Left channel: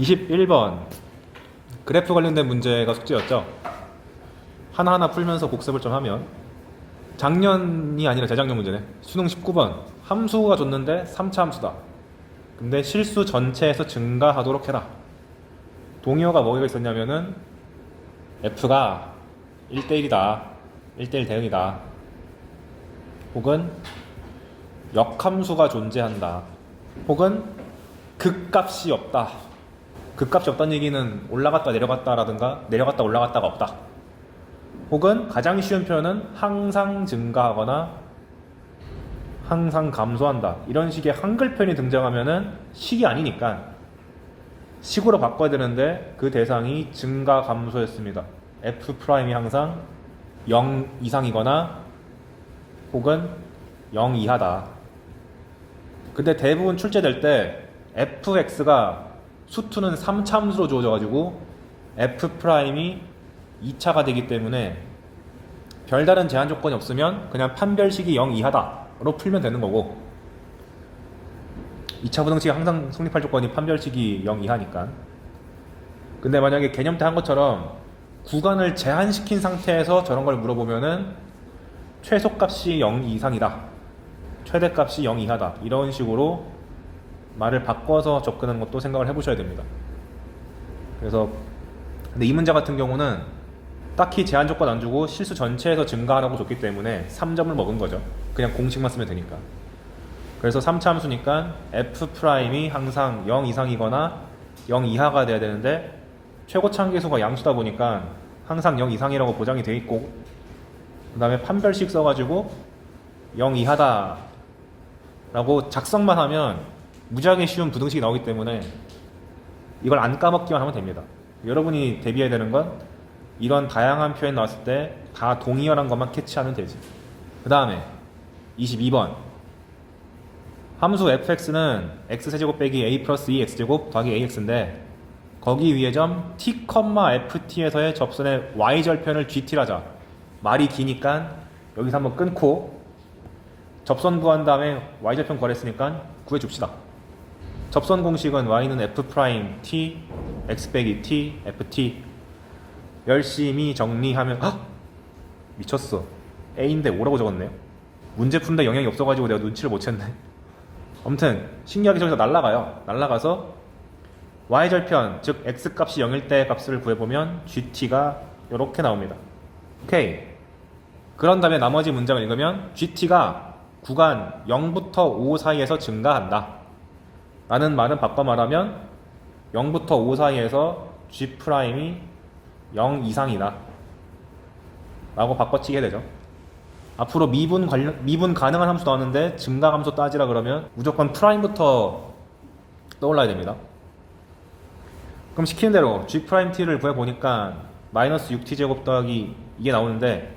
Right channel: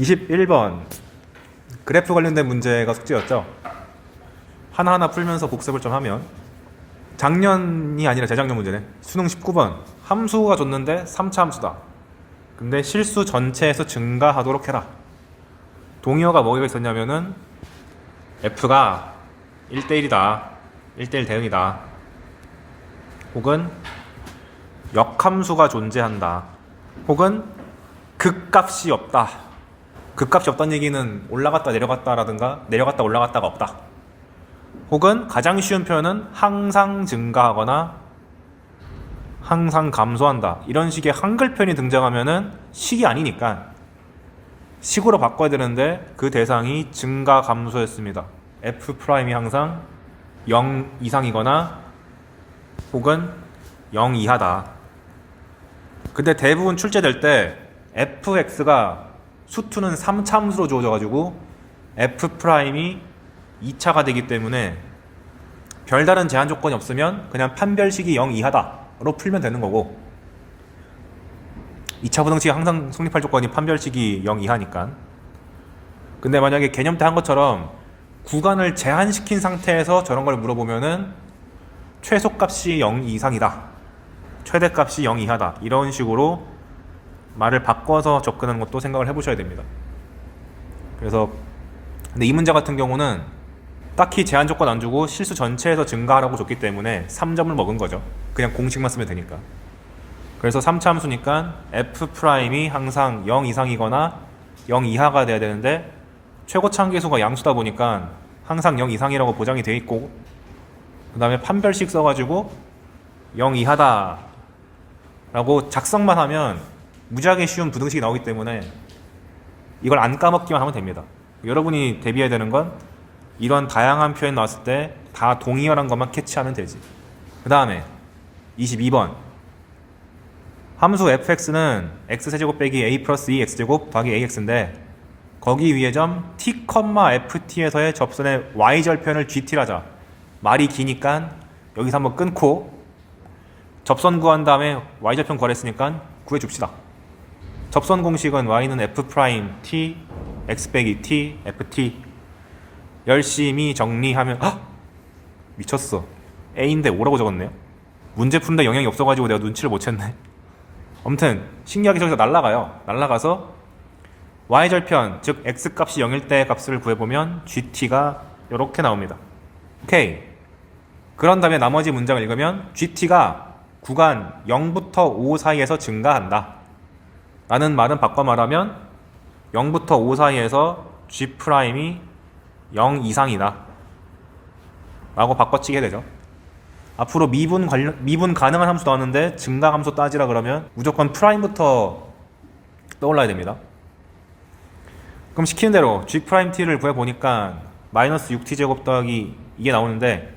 21번 그래프 관련된 문제가 숙제였죠. 하나하나 풀면서 복습을 좀 하면, 작년이 아니라 재작년 문제네. 수능 19번 함수가 줬는데 3차 함수다. 근데 실수 전체에서 증가하도록 해라. 동의어가 뭐가 있었냐면은 f가 1대1이다, 1대1 대응이다, 혹은 역함수가 존재한다, 혹은 극값이 없다. 극값이 없다는 얘기는 올라갔다 내려갔다라든가 내려갔다 올라갔다가 없다. 혹은 가장 쉬운 표현은 항상 증가하거나 항상 감소한다. 이런 식의 한글 표현이 등장하면은 식이 아니니까 식으로 바꿔야 되는데, 그 대상이 증가 감소였습니다. F'이 항상 0 이상이거나 혹은 0 이하다. 근데 대부분 출제될 때 fx가 수투는 3차 함수로 주어져가지고 F'이 2차가 되기 때문에 별다른 제한 조건이 없으면 그냥 판별식이 0 이하다로 풀면 되는 거고, 2차 부등식이 항상 성립할 조건이 판별식이 0 이하니까. 근데 만약에 개념 때 한 것처럼 구간을 제한시킨 상태에서 저런 걸 물어보면은 최소값이 0 이상이다, 최대값이 0 이하다, 이런 식으로 말을 바꿔서 접근하는 것도 생각을 해보셔야 됩니다. 그래서 근데 이 문제 같은 경우는 딱히 제한 조건 안 주고 실수 전체에서 증가하라고 줬기 때문에 3점을 먹은 거죠. 그냥 공식만 쓰면 되니까. 그래서 3차 함수니까 F'이 항상 0 이상이거나 0 이하가 돼야 되는데, 최고차 한계수가 양수다 보니까 항상 0 이상이라고 보장이 돼 있고, 그 다음에 판별식 써가지고 0 이하다 라고 작성만 하면 무지하게 쉬운 부등식이 나오기 때문에 이걸 안 까먹기만 하면 됩니다. 여러분이 대비해야 되는 건 이런 다양한 표현 나왔을 때 다 동의어란 것만 캐치하면 되지. 그 다음에 22번 함수 fx는 x세제곱 빼기 a 플러스 2x제곱 더하기 ax인데, 거기 위에 점 t, ft에서의 접선의 y절편을 gt라 하자. 말이 기니까 여기서 한번 끊고 접선 구한 다음에 y절편 구하랬으니까 구해줍시다. 접선 공식은 y는 f t x 빼기 t ft. 열심히 정리하면, 헉! 미쳤어, a인데 5라고 적었네요. 문제 푸는데 영향이 없어가지고 내가 눈치를 못 챘네. 아무튼 신기하게 저기서 날라가서 y절편, 즉 x값이 0일 때 값을 구해보면 gt가 이렇게 나옵니다. 오케이. 그런 다음에 나머지 문장을 읽으면 gt가 구간 0부터 5 사이에서 증가한다 라는 말은 바꿔 말하면 0부터 5 사이에서 g'이 0 이상이다 라고 바꿔치게 되죠. 앞으로 미분 가능한 함수 나왔는데 증가 함수 따지라 그러면 무조건 프라임부터 떠올라야 됩니다. 그럼 시키는 대로 g't를 구해보니까 마이너스 6t제곱 더하기 이게 나오는데,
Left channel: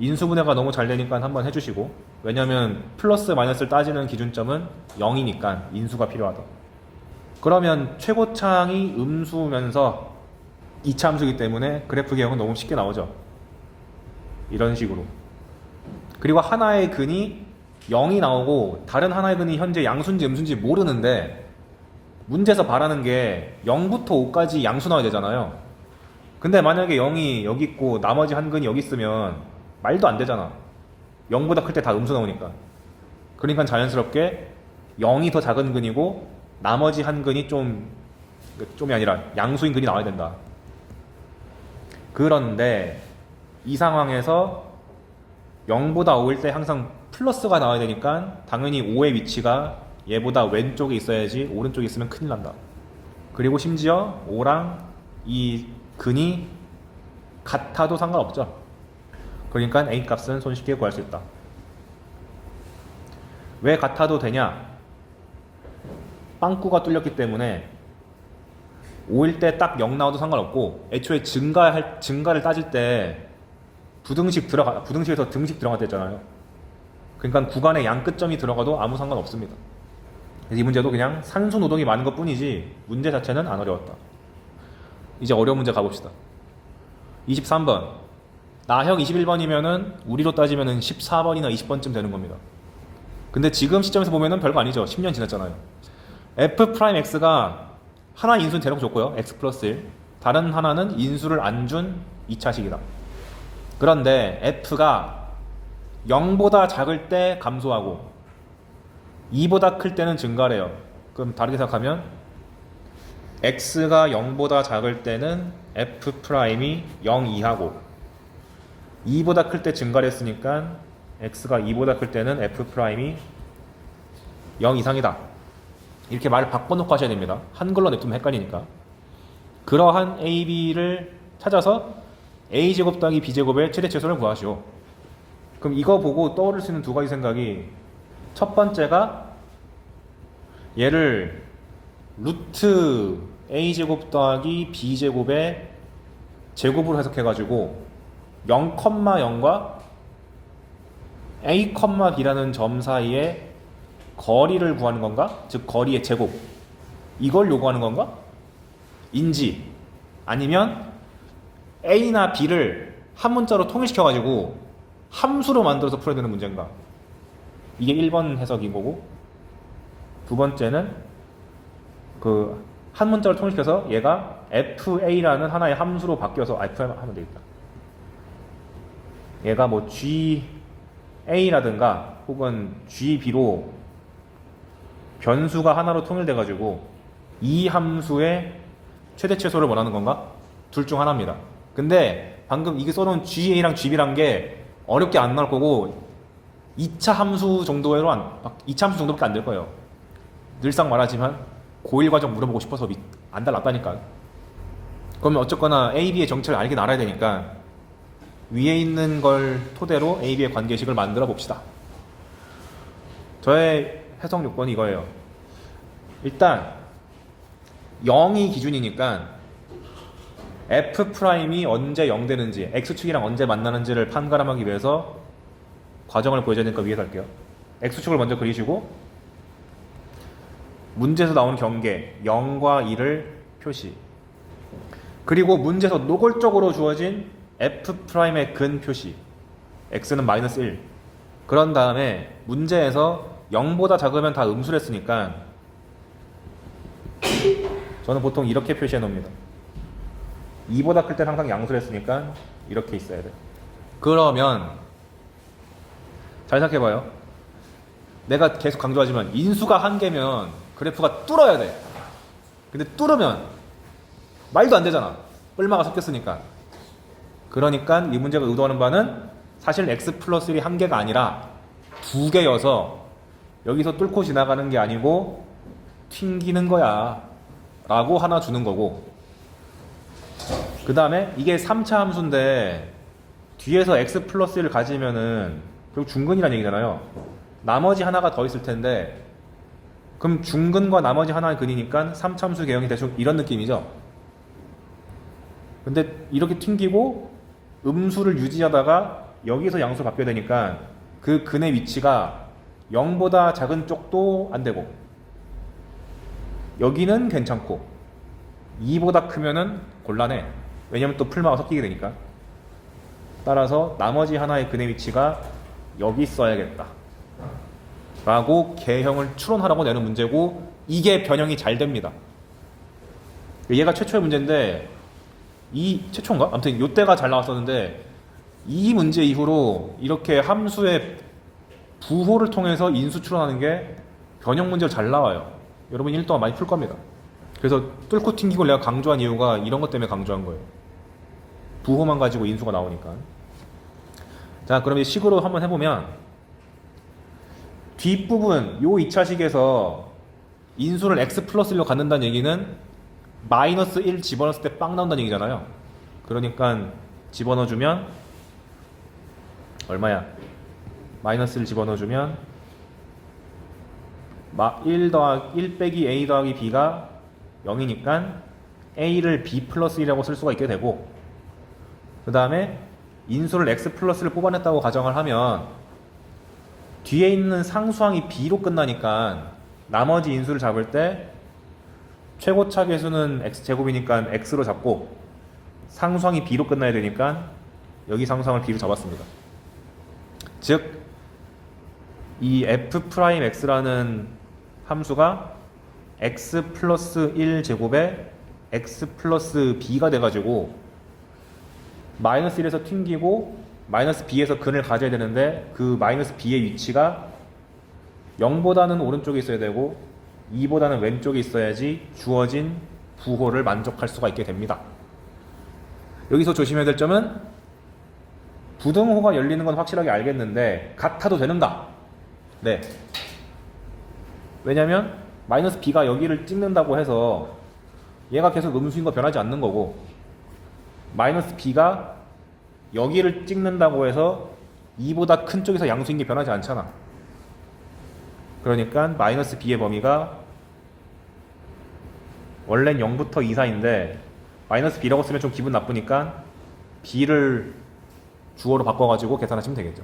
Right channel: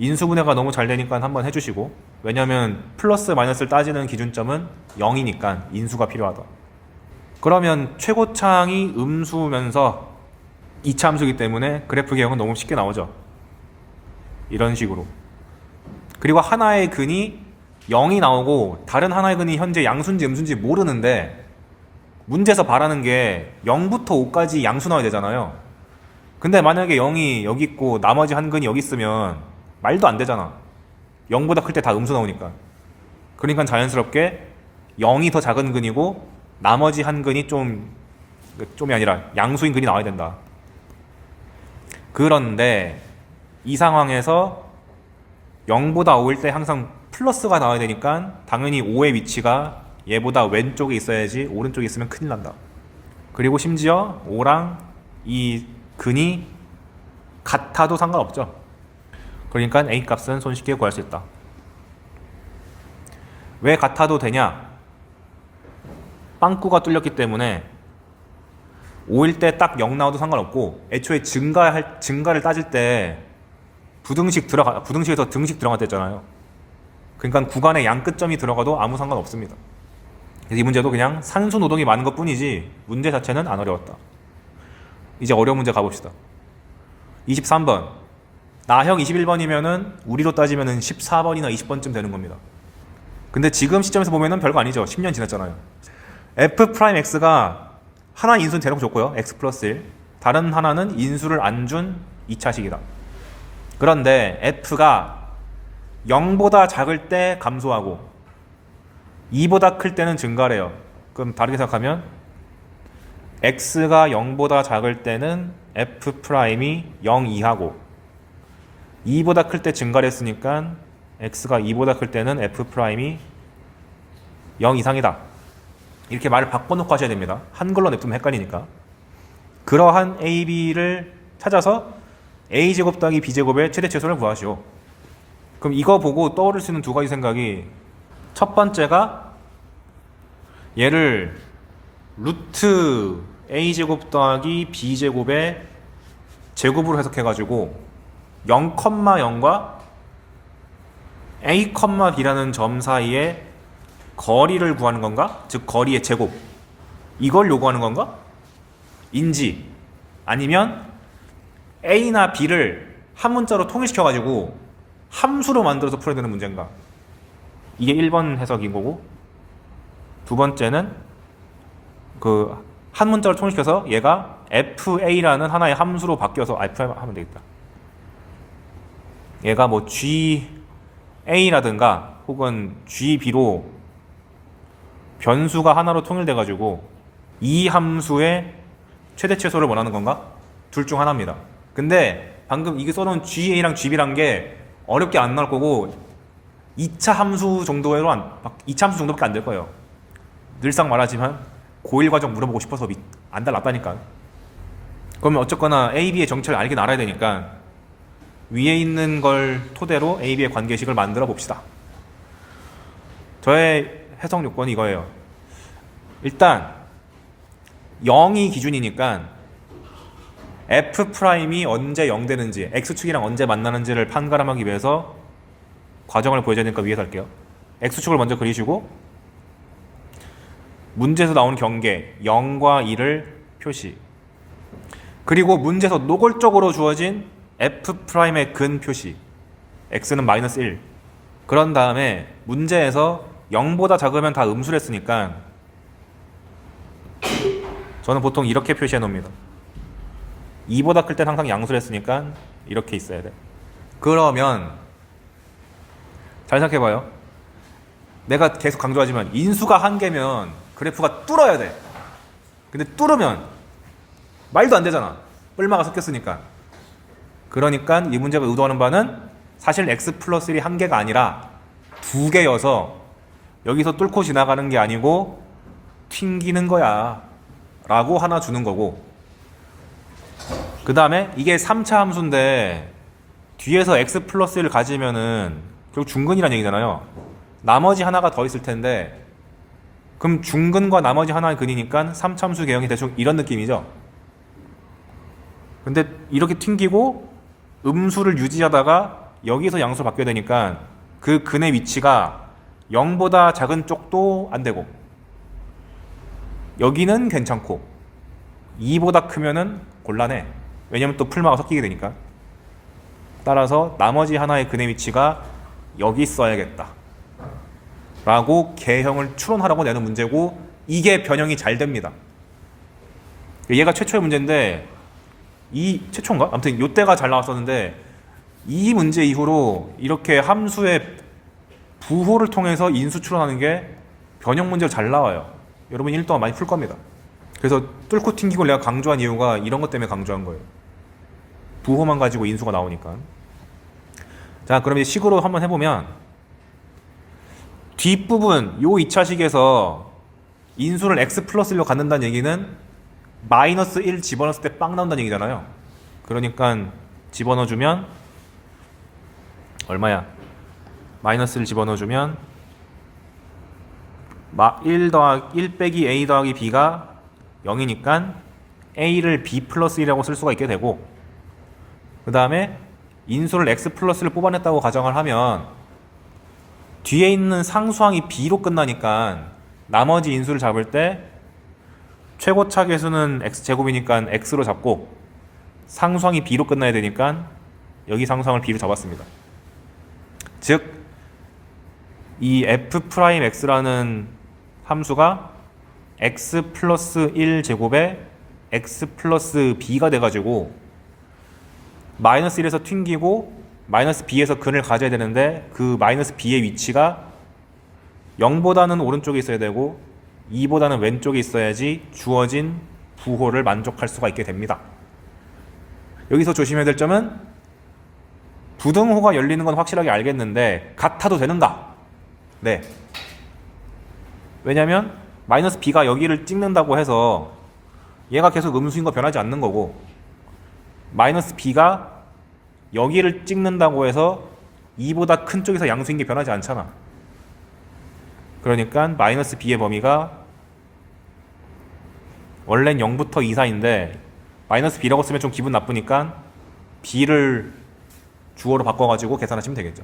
인수분해가 너무 잘 되니까 한번 해주시고, 왜냐면 플러스 마이너스를 따지는 기준점은 0이니까 인수가 필요하다. 그러면 최고차항이 음수면서 2차 함수이기 때문에 그래프 개형은 너무 쉽게 나오죠. 이런 식으로. 그리고 하나의 근이 0이 나오고 다른 하나의 근이 현재 양수인지 음수인지 모르는데, 문제에서 바라는 게 0부터 5까지 양수 나와야 되잖아요. 근데 만약에 0이 여기 있고 나머지 한 근이 여기 있으면 말도 안 되잖아. 0보다 클 때 다 음수 나오니까. 그러니까 자연스럽게 0이 더 작은 근이고 나머지 한 근이 좀이 아니라 양수인 근이 나와야 된다. 그런데 이 상황에서 0보다 5일 때 항상 플러스가 나와야 되니까 당연히 5의 위치가 얘보다 왼쪽에 있어야지 오른쪽에 있으면 큰일 난다. 그리고 심지어 5랑 이 근이 같아도 상관없죠. 그러니까 A 값은 손쉽게 구할 수 있다. 왜 같아도 되냐? 빵꾸가 뚫렸기 때문에 5일 때 딱 0 나와도 상관없고, 애초에 증가를 따질 때 부등식에서 등식 들어갔댔잖아요. 그러니까 구간에 양 끝점이 들어가도 아무 상관없습니다. 그래서 이 문제도 그냥 산수 노동이 많은 것 뿐이지 문제 자체는 안 어려웠다. 이제 어려운 문제 가봅시다. 23번 나형 21번이면은 우리로 따지면은 14번이나 20번쯤 되는 겁니다. 근데 지금 시점에서 보면은 별거 아니죠. 10년 지났잖아요. f'x가 하나 인수는 대놓고 줬고요. x 플러스 1. 다른 하나는 인수를 안 준 2차식이다. 그런데 f가 0보다 작을 때 감소하고 2보다 클 때는 증가래요. 그럼 다르게 생각하면 x가 0보다 작을 때는 f'이 0 이하고 2보다 클 때 증가를 했으니까 x가 2보다 클 때는 f'이 0 이상이다. 이렇게 말을 바꿔놓고 하셔야 됩니다. 한글로 냅두면 헷갈리니까. 그러한 a, b를 찾아서 a제곱 더하기 b제곱의 최대최소를 구하시오. 그럼 이거 보고 떠오를 수 있는 두 가지 생각이, 첫 번째가 얘를 루트 a제곱 더하기 b제곱의 제곱으로 해석해가지고 0,0과 a, b라는 점 사이에 거리를 구하는 건가? 즉 거리의 제곱, 이걸 요구하는 건가? 인지, 아니면 a나 b를 한 문자로 통일시켜가지고 함수로 만들어서 풀어야 되는 문제인가? 이게 1번 해석인 거고, 두 번째는 그 한 문자로 통일시켜서 얘가 fa라는 하나의 함수로 바뀌어서 f 하면 되겠다. 얘가 뭐 ga라든가 혹은 gb로 변수가 하나로 통일돼가지고 이 함수의 최대최소를 원하는 건가? 둘 중 하나입니다. 근데 방금 이게 써놓은 ga랑 gb란 게 어렵게 안 나올 거고 2차 함수 정도밖에 안 될 거예요. 늘상 말하지만 고1 과정 물어보고 싶어서 안 달랐다니까. 그러면 어쨌거나 A, B의 정체를 알긴 알아야 되니까 위에 있는 걸 토대로 A, B의 관계식을 만들어 봅시다. 저의 해석 요건이 이거예요. 일단 0이 기준이니까 F'이 언제 0 되는지, X축이랑 언제 만나는지를 판가름하기 위해서 과정을 보여줘야 되니까 위에서 할게요. X축을 먼저 그리시고 문제에서 나오는 경계 0과 2를 표시, 그리고 문제에서 노골적으로 주어진 F'의 근 표시, X는 마이너스 1. 그런 다음에 문제에서 0보다 작으면 다 음수를 했으니까 저는 보통 이렇게 표시해 놓습니다. 2보다 클 때는 항상 양수를 했으니까 이렇게 있어야 돼. 그러면 잘 생각해봐요. 내가 계속 강조하지만 인수가 한 개면 그래프가 뚫어야 돼. 근데 뚫으면 말도 안 되잖아. 뿔마가 섞였으니까. 그러니까 이 문제가 의도하는 바는 사실 x 플러스 1이 한 개가 아니라 두 개여서 여기서 뚫고 지나가는 게 아니고 튕기는 거야 라고 하나 주는 거고, 그 다음에 이게 3차 함수인데 뒤에서 x 플러스 1을 가지면은 결국 중근이라는 얘기잖아요. 나머지 하나가 더 있을 텐데 그럼 중근과 나머지 하나의 근이니까 3차 함수 개형이 대충 이런 느낌이죠. 근데 이렇게 튕기고 음수를 유지하다가 여기서 양수를 바뀌어야 되니까 그 근의 위치가 0보다 작은 쪽도 안 되고 여기는 괜찮고 2보다 크면은 곤란해. 왜냐면 또 풀마가 섞이게 되니까. 따라서 나머지 하나의 근의 위치가 여기 있어야겠다 라고 개형을 추론하라고 내는 문제고, 이게 변형이 잘 됩니다. 얘가 최초의 문제인데, 이 최초인가? 아무튼 이때가 잘 나왔었는데 이 문제 이후로 이렇게 함수의 부호를 통해서 인수 추론하는 게 변형 문제가 잘 나와요. 여러분 1 동안 많이 풀 겁니다. 그래서 뚫고 튕기고 내가 강조한 이유가 이런 것 때문에 강조한 거예요. 부호만 가지고 인수가 나오니까. 자, 그럼 이제 식으로 한번 해보면 뒷부분 요 2차식에서 인수를 x 플러스 1로 갖는다는 얘기는 마이너스 1 집어넣었을 때 빵 나온다는 얘기잖아요. 그러니까 집어넣어주면 얼마야? 마이너스 1 집어넣어주면 1 빼기 a 더하기 b가 0이니까 a를 b 플러스 1이라고 쓸 수가 있게 되고, 그 다음에 인수를 x 플러스를 뽑아냈다고 가정을 하면 뒤에 있는 상수항이 b로 끝나니까 나머지 인수를 잡을 때 최고차 계수는 x제곱이니까 x로 잡고 상수항이 b로 끝나야 되니까 여기 상수항을 b로 잡았습니다. 즉 이 f'x라는 함수가 x 플러스 1 제곱에 x 플러스 b가 돼가지고 마이너스 1에서 튕기고 마이너스 b에서 근을 가져야 되는데 그 마이너스 b의 위치가 0보다는 오른쪽에 있어야 되고 2보다는 왼쪽에 있어야지 주어진 부호를 만족할 수가 있게 됩니다. 여기서 조심해야 될 점은 부등호가 열리는 건 확실하게 알겠는데 같아도 되는가? 네. 왜냐면 마이너스 b가 여기를 찍는다고 해서 얘가 계속 음수인 거 변하지 않는 거고 마이너스 b가 여기를 찍는다고 해서 2보다 큰 쪽에서 양수인 게 변하지 않잖아. 그러니까 마이너스 b의 범위가 원래는 0부터 2 사이인데 마이너스 b라고 쓰면 좀 기분 나쁘니까 b를 주어로 바꿔가지고 계산하시면 되겠죠.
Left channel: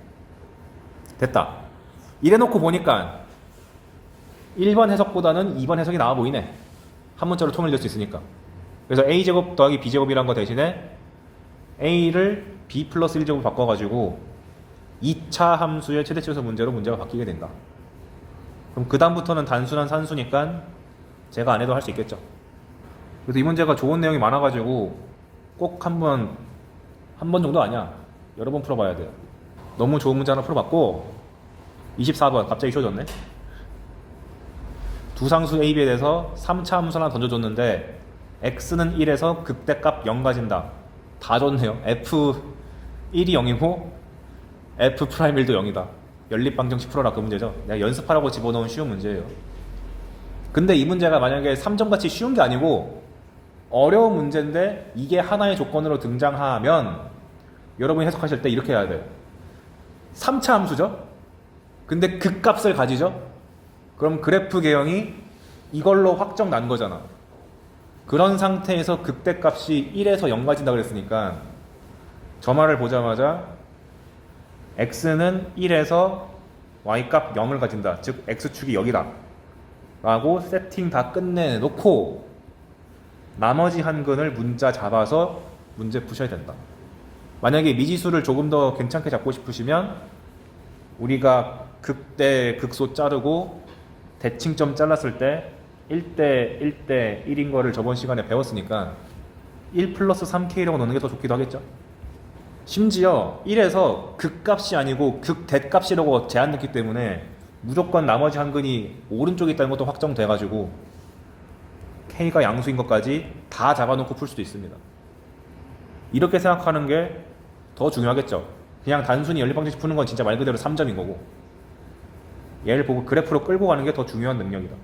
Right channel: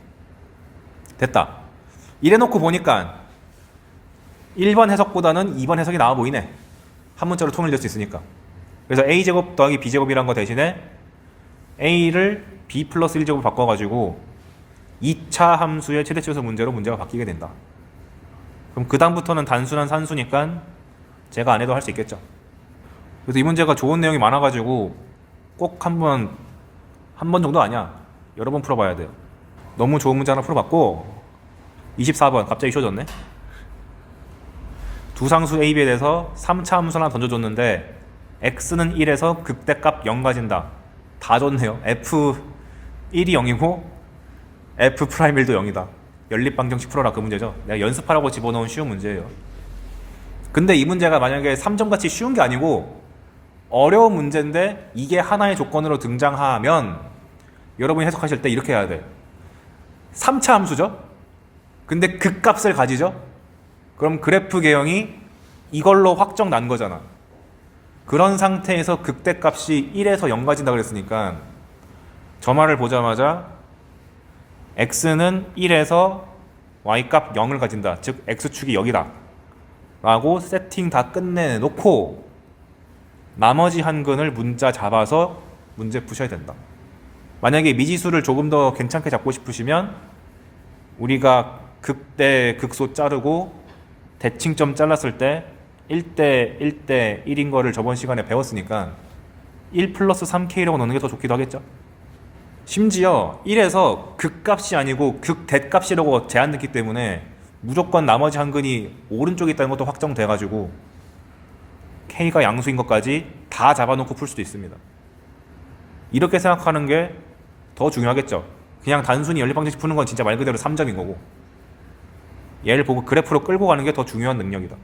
됐다. 이래놓고 보니까 1번 해석보다는 2번 해석이 나아 보이네. 한 문자로 통일될 수 있으니까. 그래서 a제곱 더하기 b제곱이란 거 대신에 a를 b 플러스 1제곱 바꿔가지고 2차 함수의 최대치수 문제로 문제가 바뀌게 된다. 그럼 그 다음부터는 단순한 산수니까 제가 안 해도 할 수 있겠죠. 그래서 이 문제가 좋은 내용이 많아가지고 꼭 한 번 정도 아니야. 여러 번 풀어봐야 돼요. 너무 좋은 문제 하나 풀어봤고 24번 갑자기 쉬워졌네. 두 상수 A, B에 대해서 3차 함수 하나 던져줬는데 x는 1에서 극대값 0 가진다. 다 줬네요. f1이 0이고 f'1도 0이다. 연립방정식 풀어라 그 문제죠. 내가 연습하라고 집어넣은 쉬운 문제예요. 근데 이 문제가 만약에 3점같이 쉬운 게 아니고 어려운 문제인데 이게 하나의 조건으로 등장하면 여러분이 해석하실 때 이렇게 해야 돼요. 3차 함수죠? 근데 극값을 가지죠? 그럼 그래프 개형이 이걸로 확정 난 거잖아. 그런 상태에서 극대값이 1에서 0 가진다 그랬으니까 저 말을 보자마자 x는 1에서 y값 0을 가진다. 즉 x축이 여기다 라고 세팅 다 끝내놓고 나머지 한 근을 문자 잡아서 문제 푸셔야 된다. 만약에 미지수를 조금 더 괜찮게 잡고 싶으시면 우리가 극대 극소 자르고 대칭점 잘랐을 때 1대 1대 1인 거를 저번 시간에 배웠으니까 1 플러스 3k라고 넣는 게 더 좋기도 하겠죠. 심지어 1에서 극값이 아니고 극대값이라고 제한 넣기 때문에 무조건 나머지 한 근이 오른쪽에 있다는 것도 확정돼가지고 K가 양수인 것까지 다 잡아놓고 풀 수도 있습니다. 이렇게 생각하는 게 더 중요하겠죠. 그냥 단순히 연립방정식 푸는 건 진짜 말 그대로 3점인 거고 얘를 보고 그래프로 끌고 가는 게 더 중요한 능력이다.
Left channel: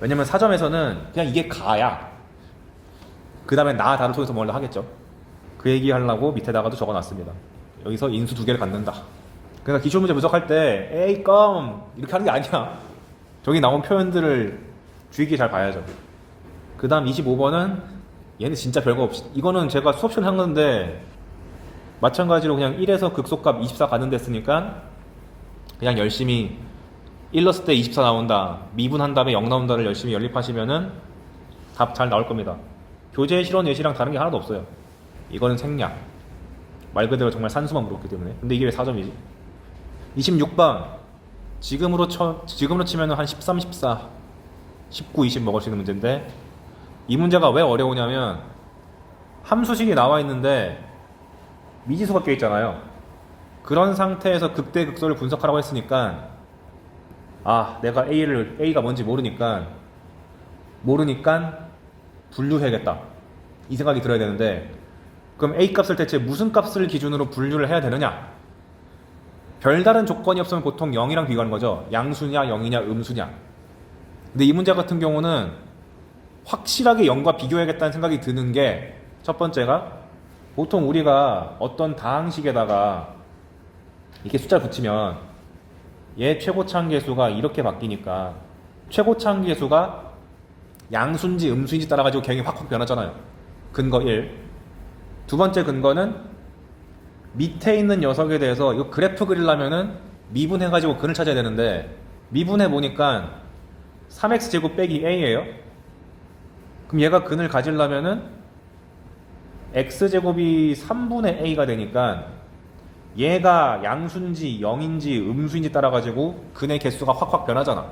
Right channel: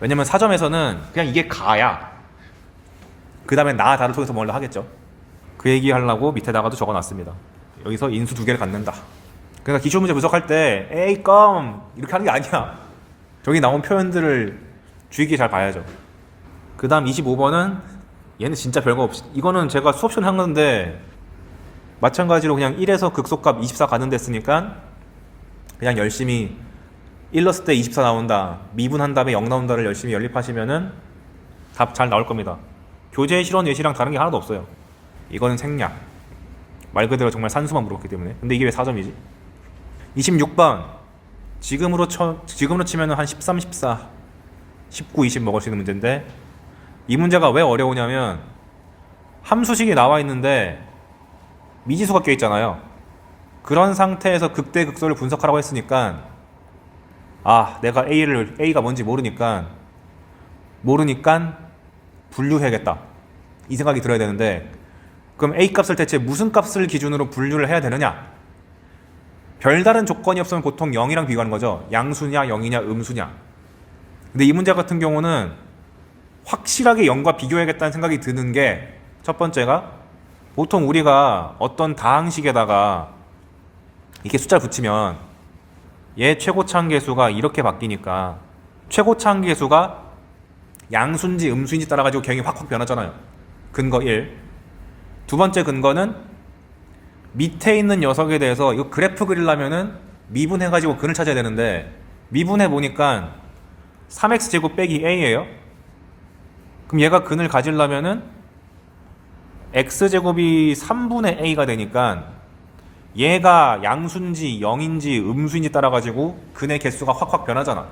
왜냐면 4점에서는 그냥 이게 가야 그 다음에 나 다를 통해서 뭘 하겠죠. 그 얘기 하려고 밑에다가도 적어놨습니다. 여기서 인수 2개를 갖는다. 그러니까 기출문제 분석할 때 에이 껌 이렇게 하는 게 아니야. 저기 나온 표현들을 주의 깊게 잘 봐야죠. 그 다음 25번은 얘는 진짜 별거 없이 이거는 제가 수업 시간에 한 건데 마찬가지로 그냥 1에서 극소값 24 가는 데쓰니까 그냥 열심히 1 넣었을 때 24 나온다 미분한 다음에 0 나온다를 열심히 연립하시면은 답 잘 나올 겁니다. 교재 실원 예시랑 다른 게 하나도 없어요. 이거는 생략 말 그대로 정말 산수만 물었기 때문에. 근데 이게 왜 4점이지? 26번 지금으로 치면 한 13, 14 19, 20 먹을 수 있는 문제인데 이 문제가 왜 어려우냐면 함수식이 나와 있는데 미지수가 껴 있잖아요. 그런 상태에서 극대 극소를 분석하라고 했으니까 내가 A가 뭔지 모르니까 분류해야겠다 이 생각이 들어야 되는데 그럼 A 값을 대체 무슨 값을 기준으로 분류를 해야 되느냐? 별다른 조건이 없으면 보통 0이랑 비교하는 거죠. 양수냐 0이냐 음수냐. 근데 이 문제 같은 경우는 확실하게 0과 비교해야겠다는 생각이 드는 게 첫 번째가 보통 우리가 어떤 다항식에다가 이렇게 숫자를 붙이면 얘 최고차항계수가 이렇게 바뀌니까 최고차항계수가 양수인지 음수인지 따라가지고 개형이 확 변하잖아요. 근거 1. 두 번째 근거는 밑에 있는 녀석에 대해서 이거 그래프 그리려면은 미분해가지고 근을 찾아야 되는데 미분해 보니까 3x제곱 빼기 a예요. 그럼 얘가 근을 가지려면은 x제곱이 3분의 a가 되니까 얘가 양수인지 0인지 음수인지 따라가지고 근의 개수가 확 변하잖아.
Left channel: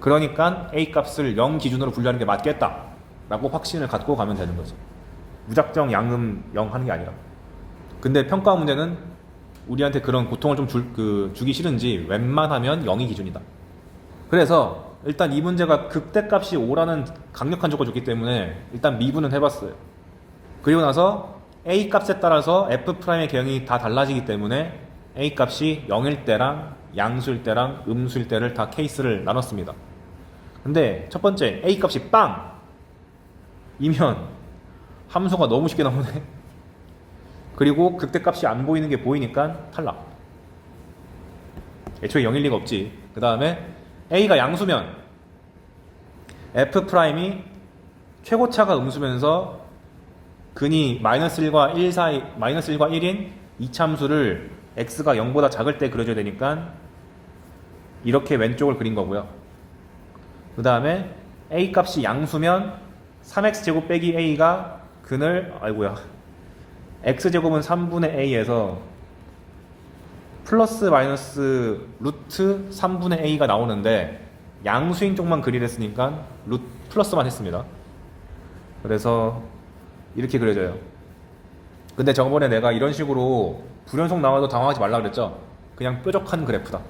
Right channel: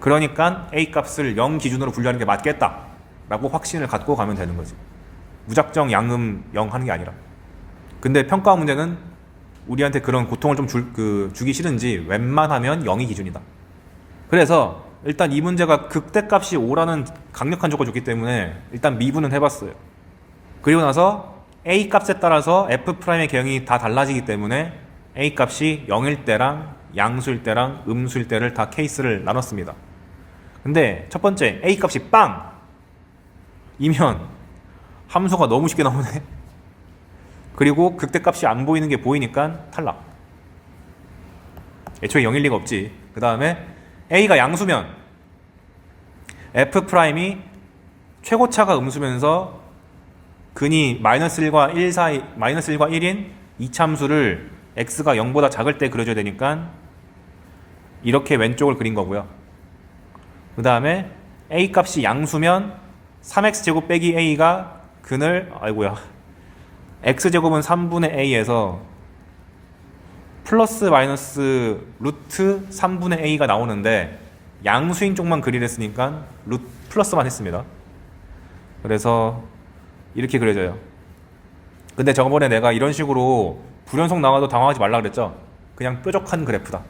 그러니까 A 값을 0 기준으로 분류하는 게 맞겠다 라고 확신을 갖고 가면 되는 거지. 무작정 양음 0 하는 게 아니라. 근데 평가 문제는 우리한테 그런 고통을 좀 주기 싫은지 웬만하면 0이 기준이다. 그래서 일단 이 문제가 극대값이 5라는 강력한 조건을 줬기 때문에 일단 미분은 해봤어요. 그리고 나서 A 값에 따라서 F'의 개형이 다 달라지기 때문에 A 값이 0일 때랑 양수일 때랑 음수일 때를 다 케이스를 나눴습니다. 근데 첫 번째 A 값이 빵! 이면 함수가 너무 쉽게 나오네. 그리고 극대값이 안 보이는 게 보이니까 탈락. 애초에 0일 리가 없지. 그 다음에 A가 양수면 F'이 최고차가 음수면서 근이 -1과 1 사이, -1과 1인 이차함수를 x가 0보다 작을 때 그려줘야 되니까 이렇게 왼쪽을 그린 거고요. 그 다음에 A 값이 양수면 3x제곱 빼기 a가 근을 x제곱은 3분의 a에서 플러스 마이너스 루트 3분의 a가 나오는데 양수인 쪽만 그리랬으니까 플러스만 했습니다. 그래서 이렇게 그려져요. 근데 저번에 내가 이런 식으로 불연속 나와도 당황하지 말라 그랬죠. 그냥 뾰족한 그래프다.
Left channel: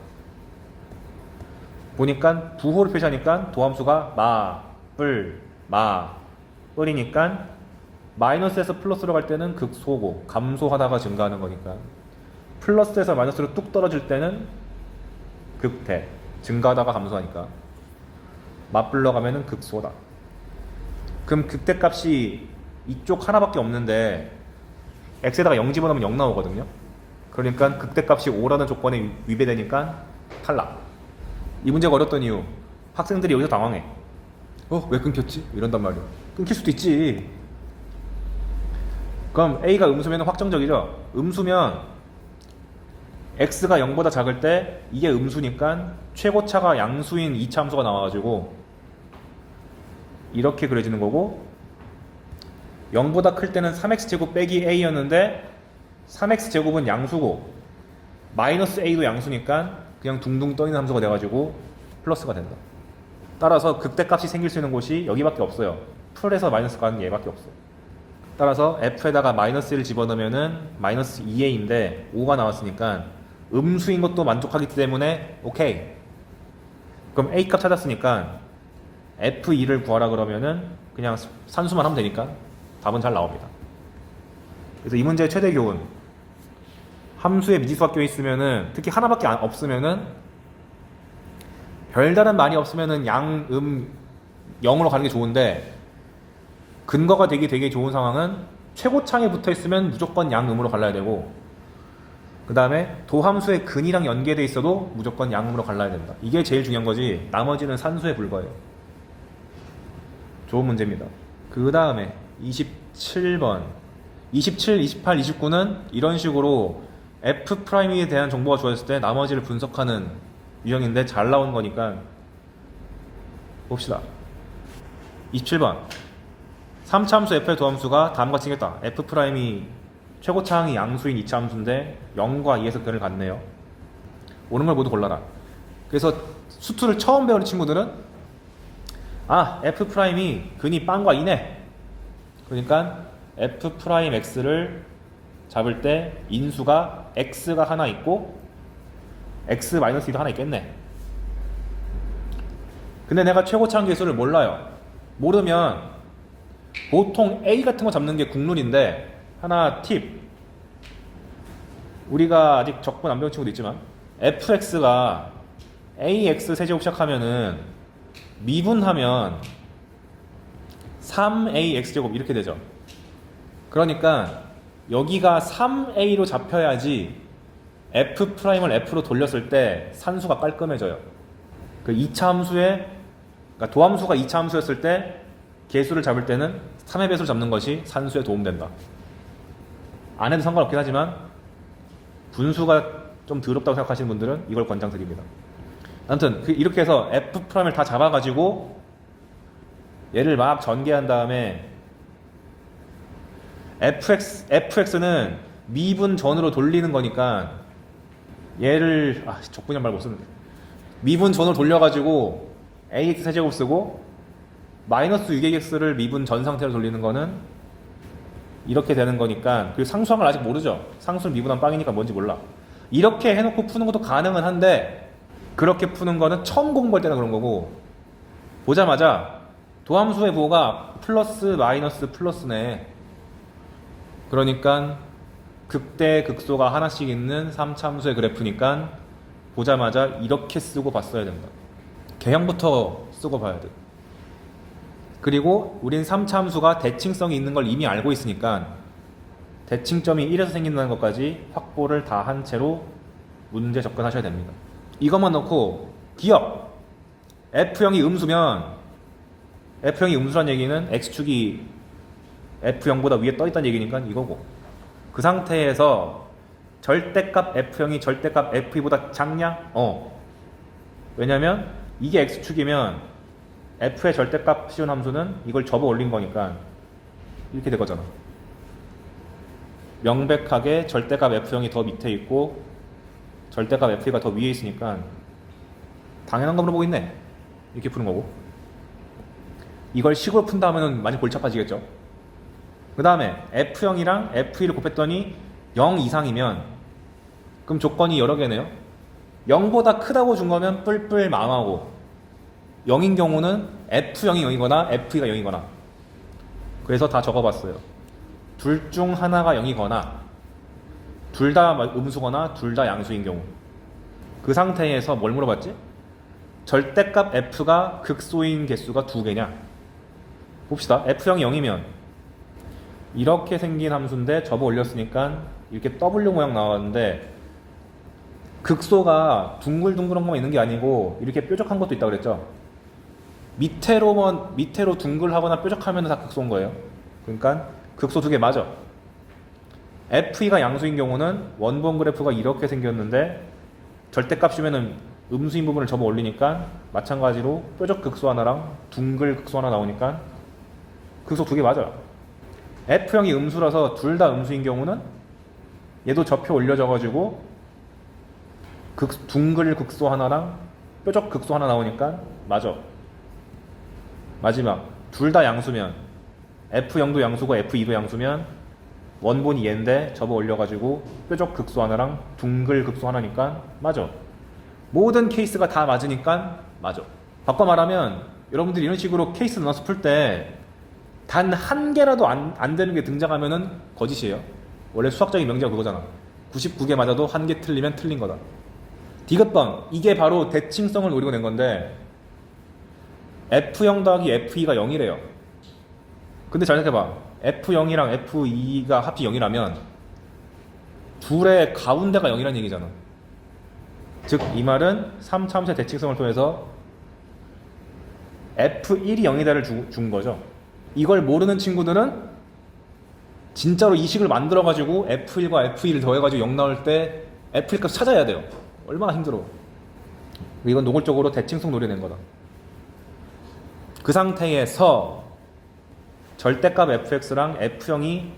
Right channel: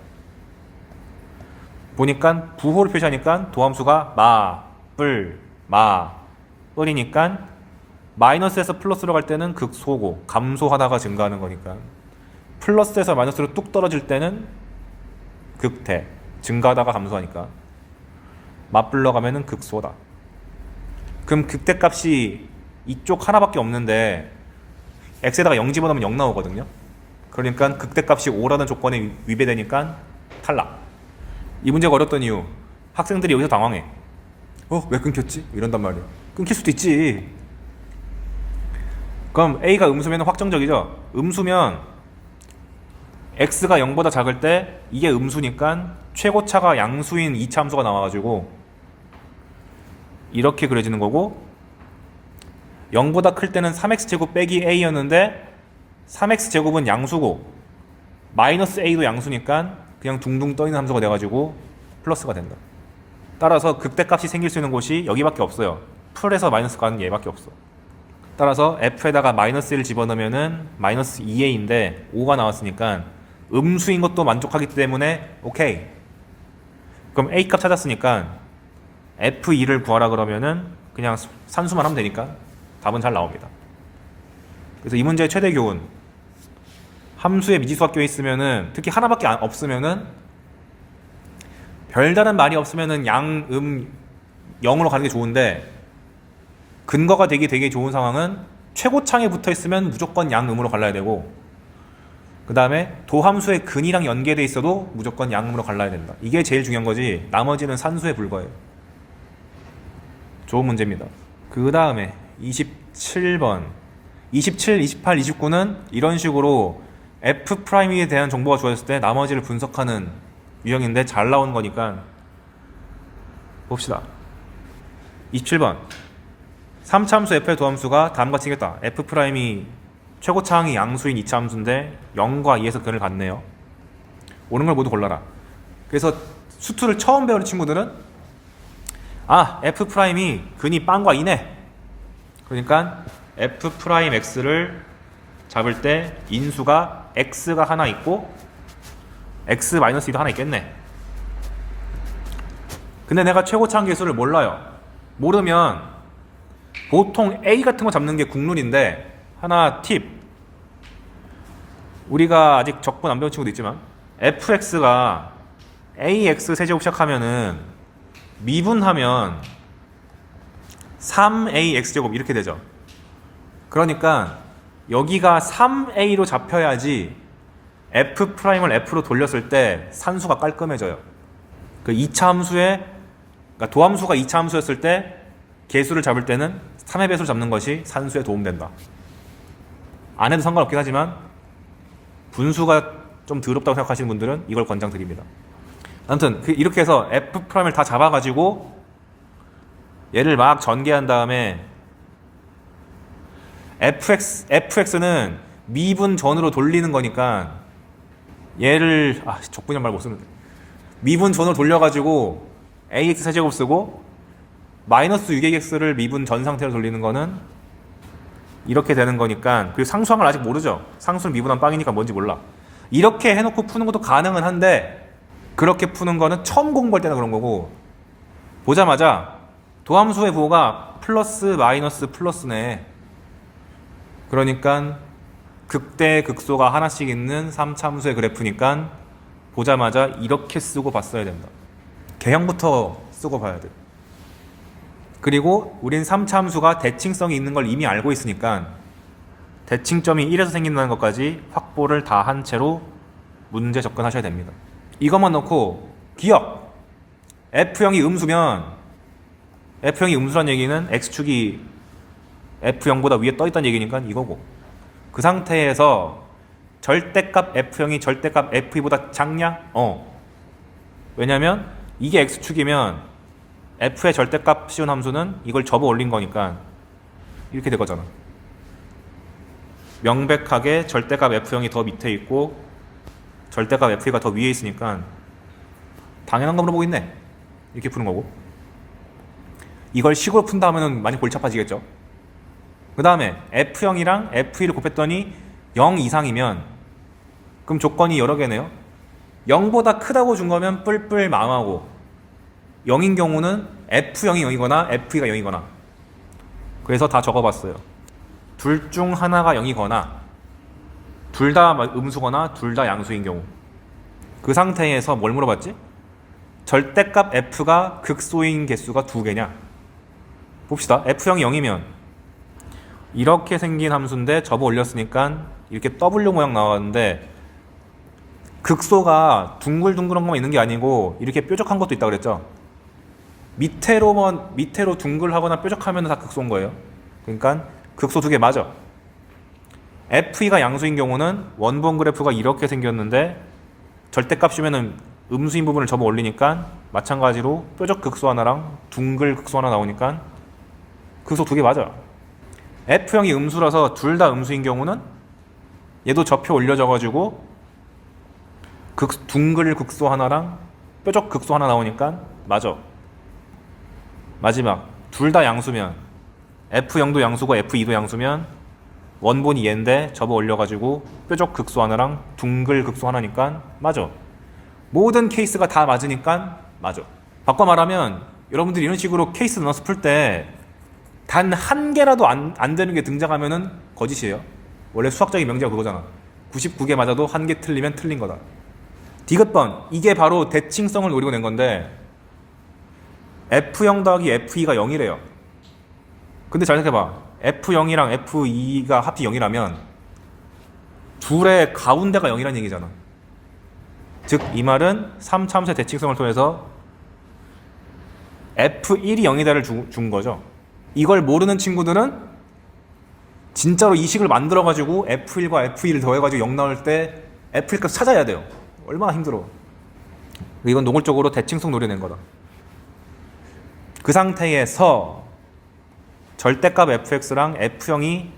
보니까 부호를 표시하니까 도함수가 뿔이니까 마이너스에서 플러스로 갈 때는 극소고 감소하다가 증가하는 거니까 플러스에서 마이너스로 뚝 떨어질 때는 극대, 증가하다가 감소하니까 맞불러 가면은 극소다. 그럼 극대값이 이쪽 하나밖에 없는데 x에다가 0 집어넣으면 0 나오거든요. 그러니까 극대값이 5라는 조건에 위배되니까 탈락. 이 문제가 어렵던 이유, 학생들이 여기서 당황해. 왜 끊겼지? 이런단 말이야. 끊길 수도 있지. 그럼 A가 음수면 확정적이죠. 음수면 X가 0보다 작을 때 이게 음수니까 최고차가 양수인 이차함수가 나와가지고 이렇게 그려지는 거고, 0보다 클 때는 3x제곱 빼기 a였는데 3x제곱은 양수고 마이너스 a도 양수니까 그냥 둥둥 떠있는 함수가 돼가지고 플러스가 된다. 따라서 극대값이 생길 수 있는 곳이 여기밖에 없어요. 풀에서 마이너스 가는 얘밖에 없어. 따라서 f에다가 마이너스 1 집어넣으면은 마이너스 2a인데 5가 나왔으니까 음수인 것도 만족하기 때문에 오케이. 그럼 a 값 찾았으니까 f2를 구하라 그러면은 그냥 산수만 하면 되니까 답은 잘 나옵니다. 그래서 이 문제의 최대 교훈, 함수에 미지수가 껴있으면은, 특히 하나밖에 없으면은 별다른 말이 없으면은 양, 0으로 가는 게 좋은데, 근거가 되게 좋은 상황은 최고창에 붙어있으면 무조건 양, 음으로 갈라야 되고, 그 다음에 도함수의 근이랑 연계돼 있어도 무조건 양음으로 갈라야 된다. 이게 제일 중요한 거지 나머지는 산수에 불과해요. 좋은 문제입니다. 그 다음에 27번 27, 28, 29는 이런 식으로 F'에 대한 정보가 주어졌을 때 나머지를 분석하는 유형인데 잘 나온 거니까 봅시다. 27번 3차함수 F의 도함수가 다음과 같이 생겼다. F'이 최고차항이 양수인 2차 함수인데 0과 2에서 근을 갖네요. 오는 걸 모두 골라라. 그래서 수투를 처음 배우는 친구들은 F'이 근이 빵과 2네. 그러니까 F'X를 잡을 때 인수가 X가 하나 있고 X-2도 하나 있겠네. 근데 내가 최고차항 계수를 몰라요. 모르면 보통 A 같은 거 잡는 게 국룰인데, 하나 팁, 우리가 아직 적분 안 배운 친구도 있지만 fx가 ax 세제곱 시작하면은 미분하면 3ax제곱 이렇게 되죠. 그러니까 여기가 3a로 잡혀야지 f'을 f로 돌렸을 때 산수가 깔끔해져요. 그 2차 함수에, 그러니까 도함수가 2차 함수였을 때 개수를 잡을 때는 3의 배수를 잡는 것이 산수에 도움된다. 안 해도 상관없긴 하지만 분수가 좀 더럽다고 생각하시는 분들은 이걸 권장드립니다. 아무튼 이렇게 해서 F'을 다 잡아가지고 얘를 막 전개한 다음에 fx는 미분 전으로 돌리는 거니까 얘를 적분형 말 못 쓰는데 미분 전으로 돌려가지고 ax 세제곱 쓰고 마이너스 6ax를 미분 전 상태로 돌리는 거는 이렇게 되는 거니까, 그리고 상수한 걸 아직 모르죠. 상수를 미분한 빵이니까 뭔지 몰라. 이렇게 해놓고 푸는 것도 가능은 한데, 그렇게 푸는 거는 처음 공부할 때나 그런 거고, 보자마자 도함수의 부호가 플러스 마이너스 플러스네. 그러니까 극대 극소가 하나씩 있는 3차함수의 그래프니까 보자마자 이렇게 쓰고 봤어야 된다. 개형부터 쓰고 봐야 돼. 그리고 우린 3차함수가 대칭성이 있는 걸 이미 알고 있으니까 대칭점이 1에서 생긴다는 것까지 확보를 다 한 채로 문제 접근하셔야 됩니다. 이것만 넣고 기억! F형이 음수면, F형이 음수란 얘기는 X축이 F0보다 위에 떠있다는 얘기니까 이거고, 그 상태에서 절대값 F형이 절대값 F2보다 작냐? 왜냐면 이게 X축이면 F의 절대값 씌운 함수는 이걸 접어 올린 거니까 이렇게 될 거잖아. 명백하게 절대값 F형이 더 밑에 있고 절대값 F2가 더 위에 있으니까 당연한 거 물어보고 있네. 이렇게 푸는 거고, 이걸 식으로 푼다 하면은 많이 골치 아파지겠죠. 그 다음에 F형이랑 F2를 곱했더니 0 이상이면 그럼 조건이 여러 개네요. 0보다 크다고 준 거면 뿔뿔 망하고, 0인 경우는 F형이 0이거나 F2가 0이거나, 그래서 다 적어봤어요. 둘 중 하나가 0이거나 둘 다 음수거나 둘 다 양수인 경우, 그 상태에서 뭘 물어봤지? 절대값 F가 극소인 개수가 2개냐? 봅시다. F형이 0이면 이렇게 생긴 함수인데 접어 올렸으니까 이렇게 W 모양 나왔는데, 극소가 둥글둥글한 것만 있는 게 아니고 이렇게 뾰족한 것도 있다고 그랬죠. 밑으로 둥글하거나 뾰족하면 다 극소인 거예요. 그러니까 극소 2개 맞아. F2가 양수인 경우는 원본 그래프가 이렇게 생겼는데 절대값이면은 음수인 부분을 접어 올리니까 마찬가지로 뾰족 극소 하나랑 둥글 극소 하나 나오니까 극소 2개 맞아. F형이 음수라서 둘 다 음수인 경우는 얘도 접혀 올려져가지고 둥글 극소 하나랑 뾰족 극소 하나 나오니까 맞아. 마지막 둘 다 양수면, F0도 양수고 F2도 양수면 원본이 얘인데 접어 올려가지고 뾰족 극소 하나랑 둥글 극소 하나니까 맞아. 모든 케이스가 다 맞으니까 맞아. 바꿔 말하면 여러분들이 이런 식으로 케이스 넣어서 풀 때 단 한 개라도 안 되는 게 등장하면은 거짓이에요. 원래 수학적인 명제가 그거잖아. 99개 맞아도 한 개 틀리면 틀린 거다. 디귿번, 이게 바로 대칭성을 노리고 낸 건데 F0 더하기 F2가 0이래요. 근데 잘 생각해봐. F0이랑 F2가 합치 0이라면 둘의 가운데가 0이라는 얘기잖아. 즉 이 말은 3차함수의 대칭성을 통해서 F1이 0이다를 준 거죠. 이걸 모르는 친구들은 진짜로 이 식을 만들어가지고 F1과 F2를 더해가지고 0 나올 때 F1 값 찾아야 돼요. 얼마나 힘들어. 이건 노골적으로 대칭성 노려낸 거다. 그 상태에서 절대값 fx랑 f형이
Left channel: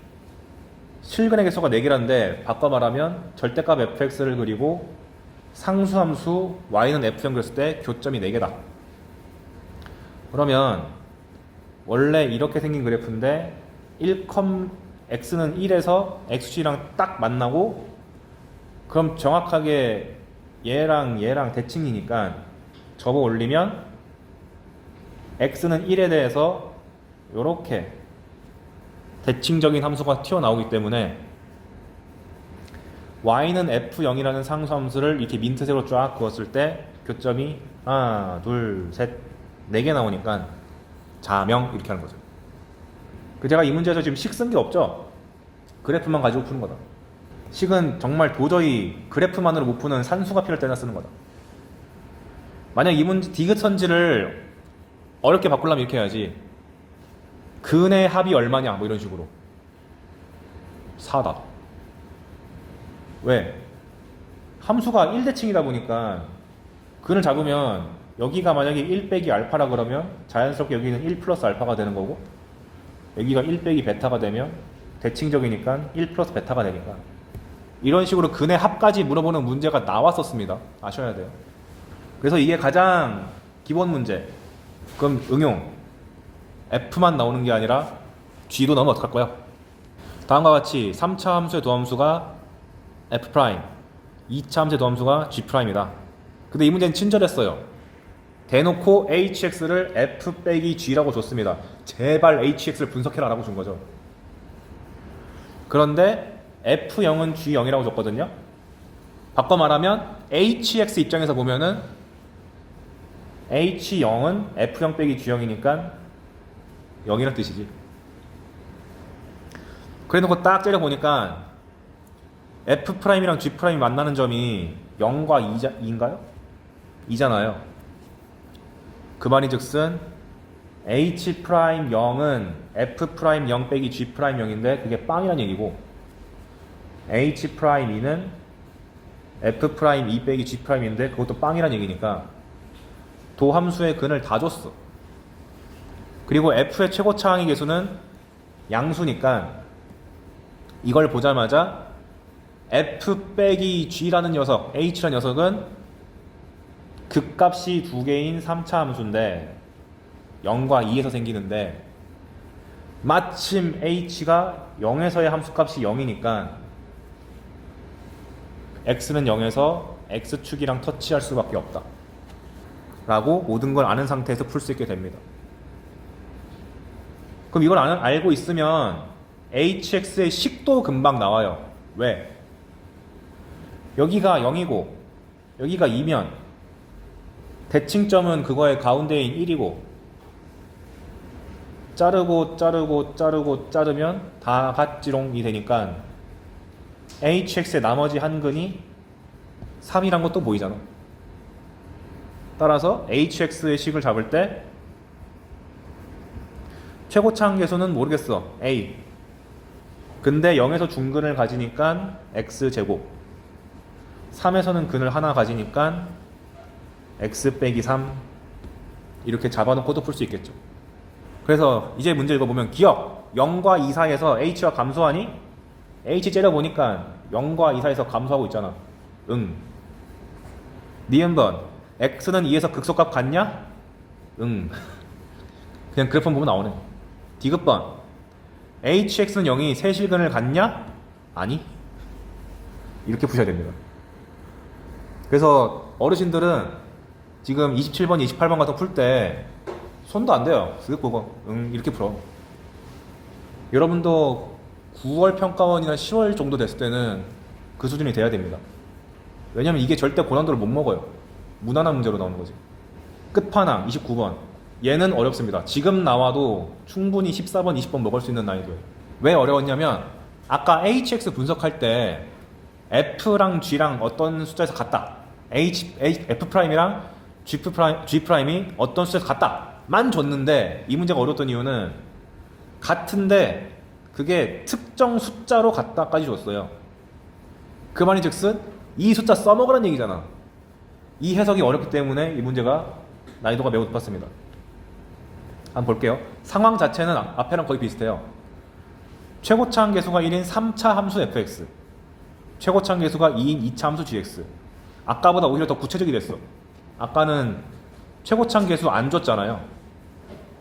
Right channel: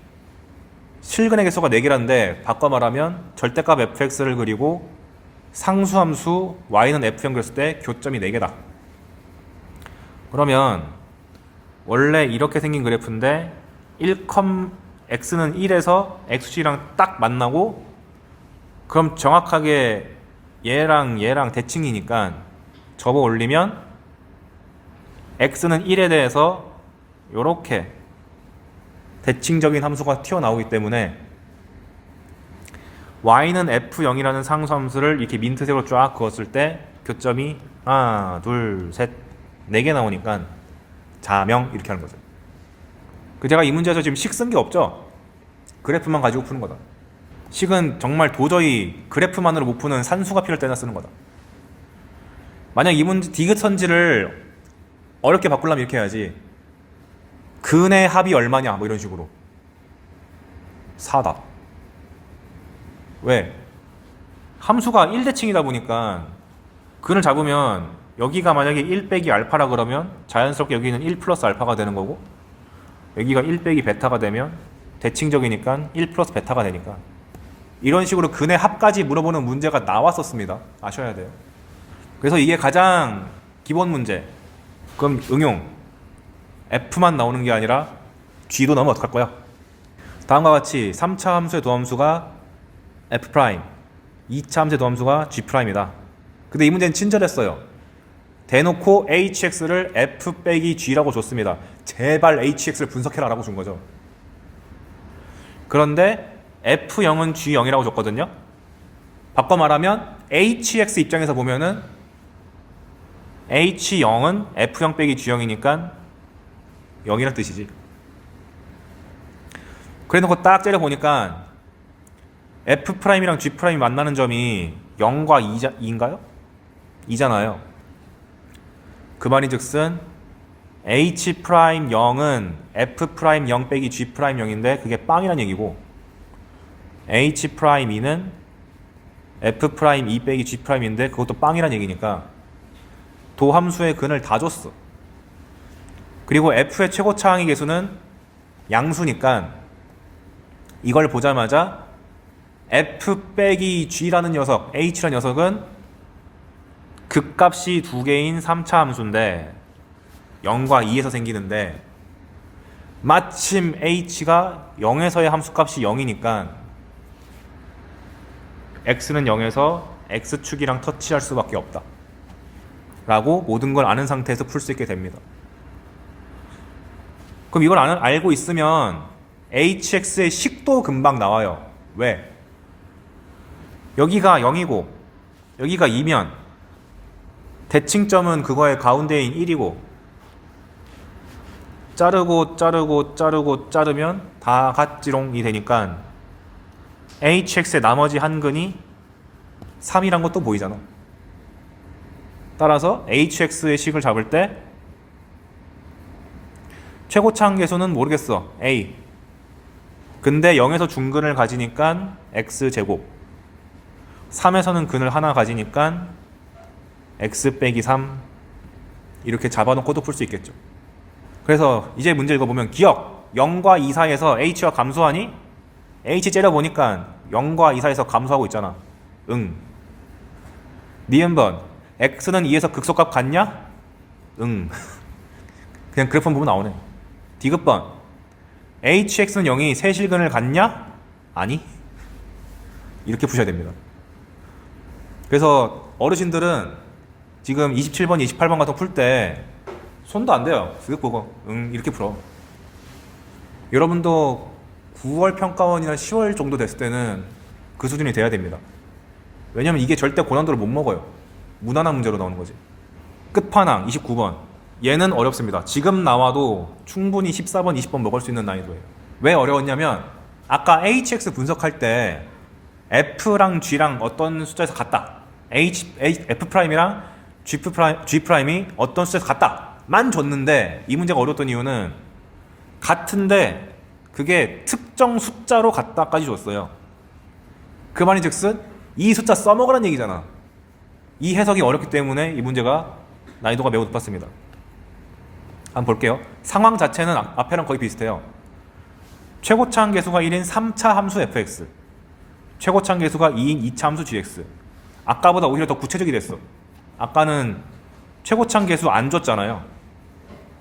실근의 개수가 4개라는데 바꿔 말하면 절대값 fx를 그리고 상수함수 y는 f형 그렸을 때 교점이 4개다. 그러면 원래 이렇게 생긴 그래프인데 x는 1에서 xc랑 딱 만나고, 그럼 정확하게 얘랑 대칭이니까 접어 올리면 x는 1에 대해서 이렇게 대칭적인 함수가 튀어나오기 때문에 y는 f0이라는 상수함수를 이렇게 민트색으로 쫙 그었을 때 교점이 하나, 둘, 셋, 4개 나오니까 자명 이렇게 하는 거죠. 제가 이 문제에서 지금 식 쓴 게 없죠? 그래프만 가지고 푸는 거다. 식은 정말 도저히 그래프만으로 못 푸는 산수가 필요할 때나 쓰는 거다. 만약 이 문제 디귿선지를 어렵게 바꾸려면 이렇게 해야지. 근의 합이 얼마냐 뭐 이런 식으로 4다. 왜? 함수가 1대칭이다 보니까 근을 잡으면 여기가 만약에 1 빼기 알파라 그러면 자연스럽게 여기는 1 플러스 알파가 되는 거고, 여기가 1 빼기 베타가 되면 대칭적이니까 1 플러스 베타가 되니까, 이런 식으로 근의 합까지 물어보는 문제가 나왔었습니다. 아셔야 돼요. 그래서 이게 가장 기본 문제, 그럼 응용 f만 나오는 게 아니라 g로 나오면 어떡할 거야? 다음과 같이 3차 함수의 도함수가 f', 2차 함수의 도함수가 g'이다. 근데 이 문제는 친절했어요. 대놓고 hx를 f 빼기 g라고 줬습니다. 제발 hx를 분석해라 라고 준 거죠. 그런데 f0은 g0이라고 줬거든요. 바꿔 말하면 hx 입장에서 보면은 h0은 f0 빼기 g0이니까 0이란 뜻이지. 그래놓고 딱 째려보니까 f'이랑 g'이 만나는 점이 0과 2인가요? 2잖아요. 그 말인즉슨 h'0은 f'0 빼기 g'0인데 그게 빵이란 얘기고 h'2는 f'2 빼기 g'인데 그것도 빵이란 얘기니까 도함수의 근을 다 줬어. 그리고 f의 최고차 항의 계수는 양수니까 이걸 보자마자 f 빼기 g라는 녀석, h라는 녀석은 극값이 두 개인 3차 함수인데 0과 2에서 생기는데 마침 h가 0에서의 함수값이 0이니까 x는 0에서 x축이랑 터치할 수밖에 없다 라고 모든 걸 아는 상태에서 풀 수 있게 됩니다. 그럼 이걸 알고 있으면 hx의 식도 금방 나와요. 왜? 여기가 0이고 여기가 2면 대칭점은 그거의 가운데인 1이고 자르고 자르면 다 같지롱이 되니까 hx의 나머지 한 근이 3이란 것도 보이잖아. 따라서 hx의 식을 잡을 때 최고차 항계수는 모르겠어. a. 근데 0에서 중근을 가지니까 x제곱 3에서는 근을 하나 가지니까 x 빼기 3 이렇게 잡아놓고도 풀 수 있겠죠. 그래서 이제 문제 읽어보면 기억 0과 2 사이에서 h가 감소하니? h 째려보니까 0과 2 사이에서 감소하고 있잖아. 응. 니은번 x는 2에서 극소값 같냐? 응. 그냥 그래프만 보면 나오네. 디귿번 hx는 0이 세실근을 갖냐? 아니. 이렇게 푸셔야 됩니다. 그래서 어르신들은 지금 27번, 28번 같은 거 풀 때 손도 안 돼요. 쓱 보고 이렇게 풀어. 여러분도 9월 평가원이나 10월 정도 됐을 때는 그 수준이 돼야 됩니다. 왜냐면 이게 절대 고난도를 못 먹어요. 무난한 문제로 나오는 거지. 끝판왕 29번 얘는 어렵습니다. 지금 나와도 충분히 14번, 20번 먹을 수 있는 난이도예요. 왜 어려웠냐면 아까 hx 분석할 때 f랑 g랑 어떤 숫자에서 같다. f'이랑 g'이 어떤 숫자에서 같다 만 줬는데 이 문제가 어려웠던 이유는 같은데 그게 특정 숫자로 같다까지 줬어요. 그 말인즉슨 이 숫자 써먹으라는 얘기잖아. 이 해석이 어렵기 때문에 이 문제가 난이도가 매우 높았습니다. 한번 볼게요. 상황 자체는 앞에랑 거의 비슷해요. 최고차 항계수가 1인 3차 함수 fx, 최고차 항계수가 2인 2차 함수 gx. 아까보다 오히려 더 구체적이 됐어. 아까는 최고차 항계수 안 줬잖아요.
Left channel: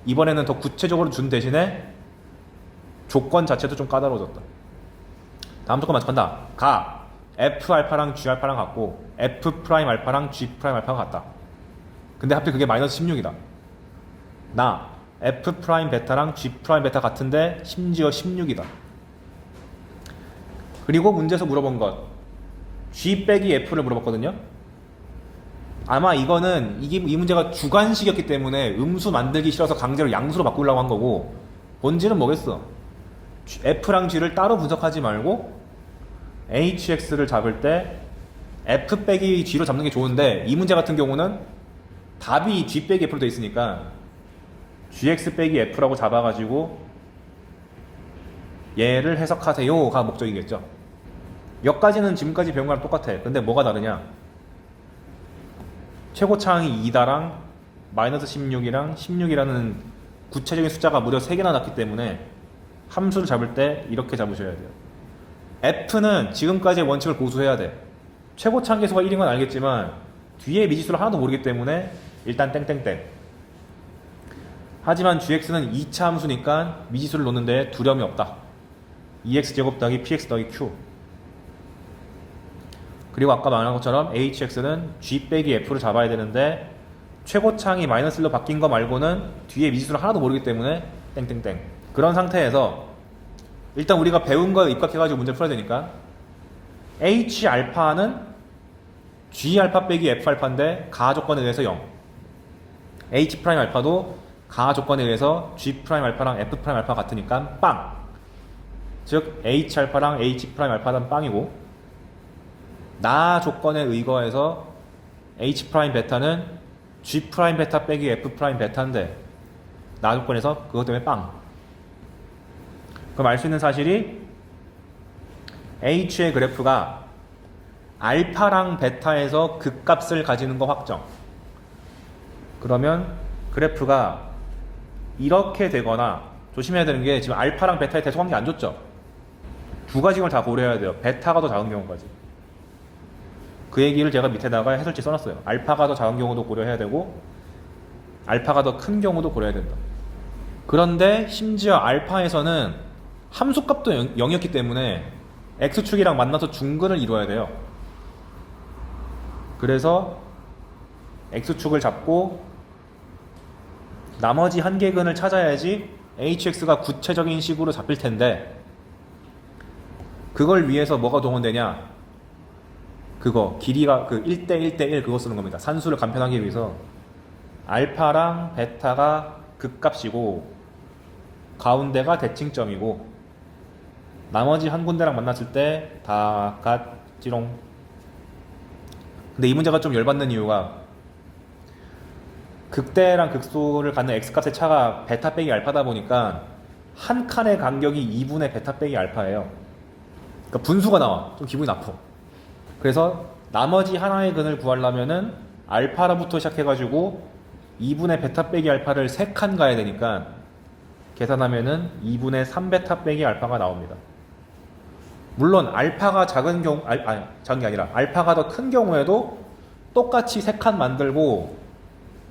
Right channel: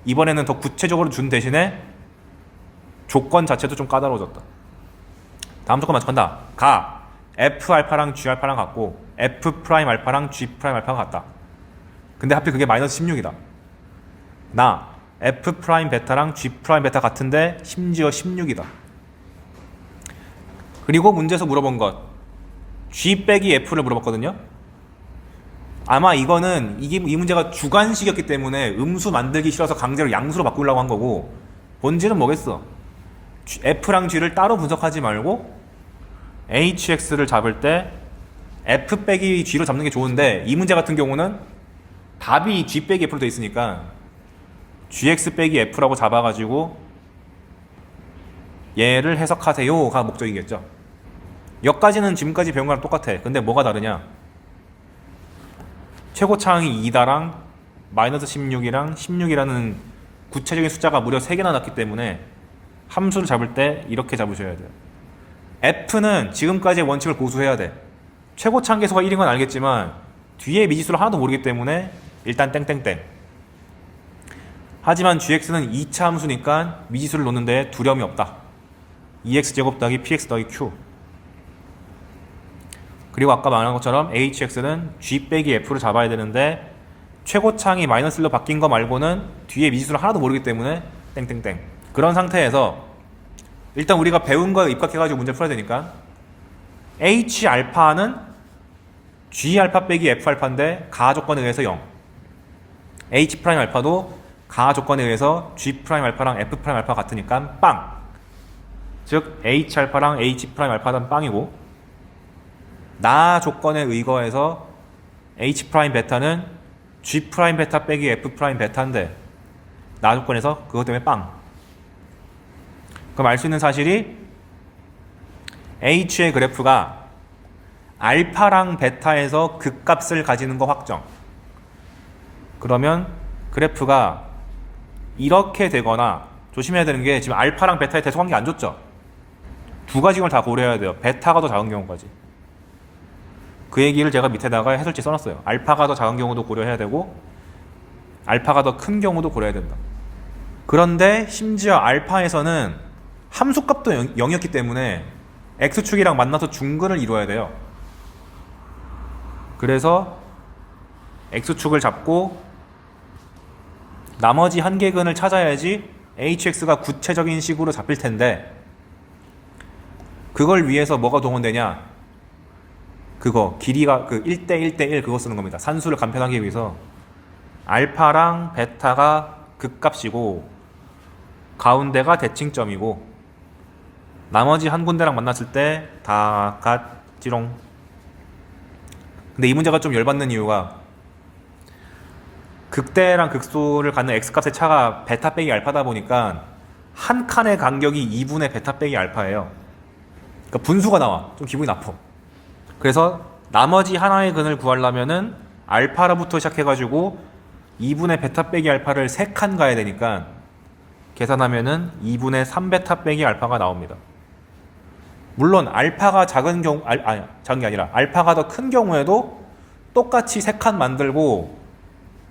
이번에는 더 구체적으로 준 대신에 조건 자체도 좀 까다로워졌다. 다음 조건 만족한다. 가 f알파랑 g알파랑 같고 f'알파랑 g'알파가 같다. 근데 하필 그게 마이너스 16이다. 나 f'베타랑 g'베타 같은데 심지어 16이다. 그리고 문제에서 물어본 것 g 빼기 f를 물어봤거든요. 아마 이거는 이 문제가 주관식이었기 때문에 음수 만들기 싫어서 강제로 양수로 바꾸려고 한 거고, 본질은 뭐겠어? f랑 g를 따로 분석하지 말고 hx를 잡을 때 f 빼기 g로 잡는 게 좋은데, 이 문제 같은 경우는 답이 g 빼기 f로 돼 있으니까 gx 빼기 f라고 잡아가지고 얘를 해석하세요가 목적이겠죠. 여기까지는 지금까지 배운 거랑 똑같아. 근데 뭐가 다르냐? 최고차항이 2다랑 마이너스 16이랑 16이라는 구체적인 숫자가 무려 3개나 났기 때문에 함수를 잡을 때 이렇게 잡으셔야 돼요. f는 지금까지의 원칙을 고수해야 돼. 최고차항 계수가 1인 건 알겠지만 뒤에 미지수를 하나도 모르기 때문에 일단 땡땡땡. 하지만 gx는 2차 함수니까 미지수를 놓는데 두려움이 없다. 2x제곱 더하기 px 더하기 q. 그리고 아까 말한 것처럼 hx는 g 빼기 f를 잡아야 되는데 최고창이 마이너스 1로 바뀐 거 말고는 뒤에 미지수를 하나도 모르기 때문에 땡땡땡. 그런 상태에서 일단 우리가 배운 거 입각해가지고 문제 풀어야 되니까 h 알파는 g 알파 빼기 f 알파인데 가하 조건에 의해서 0. h 프라임 알파도 가하 조건에 의해서 g 프라임 알파랑 f 프라임 알파 같으니까 빵. 즉 h 알파랑 h 프라임 알파는 빵이고 나 조건에 의거해서 h 프라임 베타는 g 프라임 베타 빼기 f 프라임 베타인데 나 조건에서 그것 때문에 빵. 그럼 알 수 있는 사실이 h의 그래프가 알파랑 베타에서 극값을 가지는 거 확정. 그러면 그래프가 이렇게 되거나 조심해야 되는 게 지금 알파랑 베타의 대소관계 안 줬죠? 두 가지 걸 다 고려해야 돼요. 베타가 더 작은 경우까지. 그 얘기를 제가 밑에다가 해설지 써놨어요. 알파가 더 작은 경우도 고려해야 되고 알파가 더 큰 경우도 고려해야 된다. 그런데 심지어 알파에서는 함수값도 0이었기 때문에 x축이랑 만나서 중근을 이루어야 돼요. 그래서 x축을 잡고 나머지 한계근을 찾아야지 hx가 구체적인 식으로 잡힐 텐데 그걸 위해서 뭐가 동원되냐? 그거 길이가 그 1대 1대1 그거 쓰는 겁니다. 산수를 간편하기 위해서 알파랑 베타가 극값이고 가운데가 대칭점이고 나머지 한 군데랑 만났을 때 다 같지롱. 근데 이 문제가 좀 열받는 이유가 극대랑 극소를 갖는 x값의 차가 베타 빼기 알파다 보니까 한 칸의 간격이 2분의 베타 빼기 알파예요. 그러니까 분수가 나와. 좀 기분이 나빠. 그래서 나머지 하나의 근을 구하려면은 알파로부터 시작해가지고 2분의 베타 빼기 알파를 3칸 가야 되니까 계산하면은 2분의 3베타 빼기 알파가 나옵니다. 물론 알파가 작은 경우 작은 게 아니라 알파가 더 큰 경우에도 똑같이 3칸 만들고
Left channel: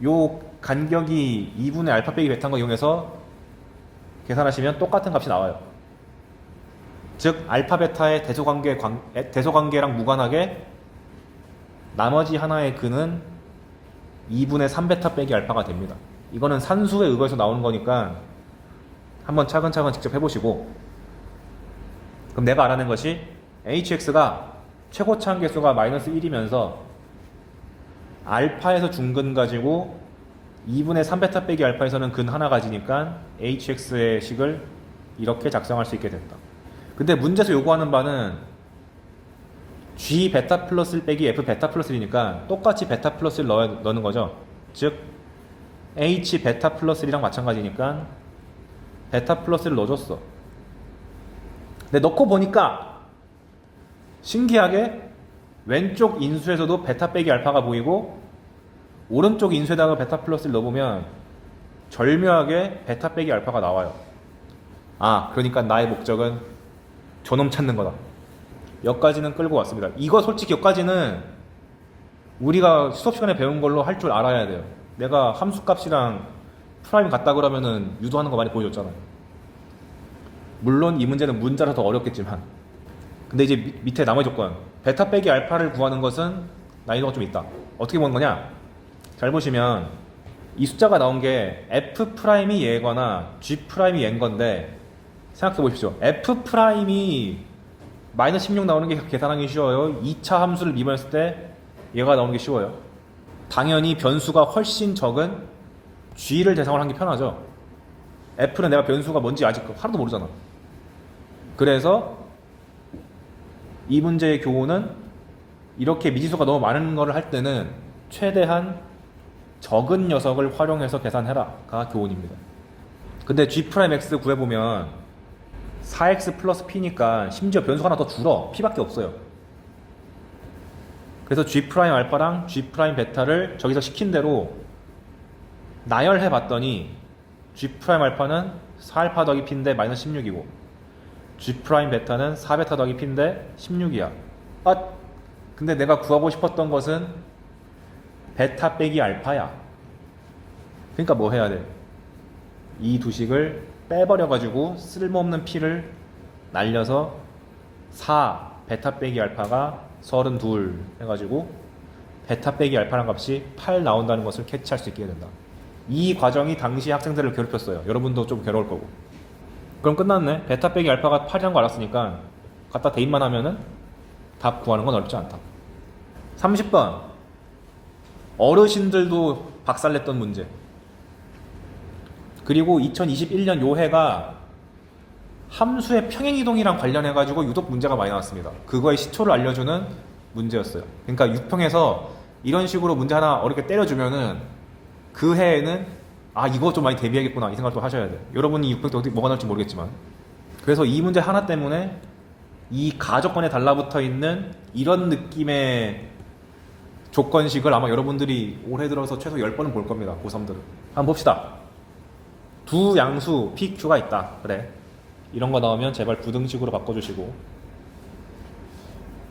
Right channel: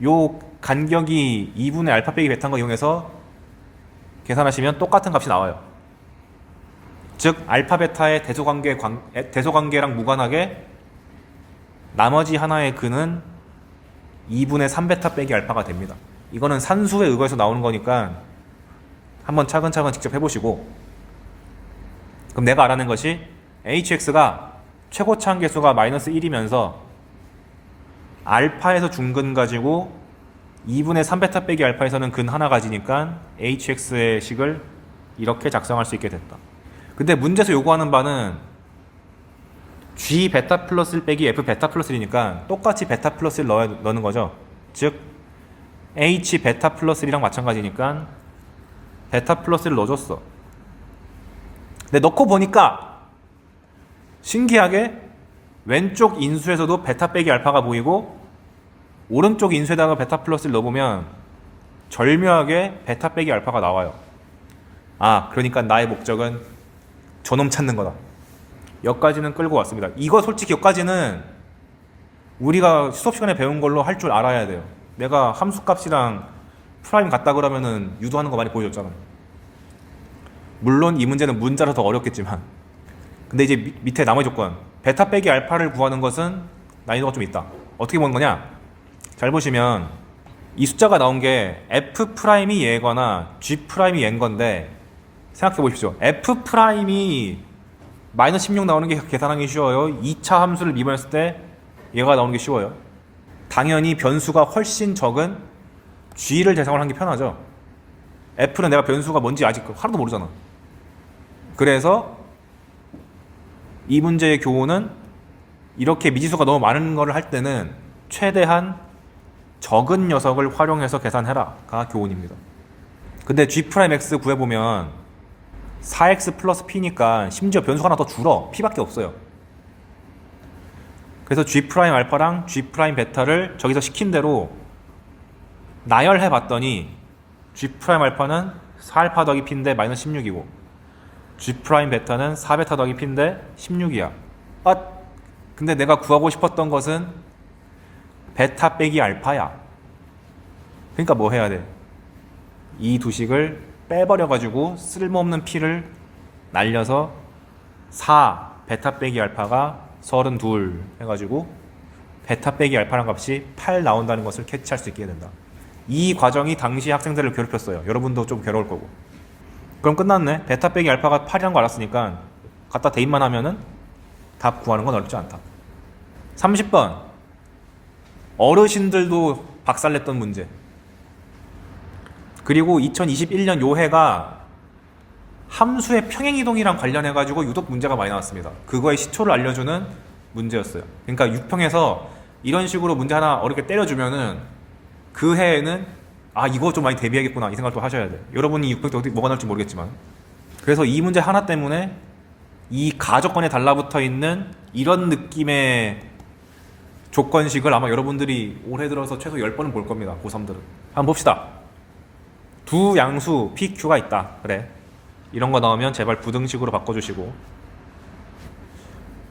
요 간격이 2분의 알파 빼기 베타인 거 이용해서 계산하시면 똑같은 값이 나와요. 즉 알파 베타의 대소관계랑 무관하게 나머지 하나의 근은 2분의 3베타 빼기 알파가 됩니다. 이거는 산수에 의거해서 나오는 거니까 한번 차근차근 직접 해보시고 그럼 내가 알아낸 것이 hx가 최고차 한계수가 마이너스 1이면서 알파에서 중근 가지고 2분의 3베타 빼기 알파에서는 근 하나 가지니까 hx의 식을 이렇게 작성할 수 있게 됐다. 근데 문제에서 요구하는 바는 g 베타 플러스 1 빼기 f 베타 플러스 1이니까 똑같이 베타 플러스 1 넣는 거죠. 즉 h 베타 플러스 1이랑 마찬가지니까 베타 플러스 1 넣어줬어. 근데 넣고 보니까 신기하게 왼쪽 인수에서도 베타 빼기 알파가 보이고 오른쪽 인수에다가 베타 플러스 1 넣어보면 절묘하게 베타 빼기 알파가 나와요. 아, 그러니까 나의 목적은 저놈 찾는 거다. 여기까지는 끌고 왔습니다. 이거 솔직히 여기까지는 우리가 수업 시간에 배운 걸로 할 줄 알아야 돼요. 내가 함수값이랑 프라임 같다 그러면은 유도하는 거 많이 보여줬잖아. 물론 이 문제는 문자로 더 어렵겠지만 근데 이제 밑에 나머지 조건 베타 빼기 알파를 구하는 것은 난이도가 좀 있다. 어떻게 보는 거냐? 잘 보시면 이 숫자가 나온 게 f 프라임이 얘거나 g 프라임이 얘인 건데 생각해 보십시오. f 프라임이 마이너스 16 나오는 게 계산하기 쉬워요. 2차 함수를 미분했을 때 얘가 나오는 게 쉬워요. 당연히 변수가 훨씬 적은 g를 대상으로 하는 게 편하죠. f는 내가 변수가 뭔지 아직 하나도 모르잖아. 그래서 이 문제의 교훈은 이렇게 미지수가 너무 많은 거를 할 때는 최대한 적은 녀석을 활용해서 계산해라가 교훈입니다. 근데 g'x 구해보면 4x 플러스 p니까 심지어 변수가 하나 더 줄어. p밖에 없어요. 그래서 g' 알파랑 g' 베타를 저기서 시킨 대로 나열해 봤더니 g' 알파는 4알파 더하기 p인데 마이너스 16이고 g' 베타는 4베타 더하기 p인데 16이야. 근데 내가 구하고 싶었던 것은 베타 빼기 알파야. 그러니까 뭐 해야 돼? 이 두 식을 빼버려가지고 쓸모없는 p를 날려서 4 베타 빼기 알파가 32 해가지고 베타 빼기 알파란 값이 8 나온다는 것을 캐치할 수 있게 된다. 이 과정이 당시 학생들을 괴롭혔어요. 여러분도 좀 괴로울 거고. 그럼 끝났네. 베타 빼기 알파가 8이라는 거 알았으니까 갖다 대입만 하면은 답 구하는 건 어렵지 않다. 30번 어르신들도 박살냈던 문제. 그리고 2021년 요 해가 함수의 평행이동이랑 관련해가지고 유독 문제가 많이 나왔습니다. 그거의 시초를 알려주는 문제였어요. 그러니까 6평에서 이런 식으로 문제 하나 어렵게 때려주면은 그 해에는 아 이거 좀 많이 대비해야겠구나 이 생각도 하셔야 돼요. 여러분이 6평 때 어디 뭐가 나올지 모르겠지만 그래서 이 문제 하나 때문에 이 가족권에 달라붙어 있는 이런 느낌의 조건식을 아마 여러분들이 올해 들어서 최소 10번은 볼 겁니다. 고3들은. 한번 봅시다. 두 양수 PQ가 있다. 그래. 이런 거 나오면 제발 부등식으로 바꿔주시고.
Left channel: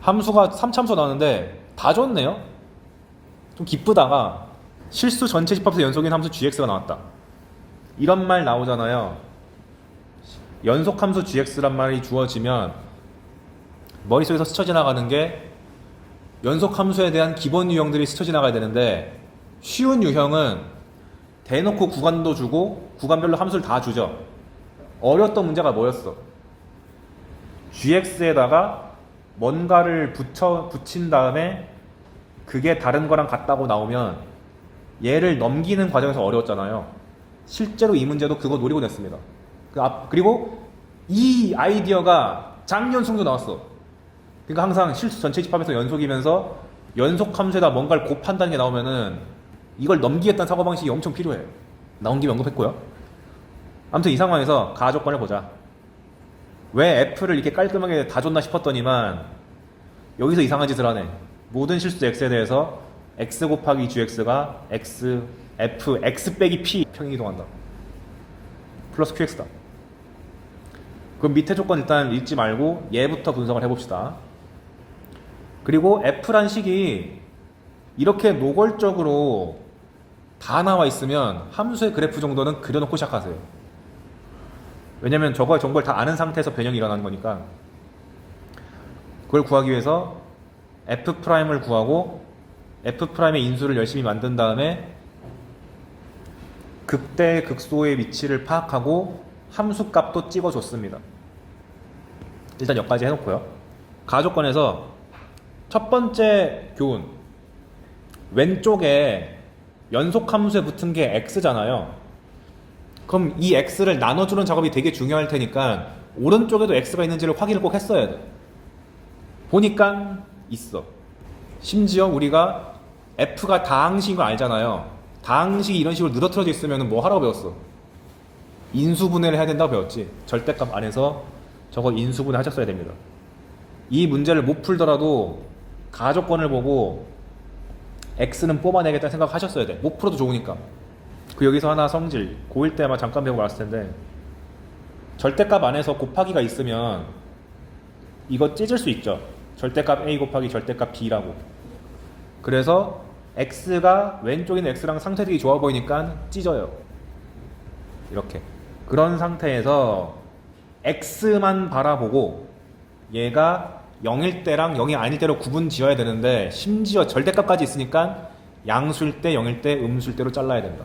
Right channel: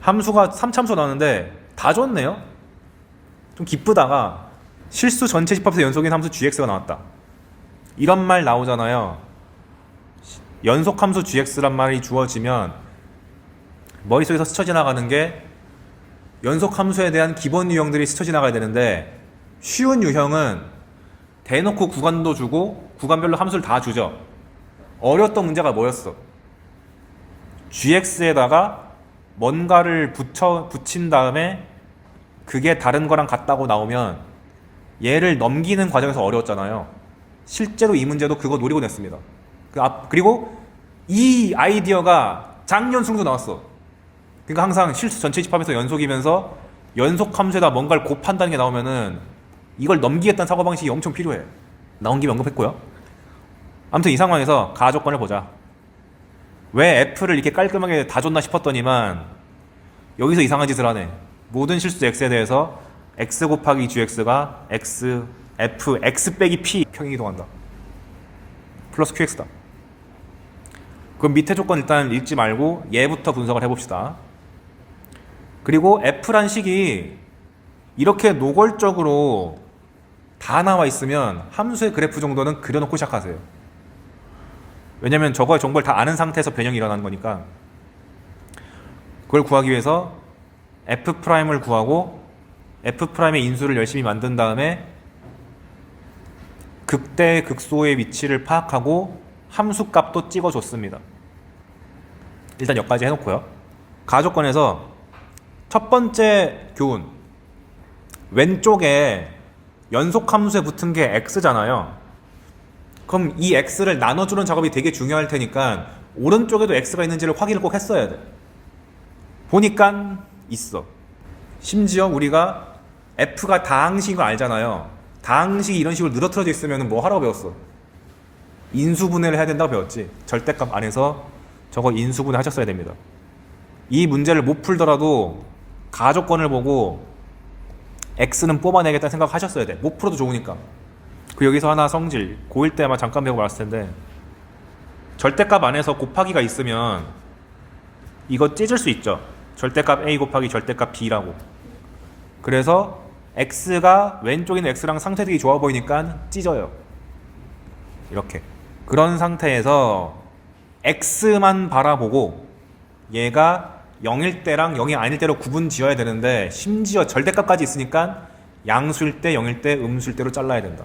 함수가 3참수 나오는데 다 줬네요. 좀 기쁘다가 실수 전체 집합에서 연속인 함수 gx가 나왔다. 이런 말 나오잖아요. 연속함수 gx란 말이 주어지면 머릿속에서 스쳐 지나가는 게 연속함수에 대한 기본 유형들이 스쳐 지나가야 되는데 쉬운 유형은 대놓고 구간도 주고 구간별로 함수를 다 주죠. 어려웠던 문제가 뭐였어? gx에다가 뭔가를 붙인 다음에 그게 다른 거랑 같다고 나오면 얘를 넘기는 과정에서 어려웠잖아요. 실제로 이 문제도 그거 노리고 냈습니다. 그리고 이 아이디어가 작년 수능도 나왔어. 그러니까 항상 실수 전체 집합에서 연속이면서 연속 함수에다 뭔가를 곱한다는 게 나오면은 이걸 넘기겠다는 사고방식이 엄청 필요해요. 나온 김에 언급했고요. 아무튼 이 상황에서 가조건을 보자. 왜 F를 이렇게 깔끔하게 다 줬나 싶었더니만 여기서 이상한 짓을 하네. 모든 실수 X에 대해서 X 곱하기 GX가 X, F, X 빼기 P 평행이동한다. 플러스 QX다. 그럼 밑에 조건 일단 읽지 말고 얘부터 분석을 해봅시다. 그리고 F란 식이 이렇게 노골적으로 다 나와 있으면 함수의 그래프 정도는 그려놓고 시작하세요. 왜냐면 저거의 정보를 다 아는 상태에서 변형이 일어나는 거니까. 그걸 구하기 위해서 F'을 구하고 F'의 인수를 열심히 만든 다음에 극대 극소의 위치를 파악하고 함수값도 찍어줬습니다. 일단 여기까지 해놓고요. 가조건에서 첫 번째 교훈, 왼쪽에 연속함수에 붙은 게 x잖아요. 그럼 이 x를 나눠주는 작업이 되게 중요할 테니까 오른쪽에도 x가 있는지를 확인을 꼭 했어야 돼. 보니까 있어. 심지어 우리가 f가 다항식인 거 알잖아요. 다항식이 이런 식으로 늘어뜨려져 있으면 뭐 하라고 배웠어? 인수분해를 해야 된다고 배웠지. 절대값 안에서 저거 인수분해 하셨어야 됩니다. 이 문제를 못 풀더라도 가조건을 보고 x는 뽑아내겠다는 생각 하셨어야 돼. 못 풀어도 좋으니까. 그 여기서 하나 성질, 고1 때 아마 잠깐 배우고 말았을 텐데 절대값 안에서 곱하기가 있으면 이거 찢을 수 있죠. 절대값 a 곱하기 절대값 b라고. 그래서 x가 왼쪽에 있는 x랑 상쇄되기 좋아 보이니까 찢어요. 이렇게. 그런 상태에서 x만 바라보고 얘가 0일 때랑 0이 아닐 때로 구분 지어야 되는데 심지어 절대값까지 있으니까 양수일 때 0일 때 음수일 때로 잘라야 된다.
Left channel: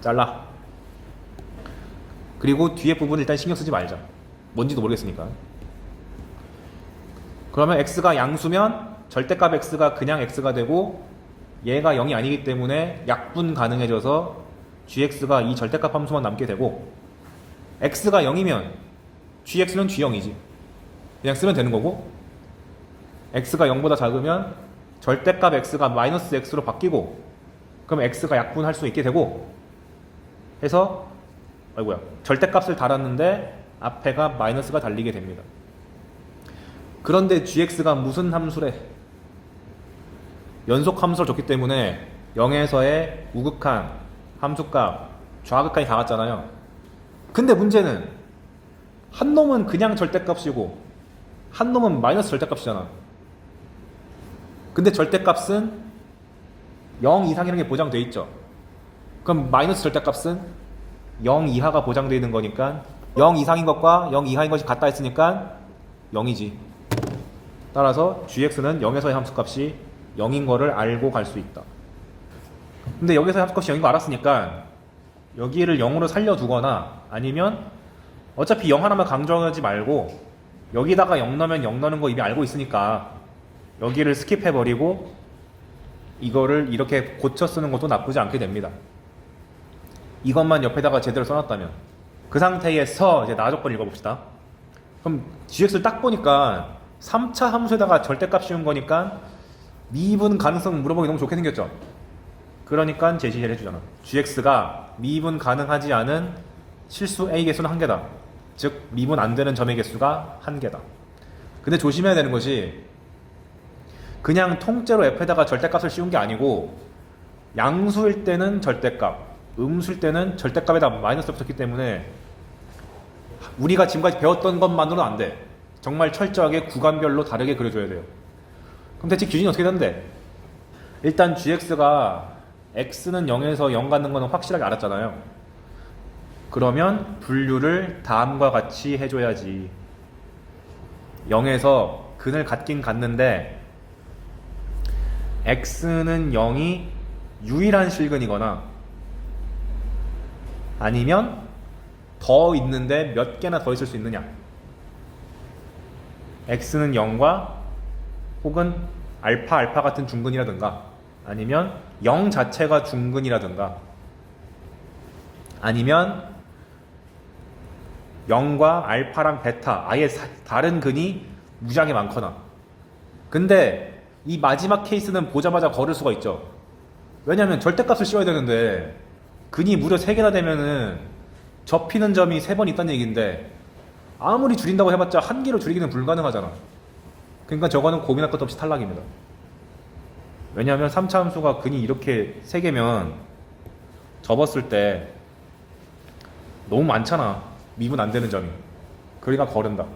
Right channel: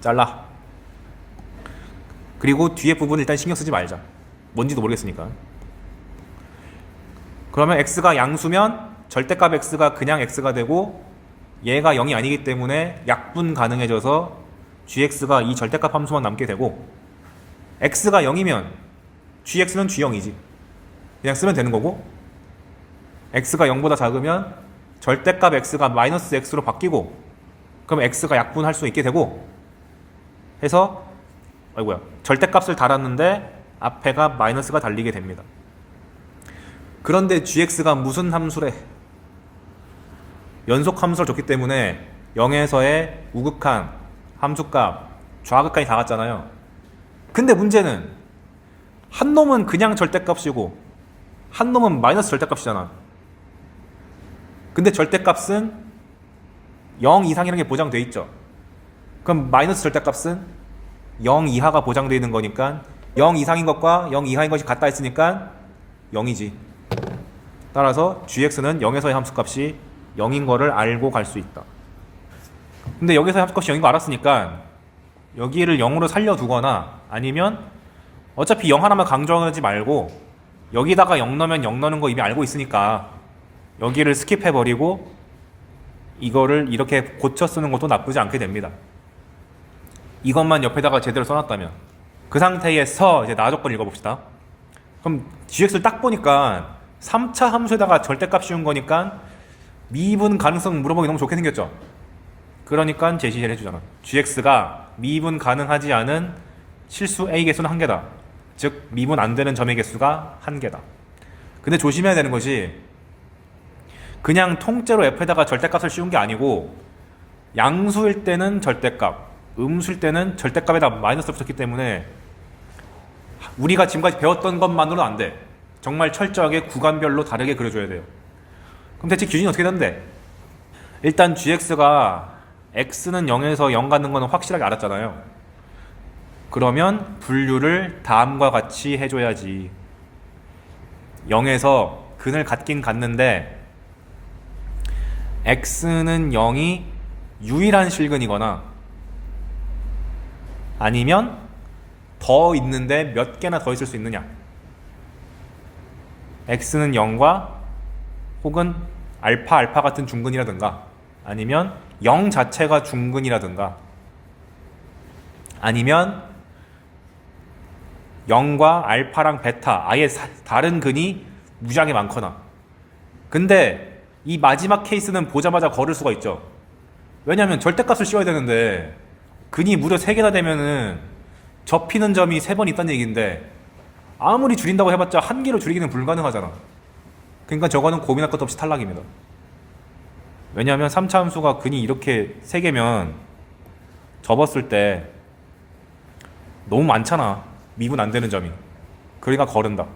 잘라. 그리고 뒤에 부분 일단 신경 쓰지 말자. 뭔지도 모르겠으니까. 그러면 x가 양수면 절대값 x가 그냥 x가 되고 얘가 0이 아니기 때문에 약분 가능해져서 gx가 이 절대값 함수만 남게 되고 x가 0이면 gx는 g0이지. 그냥 쓰면 되는 거고 x가 0보다 작으면 절대값 x가 마이너스 x로 바뀌고 그럼 x가 약분할 수 있게 되고 해서 아이고야 절대값을 달았는데 앞에가 마이너스가 달리게 됩니다. 그런데 gx가 무슨 함수래? 연속 함수를 줬기 때문에 0에서의 우극한 함수값 좌극한이 다 같잖아요. 근데 문제는 한 놈은 그냥 절대값이고 한 놈은 마이너스 절대값이잖아. 근데 절대값은 0 이상이라는 게 보장돼 있죠. 그럼 마이너스 절대값은 0 이하가 보장되어 있는 거니까 0 이상인 것과 0 이하인 것이 같다 했으니까 0이지. 따라서 gx는 0에서의 함수값이 0인 거를 알고 갈 수 있다. 근데 여기서 함수값이 0인 거 알았으니까 여기를 0으로 살려두거나 아니면 어차피 0 하나만 강조하지 말고 여기다가 0 넣으면 0 넣는 거 이미 알고 있으니까 여기를 스킵해버리고 이거를 이렇게 고쳐 쓰는 것도 나쁘지 않게 됩니다. 이것만 옆에다가 제대로 써놨다면. 그 상태에서 이제 나 조건 읽어봅시다. 그럼 gx를 딱 보니까 3차 함수에다가 절대값 씌운 거니까 미분 가능성 물어보기 너무 좋게 생겼죠. 그러니까 제시를 해주잖아. gx가 미분 가능하지 않은 실수 a 개수는 1개다. 즉 미분 안 되는 점의 개수가 1개다. 근데 조심해야 되는 것이 그냥 통째로 f에다가 절대값을 씌운 게 아니고 양수일 때는 절대값, 음수일 때는 절대값에다 마이너스를 붙였기 때문에 우리가 지금까지 배웠던 것만으로는 안 돼. 정말 철저하게 구간별로 다르게 그려줘야 돼요. 그럼 대체 기준이 어떻게 되는데? 일단 gx가 x는 0에서 0 가는 거는 확실하게 알았잖아요. 그러면 분류를 다음과 같이 해줘야지. 0에서 근을 갖긴 갖는데 x는 0이 유일한 실근이거나 아니면 더 있는데 몇 개나 더 있을 수 있느냐. x는 0과 혹은 알파 같은 중근이라든가 아니면 0 자체가 중근이라든가 아니면 0과 알파랑 베타 아예 다른 근이 무지하게 많거나. 근데 이 마지막 케이스는 보자마자 걸을 수가 있죠. 왜냐하면 절대값을 씌워야 되는데 근이 무려 3개나 되면은 접히는 점이 3번 있다는 얘기인데 아무리 줄인다고 해봤자 1개로 줄이기는 불가능하잖아. 그러니까 저거는 고민할 것도 없이 탈락입니다. 왜냐하면 3차 함수가 근이 이렇게 3개면 접었을 때 너무 많잖아. 미분 안 되는 점이. 그러니까 거른다.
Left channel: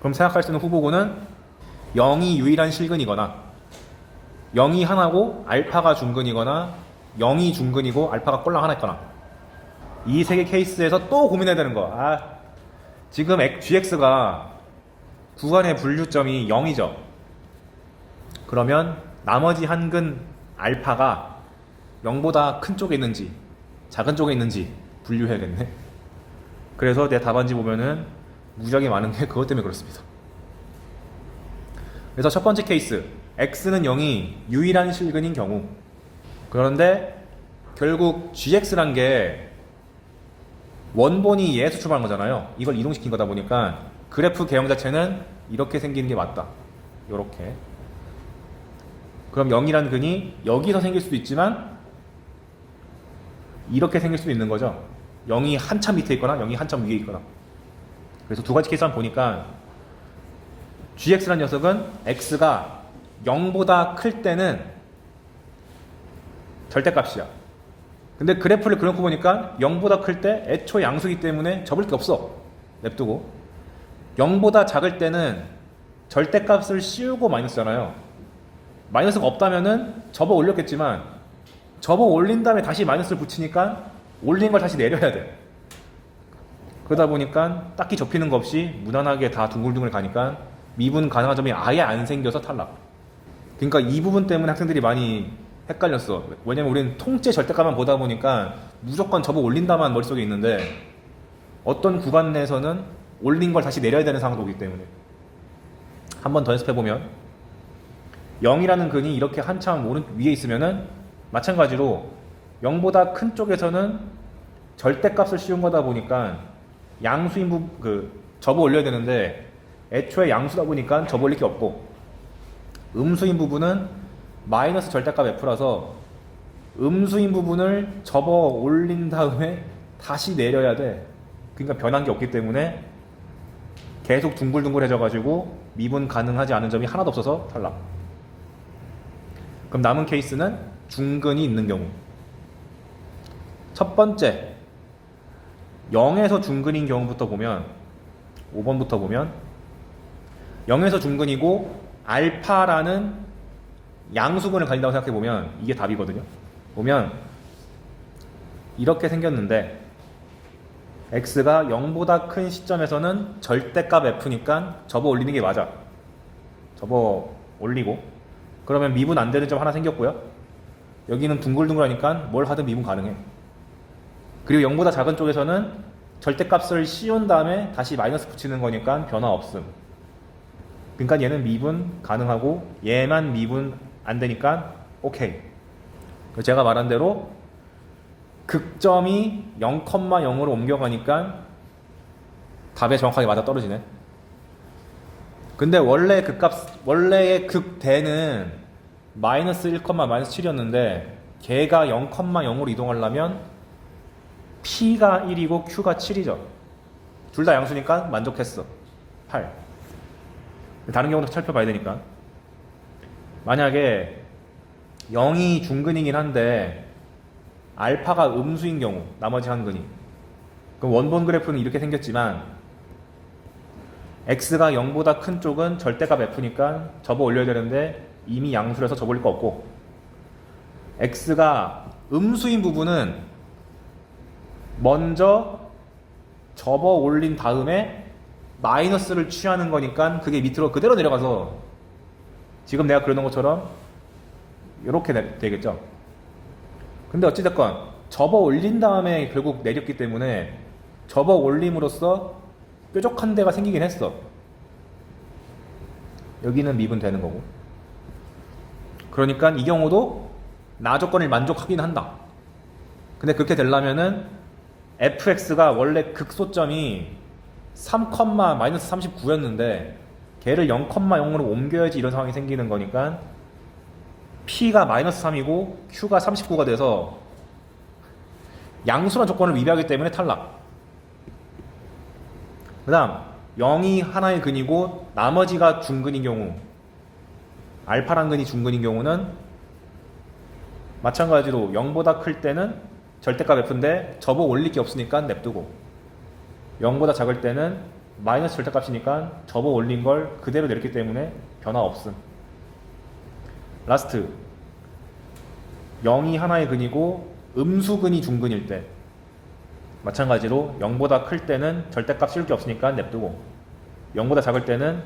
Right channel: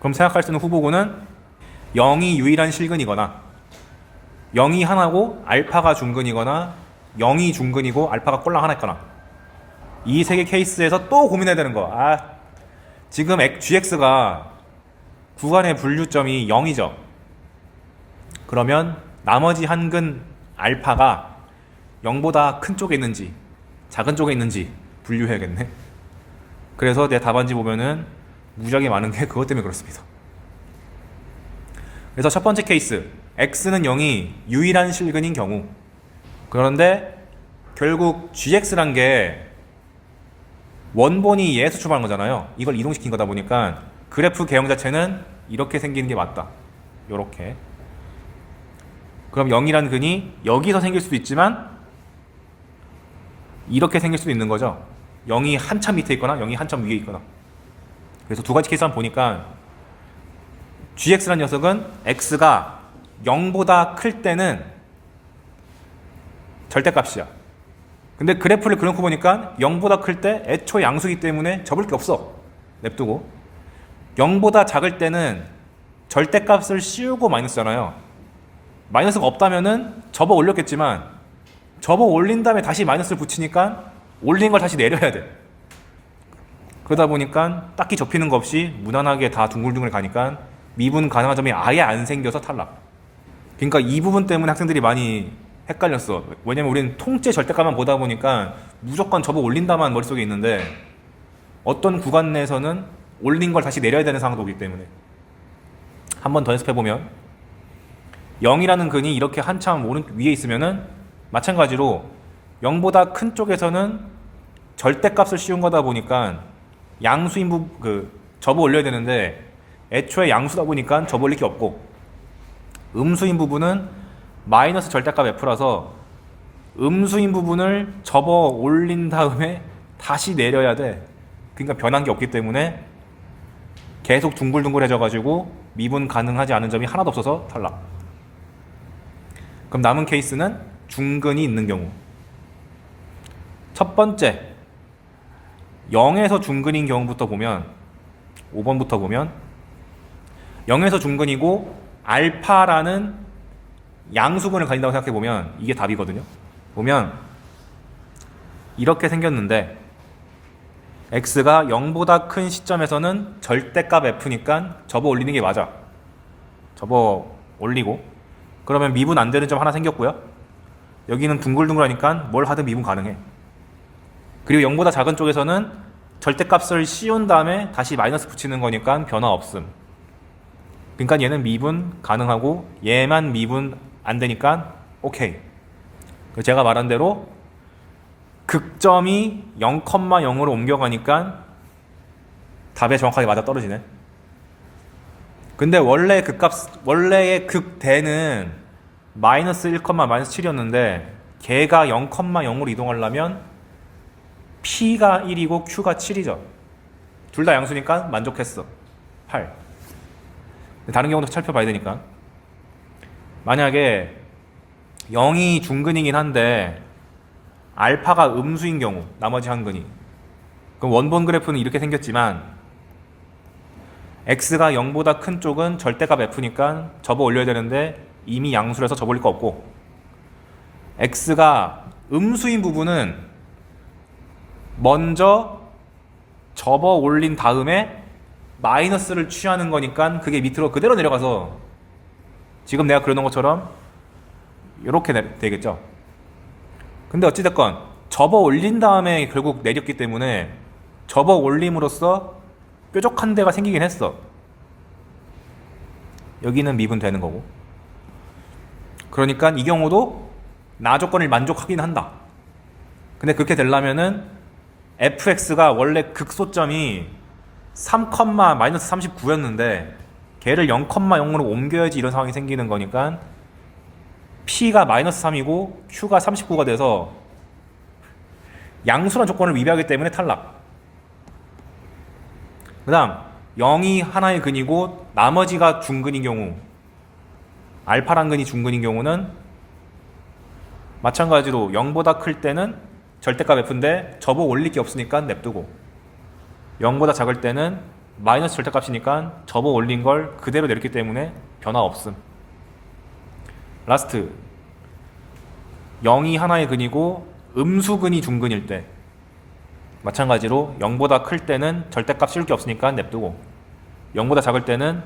그럼 생각할 수 있는 후보군은 0이 유일한 실근이거나 0이 하나고 알파가 중근이거나 0이 중근이고 알파가 꼴랑 하나 있거나 이 3개 케이스에서 또 고민해야 되는 거. 지금 gx가 구간의 분류점이 0이죠. 그러면 나머지 한 근 알파가 0보다 큰 쪽에 있는지 작은 쪽에 있는지 분류해야겠네. 그래서 내 답안지 보면은 무지하게 많은 게 그것 때문에 그렇습니다. 그래서 첫 번째 케이스 x는 0이 유일한 실근인 경우. 그런데 결국 gx란 게 원본이 얘에서 출발한 거잖아요. 이걸 이동시킨 거다 보니까 그래프 개형 자체는 이렇게 생기는 게 맞다. 요렇게. 그럼 0이란 근이 여기서 생길 수도 있지만 이렇게 생길 수도 있는 거죠. 0이 한참 밑에 있거나 0이 한참 위에 있거나. 그래서 두 가지 케이스 한번 보니까 gx라는 녀석은 x가 0보다 클 때는 절대값이야. 근데 그래프를 그려놓고 보니까 0보다 클 때 애초에 양수이기 때문에 접을 게 없어. 냅두고 0보다 작을 때는 절대값을 씌우고 마이너스잖아요. 마이너스가 없다면은 접어 올렸겠지만 접어 올린 다음에 다시 마이너스를 붙이니까 올린 걸 다시 내려야 돼. 그러다 보니까 딱히 접히는 거 없이 무난하게 다 둥글둥글 가니까 미분 가능한 점이 아예 안 생겨서 탈락. 그러니까 이 부분 때문에 학생들이 많이 헷갈렸어. 왜냐면 우리는 통째 절대값만 보다 보니까 무조건 접어 올린다만 머릿속에 있는데 어떤 구간 내에서는 올린 걸 다시 내려야 되는 상황도 오기 때문에. 한 번 더 연습해보면 0이라는 근이 이렇게 한참 위에 있으면은 마찬가지로 0보다 큰 쪽에서는 절대값을 씌운 거다 보니까 양수인 접어 올려야 되는데 애초에 양수다 보니까 접어 올릴 게 없고, 음수인 부분은 마이너스 절대값 f라서 음수인 부분을 접어 올린 다음에 다시 내려야 돼. 그러니까 변한 게 없기 때문에 계속 둥글둥글해져 가지고 미분 가능하지 않은 점이 하나도 없어서 탈락. 그럼 남은 케이스는 중근이 있는 경우. 첫 번째 0에서 중근인 경우부터 보면 5번부터 보면 0에서 중근이고 알파라는 양수근을 가진다고 생각해보면 이게 답이거든요. 보면 이렇게 생겼는데 x가 0보다 큰 시점에서는 절대값 f니까 접어 올리는 게 맞아. 접어 올리고 그러면 미분 안 되는 점 하나 생겼고요. 여기는 둥글둥글하니까 뭘 하든 미분 가능해. 그리고 0보다 작은 쪽에서는 절대값을 씌운 다음에 다시 마이너스 붙이는 거니까 변화 없음. 그러니까 얘는 미분 가능하고 얘만 미분 안 되니까 오케이. 제가 말한 대로 극점이 0,0으로 옮겨가니까 답에 정확하게 맞아 떨어지네. 근데 원래의 극대는 마이너스 1, 마이너스 7이었는데 걔가 0,0으로 이동하려면 P가 1이고 Q가 7이죠. 둘 다 양수니까 만족했어. 8. 다른 경우도 살펴봐야 되니까. 만약에 0이 중근이긴 한데 알파가 음수인 경우, 나머지 한근이, 그럼 원본 그래프는 이렇게 생겼지만 x가 0보다 큰 쪽은 절대값 f니까 접어 올려야 되는데 이미 양수라서 접어 올릴 거 없고, x가 음수인 부분은 먼저 접어 올린 다음에 마이너스를 취하는 거니까 그게 밑으로 그대로 내려가서 지금 내가 그려놓은 것처럼 이렇게 되겠죠. 근데 어찌됐건 접어 올린 다음에 결국 내렸기 때문에 접어 올림으로써 뾰족한 데가 생기긴 했어. 여기는 미분되는 거고. 그러니까 이 경우도 나 조건을 만족하긴 한다. 근데 그렇게 되려면은 fx가 원래 극소점이 3,-39였는데 걔를 0,0으로 옮겨야지 이런 상황이 생기는 거니까 P가 마이너스 3이고 Q가 39가 돼서 양수란 조건을 위배하기 때문에 탈락. 그 다음 0이 하나의 근이고 나머지가 중근인 경우, 알파란 근이 중근인 경우는 마찬가지로 0보다 클 때는 절대값 f인데 접어 올릴 게 없으니까 냅두고, 0보다 작을 때는 마이너스 절대값이니까 접어 올린 걸 그대로 내렸기 때문에 변화 없음. 라스트 0이 하나의 근이고 음수근이 중근일 때 마찬가지로 0보다 클 때는 절대값 씌울 게 없으니까 냅두고, 0보다 작을 때는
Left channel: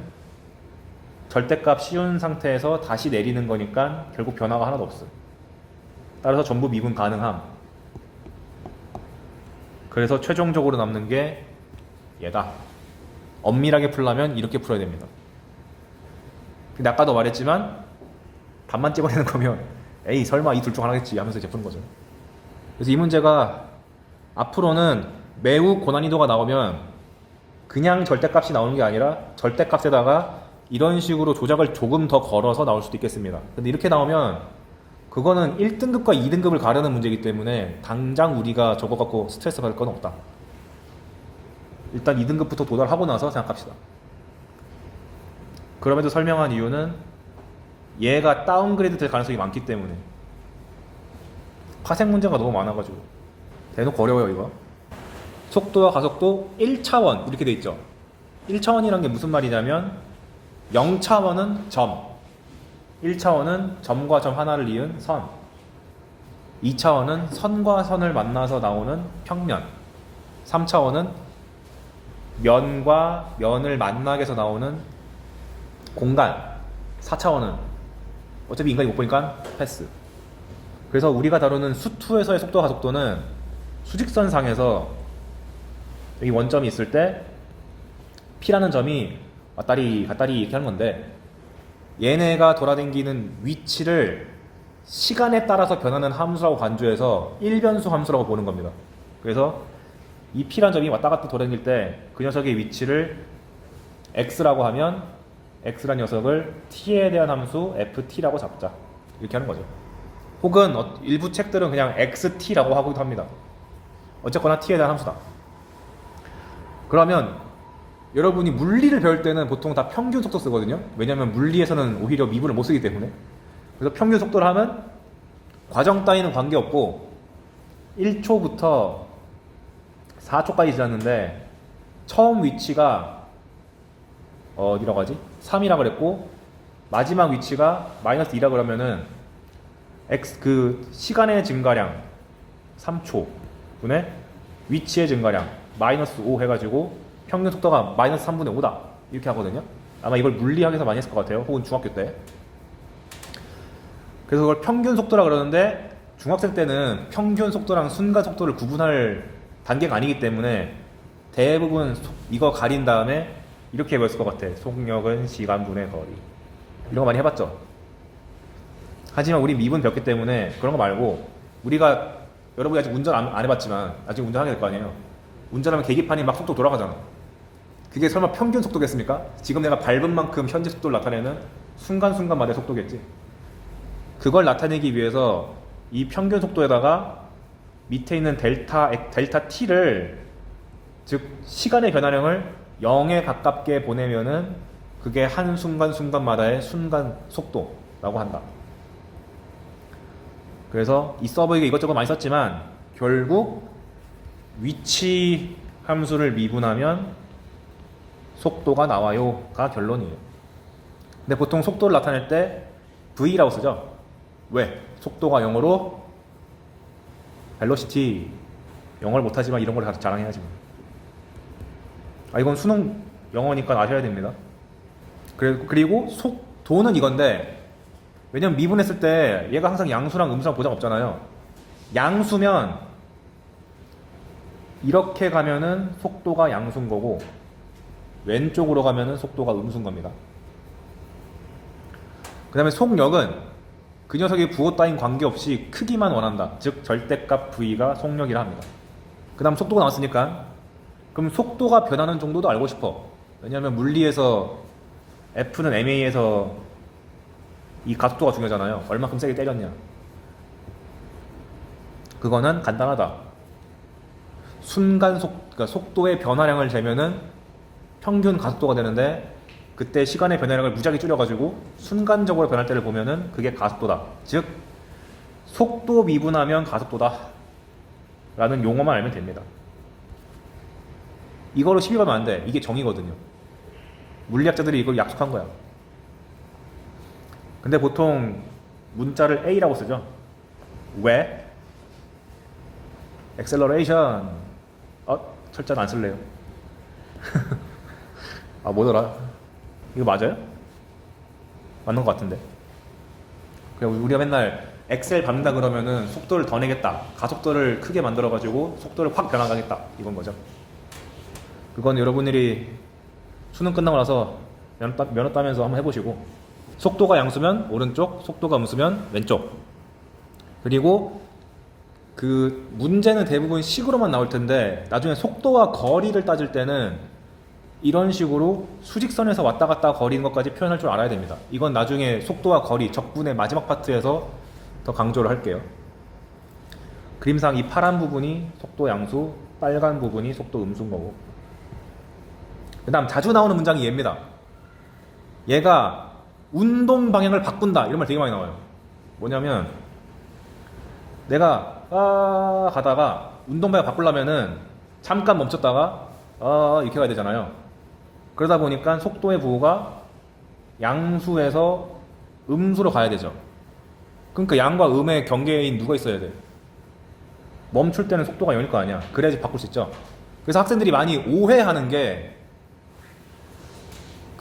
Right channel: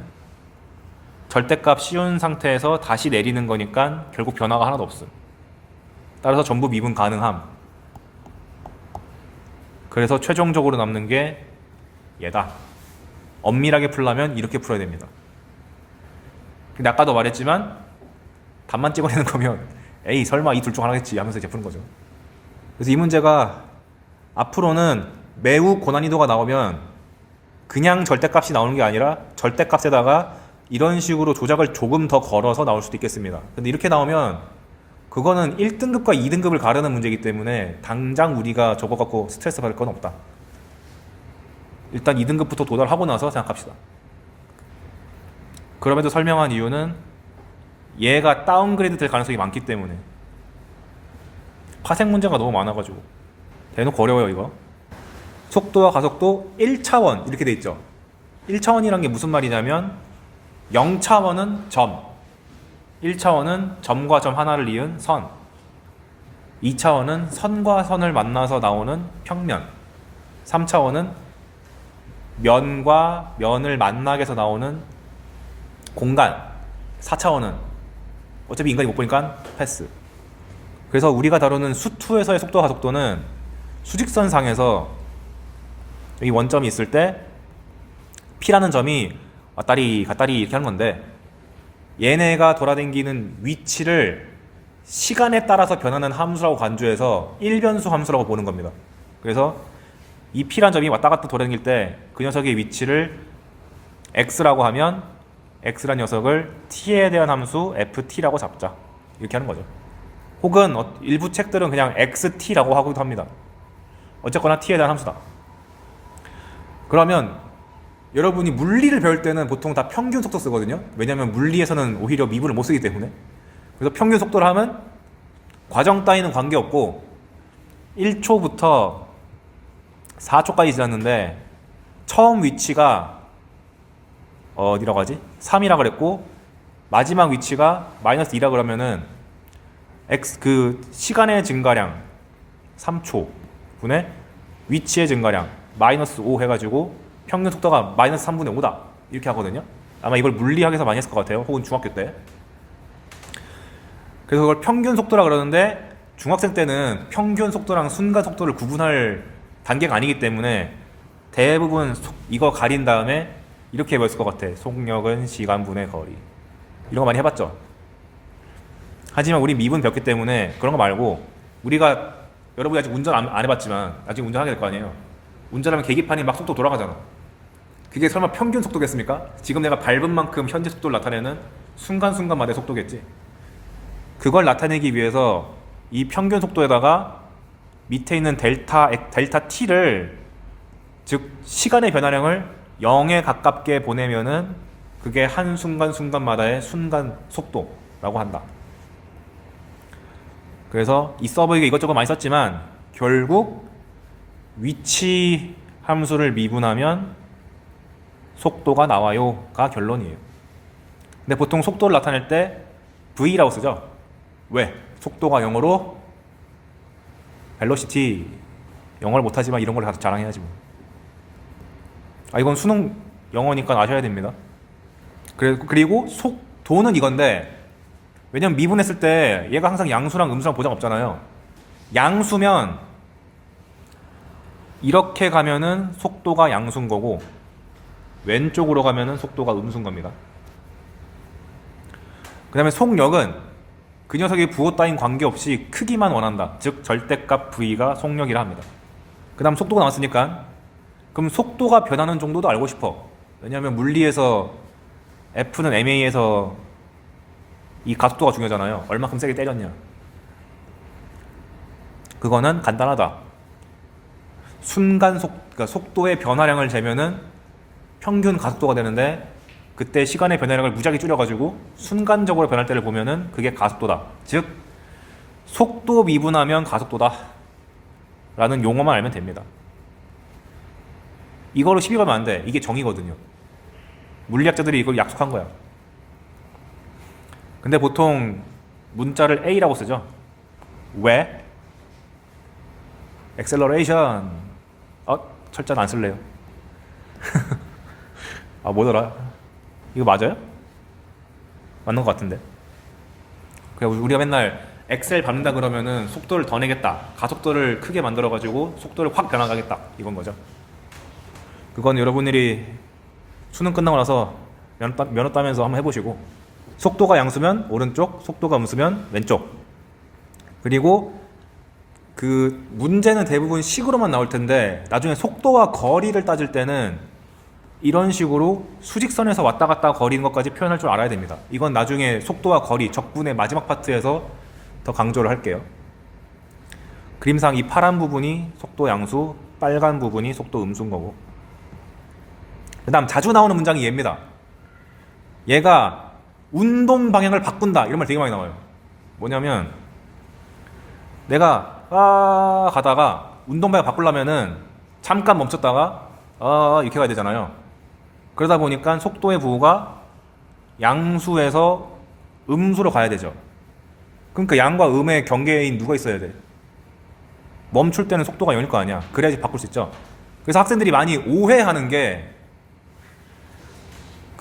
절대값 씌운 상태에서 다시 내리는 거니까 결국 변화가 하나도 없음. 따라서 전부 미분 가능함. 그래서 최종적으로 남는 게 얘다. 엄밀하게 풀려면 이렇게 풀어야 됩니다. 근데 아까도 말했지만 답만 찍어내는 거면 에이 설마 이 둘 중 하나겠지 하면서 이제 푸는 거죠. 그래서 이 문제가 앞으로는 매우 고난이도가 나오면 그냥 절대값이 나오는 게 아니라 절대값에다가 이런 식으로 조작을 조금 더 걸어서 나올 수도 있겠습니다. 근데 이렇게 나오면 그거는 1등급과 2등급을 가르는 문제이기 때문에 당장 우리가 저거 갖고 스트레스 받을 건 없다. 일단 2등급부터 도달하고 나서 생각합시다. 그럼에도 설명한 이유는 얘가 다운그레이드 될 가능성이 많기 때문에. 파생 문제가 너무 많아가지고 대놓고 어려워요 이거. 속도와 가속도 1차원 이렇게 돼 있죠. 1차원이란 게 무슨 말이냐면 0차원은 점, 1차원은 점과 점 하나를 이은 선, 2차원은 선과 선을 만나서 나오는 평면, 3차원은 면과 면을 만나게 해서 나오는 공간, 4차원은 어차피 인간이 못 보니까 패스. 그래서 우리가 다루는 수2에서의 속도와 가속도는 수직선상에서 여기 원점이 있을 때 P라는 점이 왔다리 갔다리 이렇게 하는 건데, 얘네가 돌아다니는 위치를 시간에 따라서 변하는 함수라고 간주해서 1변수 함수라고 보는 겁니다. 그래서 이 P라는 점이 왔다 갔다 돌아다닐 때 그 녀석의 위치를 X라고 하면 X라는 녀석을 T에 대한 함수 FT라고 잡자. 이렇게 하는 거죠. 혹은 일부 책들은 그냥 XT라고 하기도 합니다. 어쨌거나 T에 대한 함수다. 그러면 여러분이 물리를 배울 때는 보통 다 평균 속도 쓰거든요. 왜냐면 물리에서는 오히려 미분을 못 쓰기 때문에. 그래서 평균 속도를 하면 과정 따위는 관계없고 1초부터 4초까지 지났는데 처음 위치가 어디라고 하지? 3이라 그랬고 마지막 위치가 마이너스 2라 그러면은 그 시간의 증가량 3초 분의 위치의 증가량 마이너스 5 해가지고 평균 속도가 마이너스 3분의 5다 이렇게 하거든요. 아마 이걸 물리학에서 많이 했을 것 같아요. 혹은 중학교 때. 그래서 그걸 평균 속도라 그러는데 중학생 때는 평균 속도랑 순간 속도를 구분할 단계가 아니기 때문에 대부분 이거 가린 다음에 이렇게 배웠을 것 같아. 속력은 시간분의 거리. 이런 거 많이 해봤죠. 하지만 우리 미분 배웠기 때문에 그런 거 말고 우리가 여러분이 아직 운전 안 해봤지만 나중에 운전하게 될 거 아니에요. 운전하면 계기판이 막 속도 돌아가잖아. 그게 설마 평균 속도겠습니까? 지금 내가 밟은 만큼 현재 속도를 나타내는 순간순간마다의 속도겠지. 그걸 나타내기 위해서 이 평균 속도에다가 밑에 있는 델타 t를 즉 시간의 변화량을 0에 가깝게 보내면은 그게 한 순간순간마다의 순간 속도라고 한다. 그래서 이 서버에 이것저것 많이 썼지만 결국 위치 함수를 미분하면 속도가 나와요가 결론이에요. 근데 보통 속도를 나타낼 때 V라고 쓰죠. 왜? 속도가 영어로 velocity. 영어를 못하지만 이런 걸 자랑해야지 뭐. 이건 수능 영어니까 아셔야 됩니다. 그리고 속도는 이건데 왜냐면 미분했을 때 얘가 항상 양수랑 음수랑 보장 없잖아요. 양수면 이렇게 가면은 속도가 양수인 거고 왼쪽으로 가면은 속도가 음수인 겁니다. 그 다음에 속력은 그 녀석의 부호 따윈 관계없이 크기만 원한다. 즉 절대값 V가 속력이라 합니다. 그 다음 속도가 나왔으니까 그럼 속도가 변하는 정도도 알고 싶어. 왜냐하면 물리에서 F는 ma에서 이 가속도가 중요하잖아요. 얼마큼 세게 때렸냐. 그거는 간단하다. 그러니까 속도의 변화량을 재면은 평균 가속도가 되는데 그때 시간의 변화량을 무작위 줄여가지고 순간적으로 변할 때를 보면은 그게 가속도다. 즉 속도 미분하면 가속도다 라는 용어만 알면 됩니다. 이거로 시비 가면 안 돼. 이게 정의거든요. 물리학자들이 이걸 약속한 거야. 근데 보통 문자를 A라고 쓰죠. 왜? acceleration. 철자는 안 쓸래요. 뭐더라? 이거 맞아요? 맞는 것 같은데. 우리가 맨날 엑셀 밟는다 그러면은 속도를 더 내겠다. 가속도를 크게 만들어가지고 속도를 확 변화가겠다. 이건 거죠. 그건 여러분들이 수능 끝나고 나서 면허 따면서 한번 해보시고 속도가 양수면 오른쪽, 속도가 음수면 왼쪽. 그리고 그 문제는 대부분 식으로만 나올 텐데 나중에 속도와 거리를 따질 때는 이런 식으로 수직선에서 왔다 갔다 거리는 것까지 표현할 줄 알아야 됩니다. 이건 나중에 속도와 거리, 적분의 마지막 파트에서 더 강조를 할게요. 그림상 이 파란 부분이 속도 양수, 빨간 부분이 속도 음수인 거고. 그 다음 자주 나오는 문장이 얘입니다. 얘가 운동 방향을 바꾼다 이런 말 되게 많이 나와요. 뭐냐면 내가 가다가 운동 방향 바꾸려면은 잠깐 멈췄다가 이렇게 가야 되잖아요. 그러다 보니까 속도의 부호가 양수에서 음수로 가야 되죠. 그러니까 양과 음의 경계인 누가 있어야 돼? 멈출 때는 속도가 0일 거 아니야. 그래야지 바꿀 수 있죠. 그래서 학생들이 많이 오해하는 게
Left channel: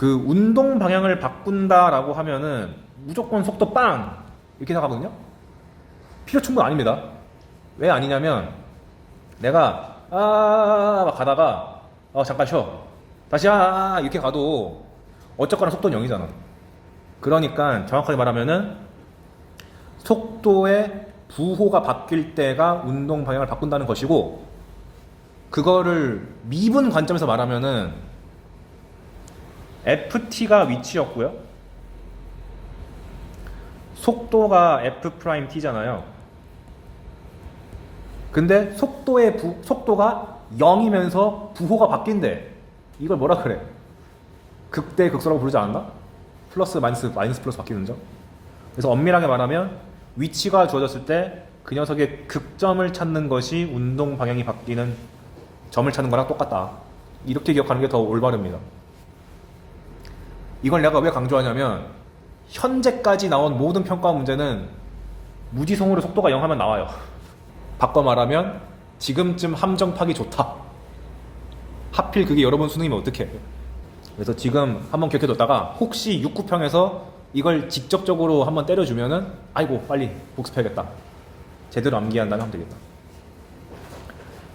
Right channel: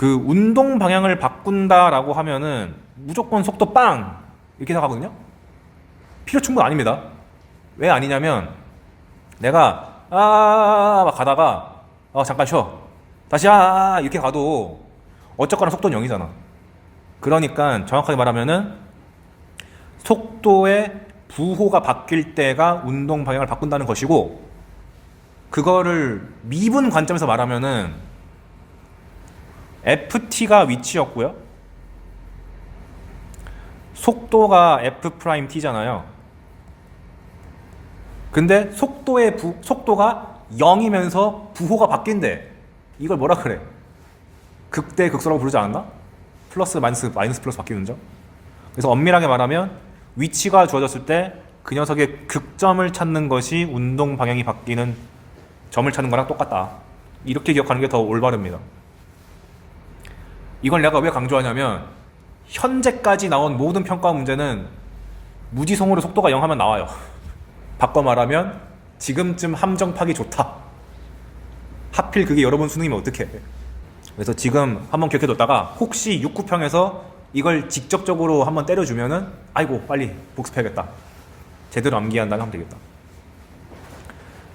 그 운동 방향을 바꾼다라고 하면은 무조건 속도 빵 이렇게 나가거든요. 필요 충분 아닙니다. 왜 아니냐면 내가 막 가다가 잠깐 쉬어 다시 이렇게 가도 어쨌거나 속도는 0이잖아. 그러니까 정확하게 말하면은 속도의 부호가 바뀔 때가 운동 방향을 바꾼다는 것이고, 그거를 미분 관점에서 말하면은 ft가 위치였고요, 속도가 f't잖아요. 근데 속도가 0이면서 부호가 바뀐대. 이걸 뭐라 그래? 극대 극소라고 부르지 않았나? 플러스 마이너스 플러스 바뀌는 점. 그래서 엄밀하게 말하면 위치가 주어졌을 때 그 녀석의 극점을 찾는 것이 운동 방향이 바뀌는 점을 찾는 거랑 똑같다. 이렇게 기억하는 게 더 올바릅니다. 이걸 내가 왜 강조하냐면 현재까지 나온 모든 평가 문제는 무지송으로 속도가 0 하면 나와요. 바꿔 말하면 지금쯤 함정 타기 좋다 하필 그게 여러분 수능이면 어떡해. 그래서 지금 한번 기억해뒀다가 혹시 6구평에서 이걸 직접적으로 한번 때려주면은 아이고 빨리 복습해야겠다, 제대로 암기한 다음에 하면 되겠다.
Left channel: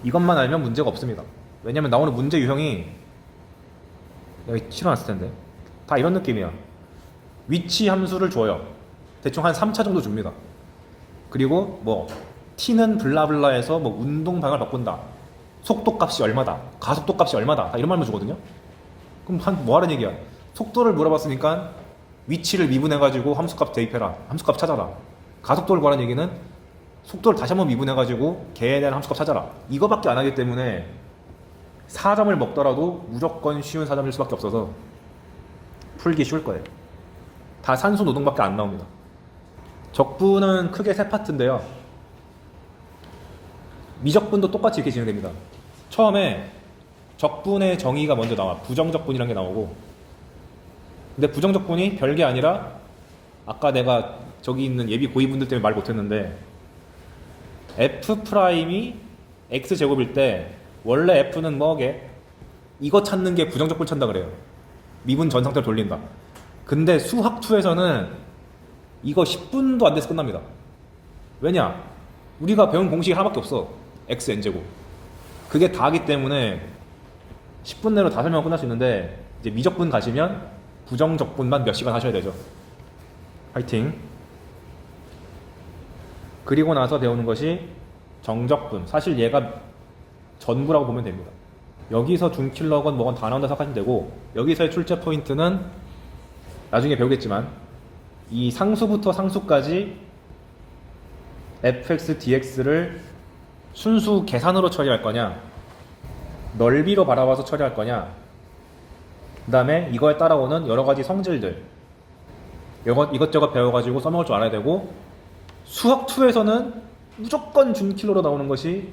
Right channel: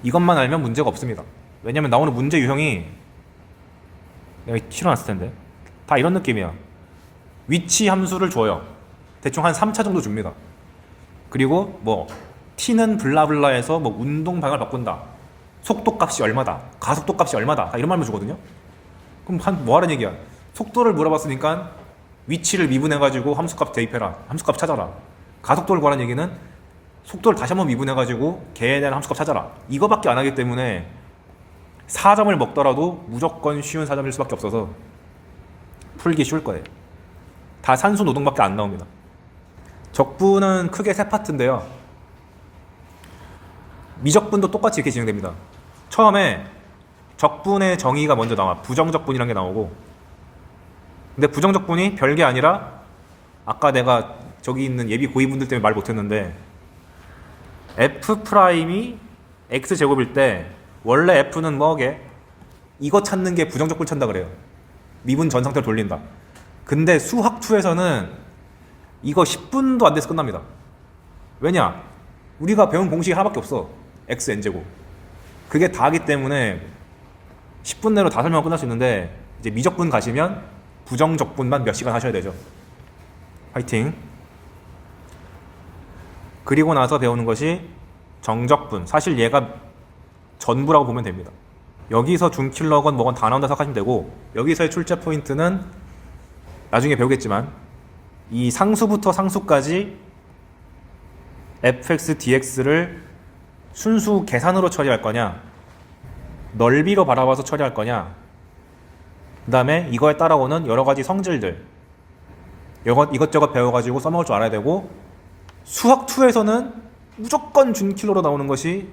이것만 알면 문제가 없습니다. 왜냐면 나오는 문제 유형이 내가 실어놨을 텐데 다 이런 느낌이야. 위치 함수를 줘요. 대충 한 3차 정도 줍니다. 그리고 뭐 t는 블라블라에서 뭐 운동 방향을 바꾼다, 속도 값이 얼마다, 가속도 값이 얼마다, 다 이런 말만 주거든요. 그럼 뭐 하는 얘기야? 속도를 물어봤으니까 위치를 미분해가지고 함수값 대입해라, 함수값 찾아라. 가속도를 구하는 얘기는 속도를 다시 한번 미분해가지고 걔에 대한 함수값 찾아라. 이거밖에 안 하기 때문에 4점을 먹더라도 무조건 쉬운 4점일 수밖에 없어서 풀기 쉬울 거예요. 다 산수 노동밖에 안 나옵니다. 적분은 크게 세 파트인데요. 미적분도 똑같이 이렇게 진행됩니다. 처음에 적분의 정의가 먼저 나와. 부정적분이라는 게 나오고, 근데 부정적분이 별게 아니라 아까 내가 저기 있는 예비 고위분들 때문에 말 못했는데 F'이 X제곱일 때 원래 F는 뭐게? 이거 찾는 게 부정적분 찾는다 그래요. 미분 전 상태로 돌린다. 근데 수학2에서는 이거 10분도 안 돼서 끝납니다. 왜냐? 우리가 배운 공식이 하나밖에 없어. xn제곱. 그게 다기 때문에 10분 내로 다 설명하고 끝날 수 있는데, 이제 미적분 가시면 부정적분만 몇 시간 하셔야 되죠. 화이팅. 그리고 나서 배우는 것이 정적분. 사실 얘가 전부라고 보면 됩니다. 여기서 준킬러건 뭐건 다 나온다 생각하시면 되고, 여기서의 출제 포인트는 나중에 배우겠지만 이 상수부터 상수까지 fx, dx를 순수 계산으로 처리할 거냐, 넓이로 바라봐서 처리할 거냐, 그 다음에 이거에 따라오는 여러 가지 성질들, 이것저것 배워가지고 써먹을 줄 알아야 되고, 수학2에서는 무조건 준킬러로 나오는 것이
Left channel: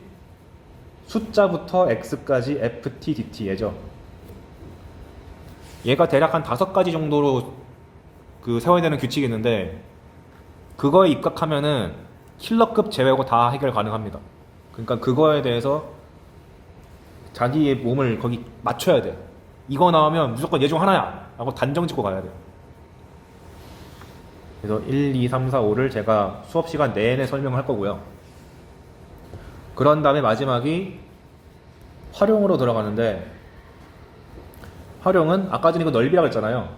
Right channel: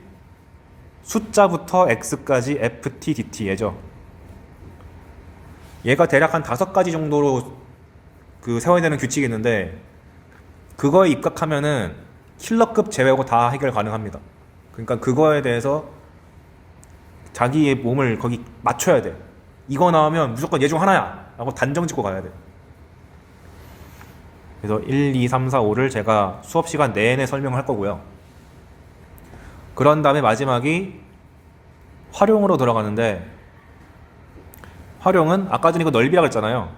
숫자부터 x까지 ft, dt 예죠. 얘가 대략 한 5가지 정도로 세워야 되는 규칙이 있는데, 그거에 입각하면은 킬러급 제외하고 다 해결 가능합니다. 그러니까 그거에 대해서 자기의 몸을 거기 맞춰야 돼. 이거 나오면 무조건 얘 중 하나야 라고 단정 짓고 가야 돼. 그래서 1, 2, 3, 4, 5를 제가 수업 시간 내내 설명을 할 거고요. 그런 다음에 마지막이 활용으로 들어가는데, 활용은 아까 전에 이거 넓이라고 했잖아요.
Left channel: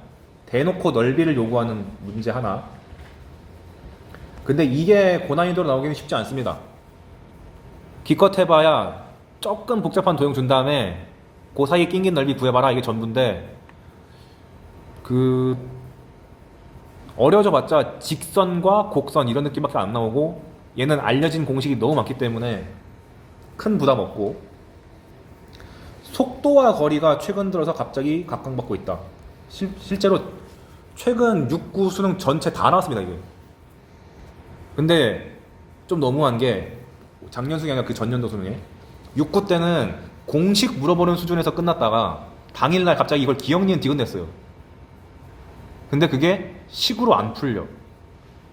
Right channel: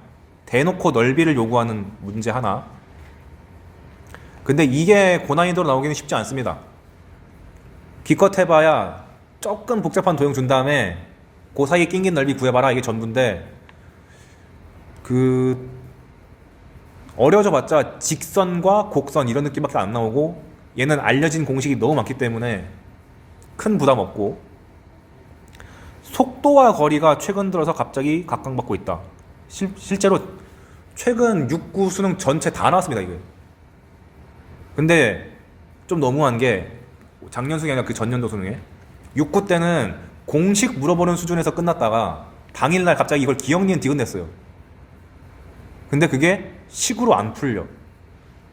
대놓고 넓이를 요구하는 문제 하나. 근데 이게 고난이도로 나오기는 쉽지 않습니다. 기껏 해봐야 조금 복잡한 도형 준 다음에 그 사이에 낑긴 넓이 구해봐라, 이게 전부인데, 어려워져 봤자 직선과 곡선 이런 느낌밖에 안 나오고, 얘는 알려진 공식이 너무 많기 때문에 큰 부담 없고, 속도와 거리가 최근 들어서 갑자기 각광받고 있다. 실제로 최근 6구 수능 전체 다 나왔습니다, 이게. 근데 좀 너무한 게, 작년 수능이 아니라 그 전년도 수능에 6구 때는 공식 물어보는 수준에서 끝났다가 당일날 갑자기 이걸 기억 니은 디귿 냈어요. 근데 그게 식으로 안 풀려.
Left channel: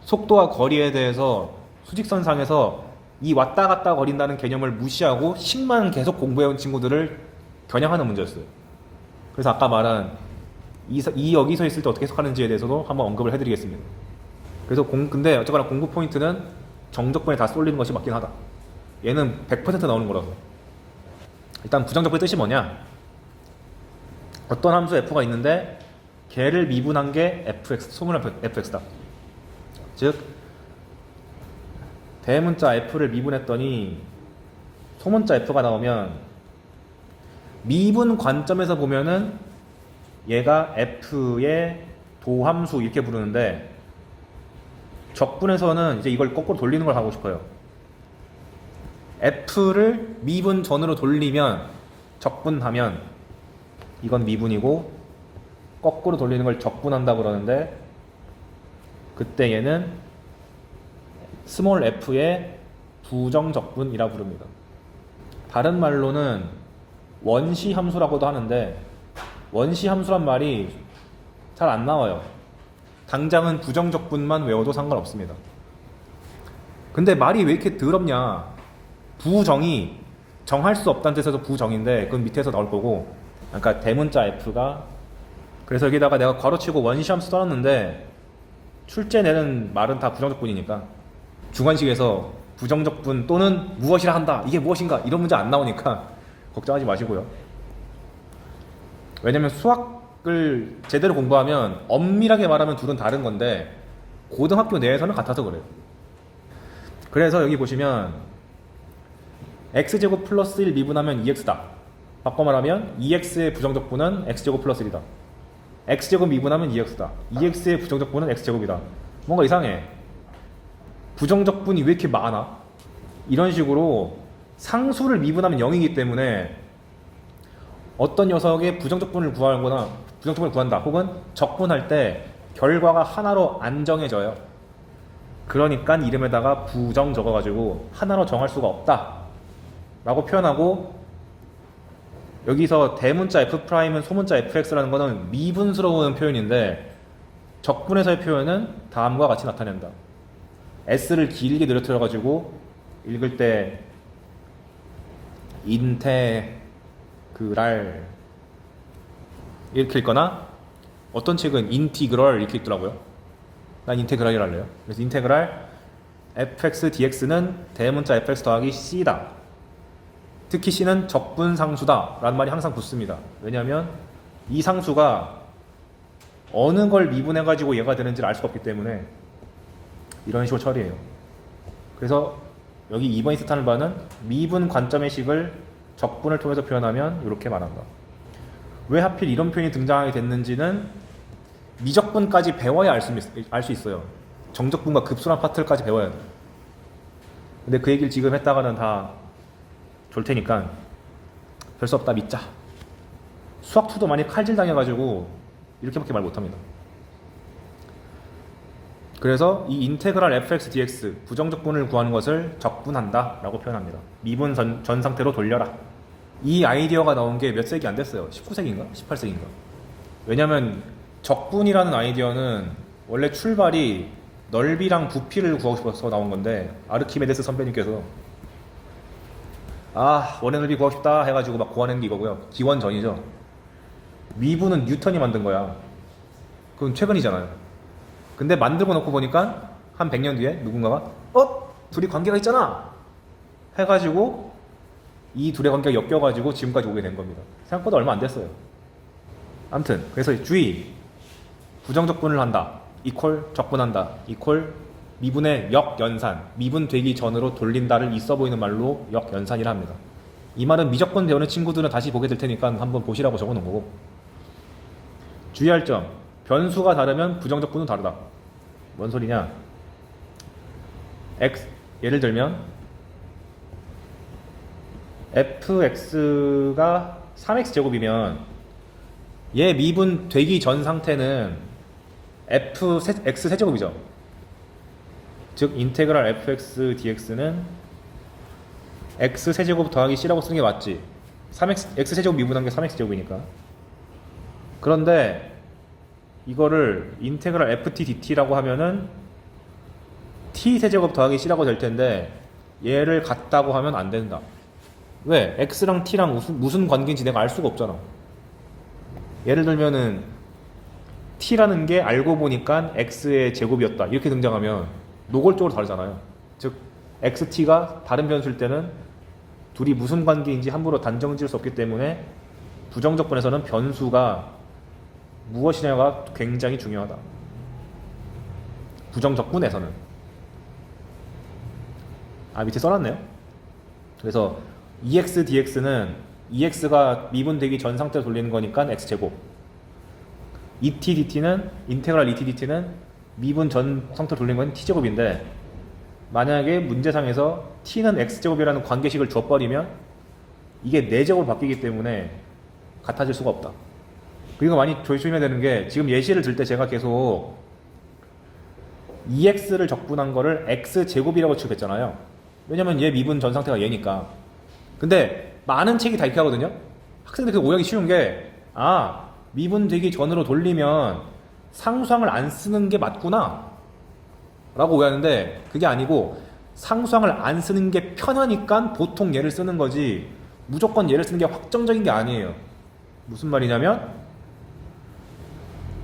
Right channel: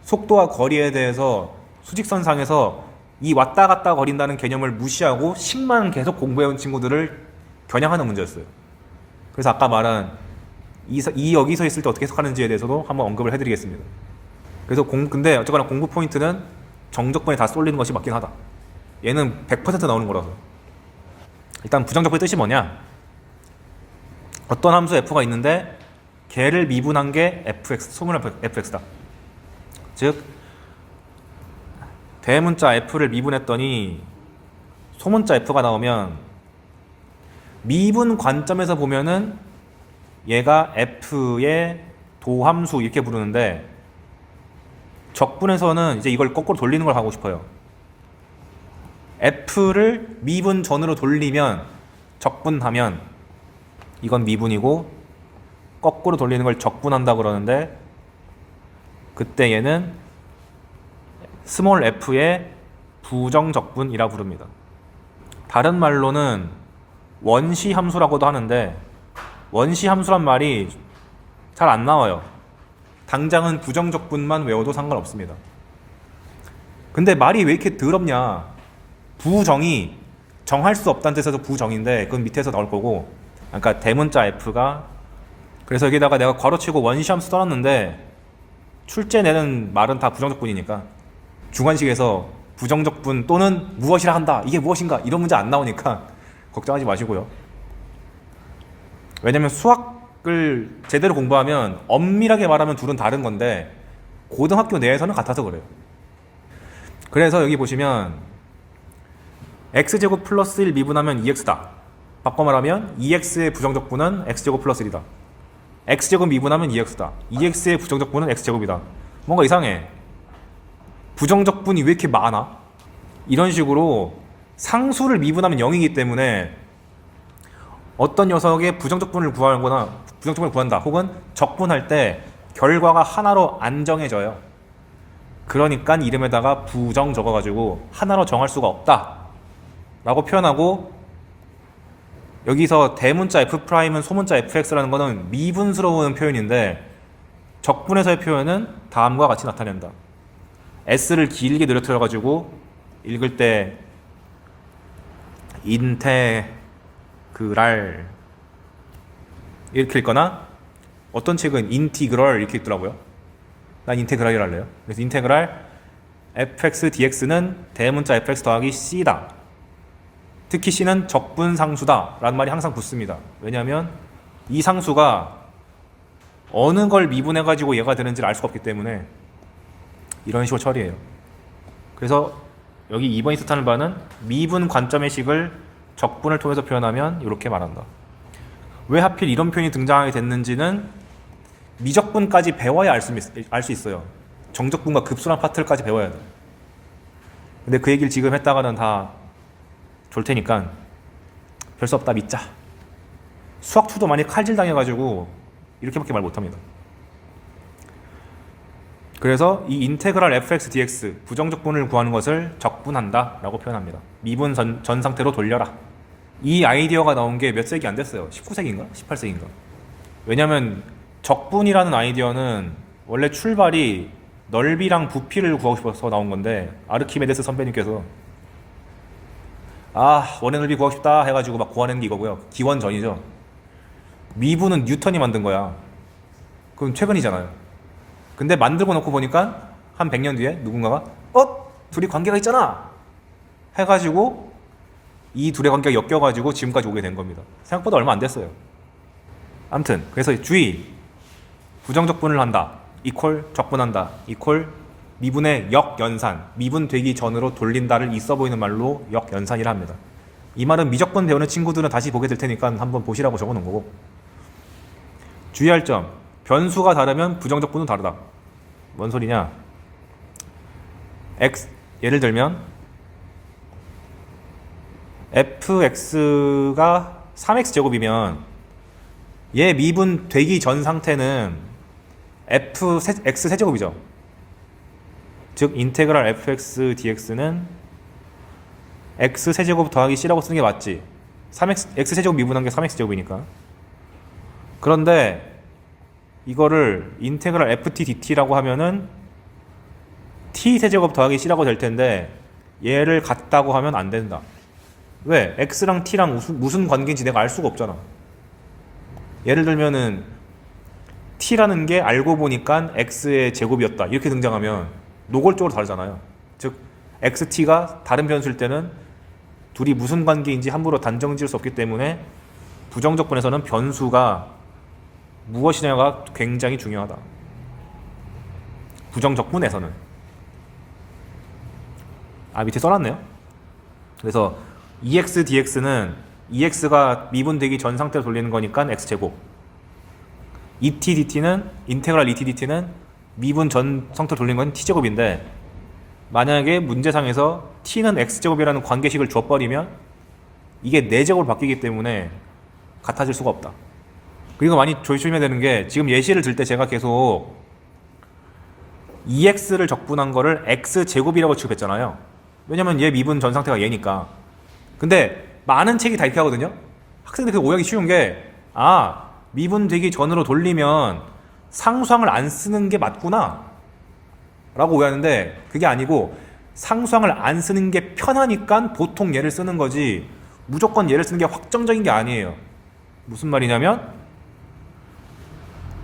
속도와 거리에 대해서 수직선상에서 이 왔다 갔다 거린다는 개념을 무시하고 식만 계속 공부해온 친구들을 겨냥하는 문제였어요. 그래서 아까 말한 이 여기서 있을 때 어떻게 해석하는지에 대해서도 한번 언급을 해드리겠습니다. 그래서 근데 어쨌거나 공부 포인트는 정적분에 다 쏠리는 것이 맞긴 하다. 얘는 100% 나오는 거라서. 일단 부정적분의 뜻이 뭐냐? 어떤 함수 f가 있는데 걔를 미분한 게 fx, 소문의 fx다. 즉 대문자 f를 미분했더니 소문자 f가 나오면 미분 관점에서 보면은 얘가 f의 도함수 이렇게 부르는데, 적분에서는 이제 이걸 거꾸로 돌리는 걸 하고 싶어요. f를 미분 전으로 돌리면, 적분하면 이건 미분이고, 거꾸로 돌리는 걸 적분한다 그러는데, 그때 얘는 스몰 f의 부정적분이라 부릅니다. 다른 말로는 원시 함수라고도 하는데, 원시 함수란 말이 잘 안 나와요. 당장은 부정적분만 외워도 상관없습니다. 근데 말이 왜 이렇게 더럽냐? 부정이 정할 수 없다는 뜻에서 부정인데 그건 밑에서 나올 거고, 그러니까 대문자 f가, 그래서 여기다가 내가 괄호치고 원시함수 써놨는데 출제 내는 말은 다 부정적분이니까 주관식에서 부정적분 또는 무엇이라 한다, 이게 무엇인가, 이런 문제 안 나오니까 걱정하지 마시고요. 왜냐면 수학을 제대로 공부하면 엄밀하게 말하면 둘은 다른 건데 고등학교 내에서는 같아서 그래요. 그래서 여기 보시면 x제곱 플러스 1 미분하면 2x다. 바꿔 말하면 2x의 부정적분은 x제곱 플러스 1이다. x제곱 미분하면 2x다. 2x의 부정적분은 x제곱이다. 뭔가 이상해. 부정적분이 왜 이렇게 많아? 이런 식으로 상수를 미분하면 0이기 때문에 어떤 녀석의 부정적분을 구하거나 부정적분을 구한다, 혹은 적분할 때 결과가 하나로 안 정해져요. 그러니까 이름에다가 부정 적어가지고 하나로 정할 수가 없다 라고 표현하고, 여기서 대문자 f'은 소문자 fx라는 거는 미분스러운 표현인데 적분에서의 표현은 다음과 같이 나타낸다. s를 길게 늘어뜨려가지고 읽을 때 인테그랄 이렇게 읽거나, 어떤 책은 인티그럴 이렇게 읽더라고요. 난 인테그랄이라 할래요. 그래서 인테그랄 fx dx는 대문자 fx 더하기 c다. 특히 c는 적분상수다 라는 말이 항상 붙습니다. 왜냐하면 이 상수가 어느 걸 미분해가지고 얘가 되는지를 알 수가 없기 때문에 이런 식으로 처리해요. 그래서 여기 2번이 뜻하는 바는 미분 관점의 식을 적분을 통해서 표현하면 이렇게 말한다. 왜 하필 이런 표현이 등장하게 됐는지는 미적분까지 배워야 알 수 있어요. 정적분과 급수란 파트까지 배워야 돼. 근데 그 얘기를 지금 했다가는 다 졸 테니까 별 수 없다 믿자. 수학2도 많이 칼질 당해가지고 이렇게밖에 말 못합니다. 그래서 이 인테그랄 fx dx 부정적분을 구하는 것을 적분한다 라고 표현합니다. 미분 전 상태로 돌려라. 이 아이디어가 나온 게 몇 세기 안 됐어요. 19세기인가? 18세기인가? 왜냐면 적분이라는 아이디어는 원래 출발이 넓이랑 부피를 구하고 싶어서 나온 건데, 아르키메데스 선배님께서 원의 넓이 구하고 싶다 해가지고 막 구하는 게 이거고요. 기원전이죠. 미분은 뉴턴이 만든 거야. 그건 최근이잖아요. 근데 만들고 놓고 보니까 한 100년 뒤에 누군가가 둘이 관계가 있잖아 해가지고 이 둘의 관계가 엮여가지고 지금까지 오게 된 겁니다. 생각보다 얼마 안 됐어요. 아무튼 그래서 주의, 부정적분을 한다 이퀄 적분한다 이퀄 미분의 역연산, 미분 되기 전으로 돌린다를 있어 보이는 말로 역연산이라 합니다. 이 말은 미적분 배우는 친구들은 다시 보게 될 테니까 한번 보시라고 적어 놓은 거고, 주의할 점, 변수가 다르면 부정적분은 다르다. 뭔 소리냐? 예를 들면 fx가 3x제곱이면 얘 미분 되기 전 상태는 x 세제곱이죠. 즉 인테그랄 fx dx는 x 세제곱 더하기 c라고 쓰는 게 맞지. x 세제곱 미분한 게 3x제곱이니까. 그런데 이거를 인테그랄 ft dt라고 하면은 t 세제곱 더하기 c라고 될 텐데 얘를 같다고 하면 안 된다. 왜? x랑 t랑 무슨 관계인지 내가 알 수가 없잖아. 예를 들면은 t라는 게 알고 보니까 x의 제곱이었다 이렇게 등장하면 노골적으로 다르잖아요. 즉 xt가 다른 변수일 때는 둘이 무슨 관계인지 함부로 단정 지을 수 없기 때문에 부정적분에서는 변수가 무엇이냐가 굉장히 중요하다. 부정적분에서는. 밑에 써놨네요. 그래서 EX DX는 EX가 미분되기 전 상태로 돌리는 거니까 X제곱, ET DT는 인테그랄 ET DT는 미분 전 상태로 돌리는 건 T제곱인데, 만약에 문제상에서 T는 X제곱이라는 관계식을 줘버리면 이게 4제곱으로 바뀌기 때문에 같아질 수가 없다. 그리고 많이 조심해야 되는 게, 지금 예시를 들 때 제가 계속 EX를 적분한 거를 X제곱이라고 취급했잖아요. 왜냐면 얘 미분 전 상태가 얘니까. 근데 많은 책이 다 이렇게 하거든요. 학생들이 오해하기 쉬운 게, 미분 되기 전으로 돌리면 상수항을 안 쓰는 게 맞구나 라고 오해하는데, 그게 아니고 상수항을 안 쓰는 게 편하니까 보통 얘를 쓰는 거지 무조건 얘를 쓰는 게 확정적인 게 아니에요. 무슨 말이냐면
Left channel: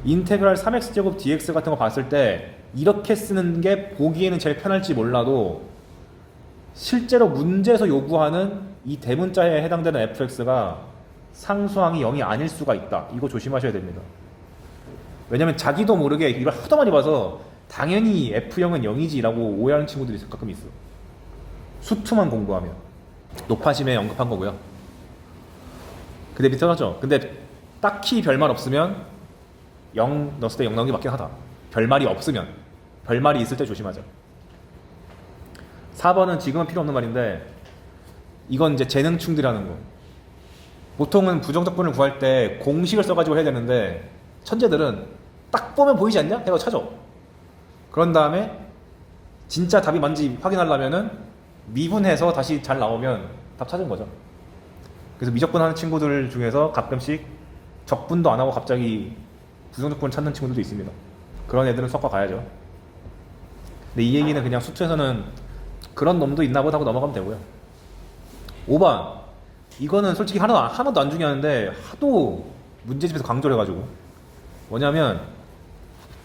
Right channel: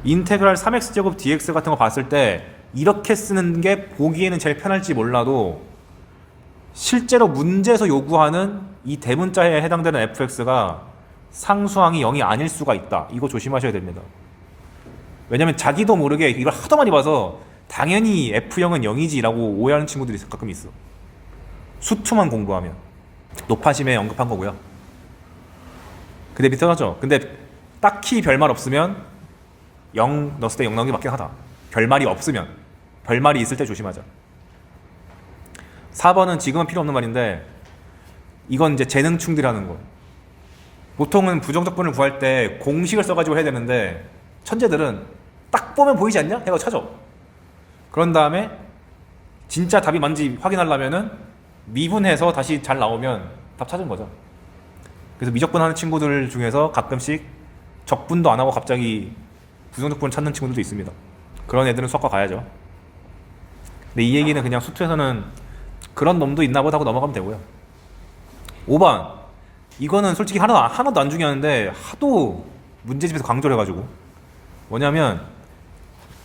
인테그랄 3x제곱 dx 같은 거 봤을 때 이렇게 쓰는 게 보기에는 제일 편할지 몰라도 실제로 문제에서 요구하는 이 대문자에 해당되는 fx가 상수항이 0이 아닐 수가 있다. 이거 조심하셔야 됩니다. 왜냐면 자기도 모르게 이걸 하도 많이 봐서 당연히 F형은 0이지 라고 오해하는 친구들이 가끔 있어. 수투만 공부하면. 노파심에 언급한 거고요. 근데 비슷하죠? 근데 딱히 별말 없으면 0 넣었을 때 0 넣는 게 맞긴 하다. 별말이 없으면. 별말이 있을 때 조심하자. 4번은 지금은 필요 없는 말인데 이건 이제 재능충들이라는 거. 보통은 부정적분을 구할 때 공식을 써가지고 해야 되는데 천재들은 딱 보면 보이지 않냐? 해서 찾아. 그런 다음에 진짜 답이 뭔지 확인하려면은 미분해서 다시 잘 나오면 답 찾은 거죠. 그래서 미적분 하는 친구들 중에서 가끔씩 적분도 안 하고 갑자기 부정적분을 찾는 친구들도 있습니다. 그런 애들은 수학과 가야죠. 근데 이 얘기는 그냥 수투에서는 그런 놈도 있나 보다 하고 넘어가면 되고요. 5번 이거는 솔직히 하나도 안 중요한데 하도 문제집에서 강조를 해가지고 뭐냐면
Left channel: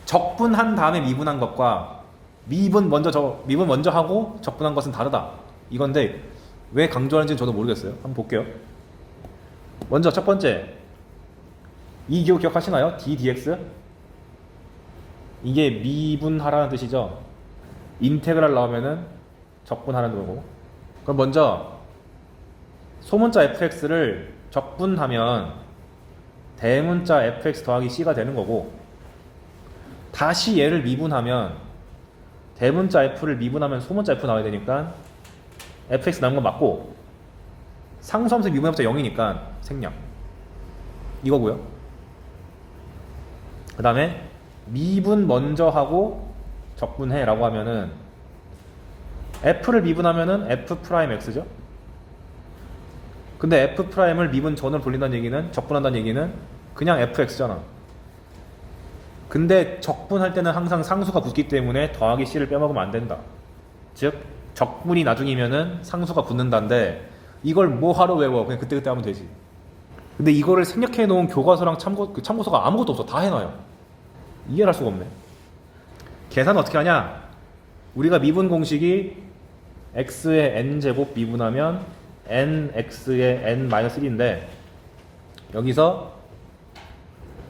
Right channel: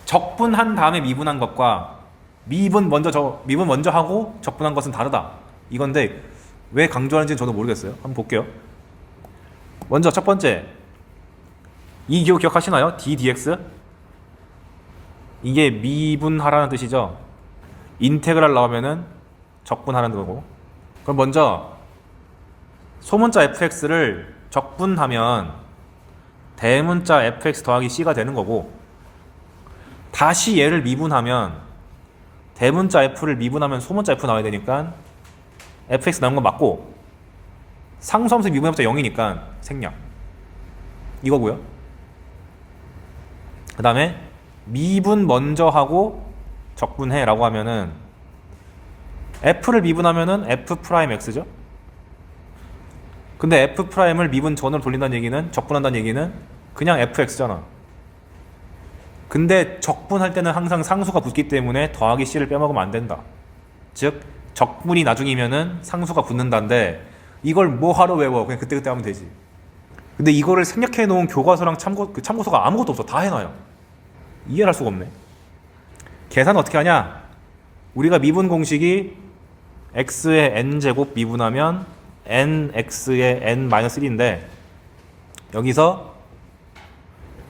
적분한 다음에 미분한 것과 미분 먼저 하고 적분한 것은 다르다 이건데 왜 강조하는지는 저도 모르겠어요. 한번 볼게요. 먼저 첫 번째 이 기억하시나요? ddx 이게 미분하라는 뜻이죠. 인테그랄 나오면은 적분하라는 거고. 그럼 먼저 소문자 fx를 적분하면 대문자 fx 더하기 c가 되는 거고, 다시 얘를 미분하면 대문자 f를 미분하면 소문자 f 나와야 되니까 fx 나온 건 맞고, 상수함수 미분해봤자 0이니까 생략 이거고요. 그 다음에 미분 먼저 하고 적분해 라고 하면은 f를 미분하면은 f'x죠. 근데 f'을 미분 전으로 돌린다는 얘기는, 적분한다는 얘기는 그냥 fx잖아. 근데 적분할 때는 항상 상수가 붙기 때문에 더하기 c를 빼먹으면 안 된다. 즉 적분이 나중이면은 상수가 붙는다인데 이걸 뭐하러 외워? 그냥 그때그때 하면 되지. 근데 이거를 생략해 놓은 교과서랑 참고서가 아무것도 없어. 다 해놔요. 이해를 할 수가 없네. 계산 어떻게 하냐? 우리가 미분 공식이 x의 n제곱 미분하면 nx의 n-1인데 여기서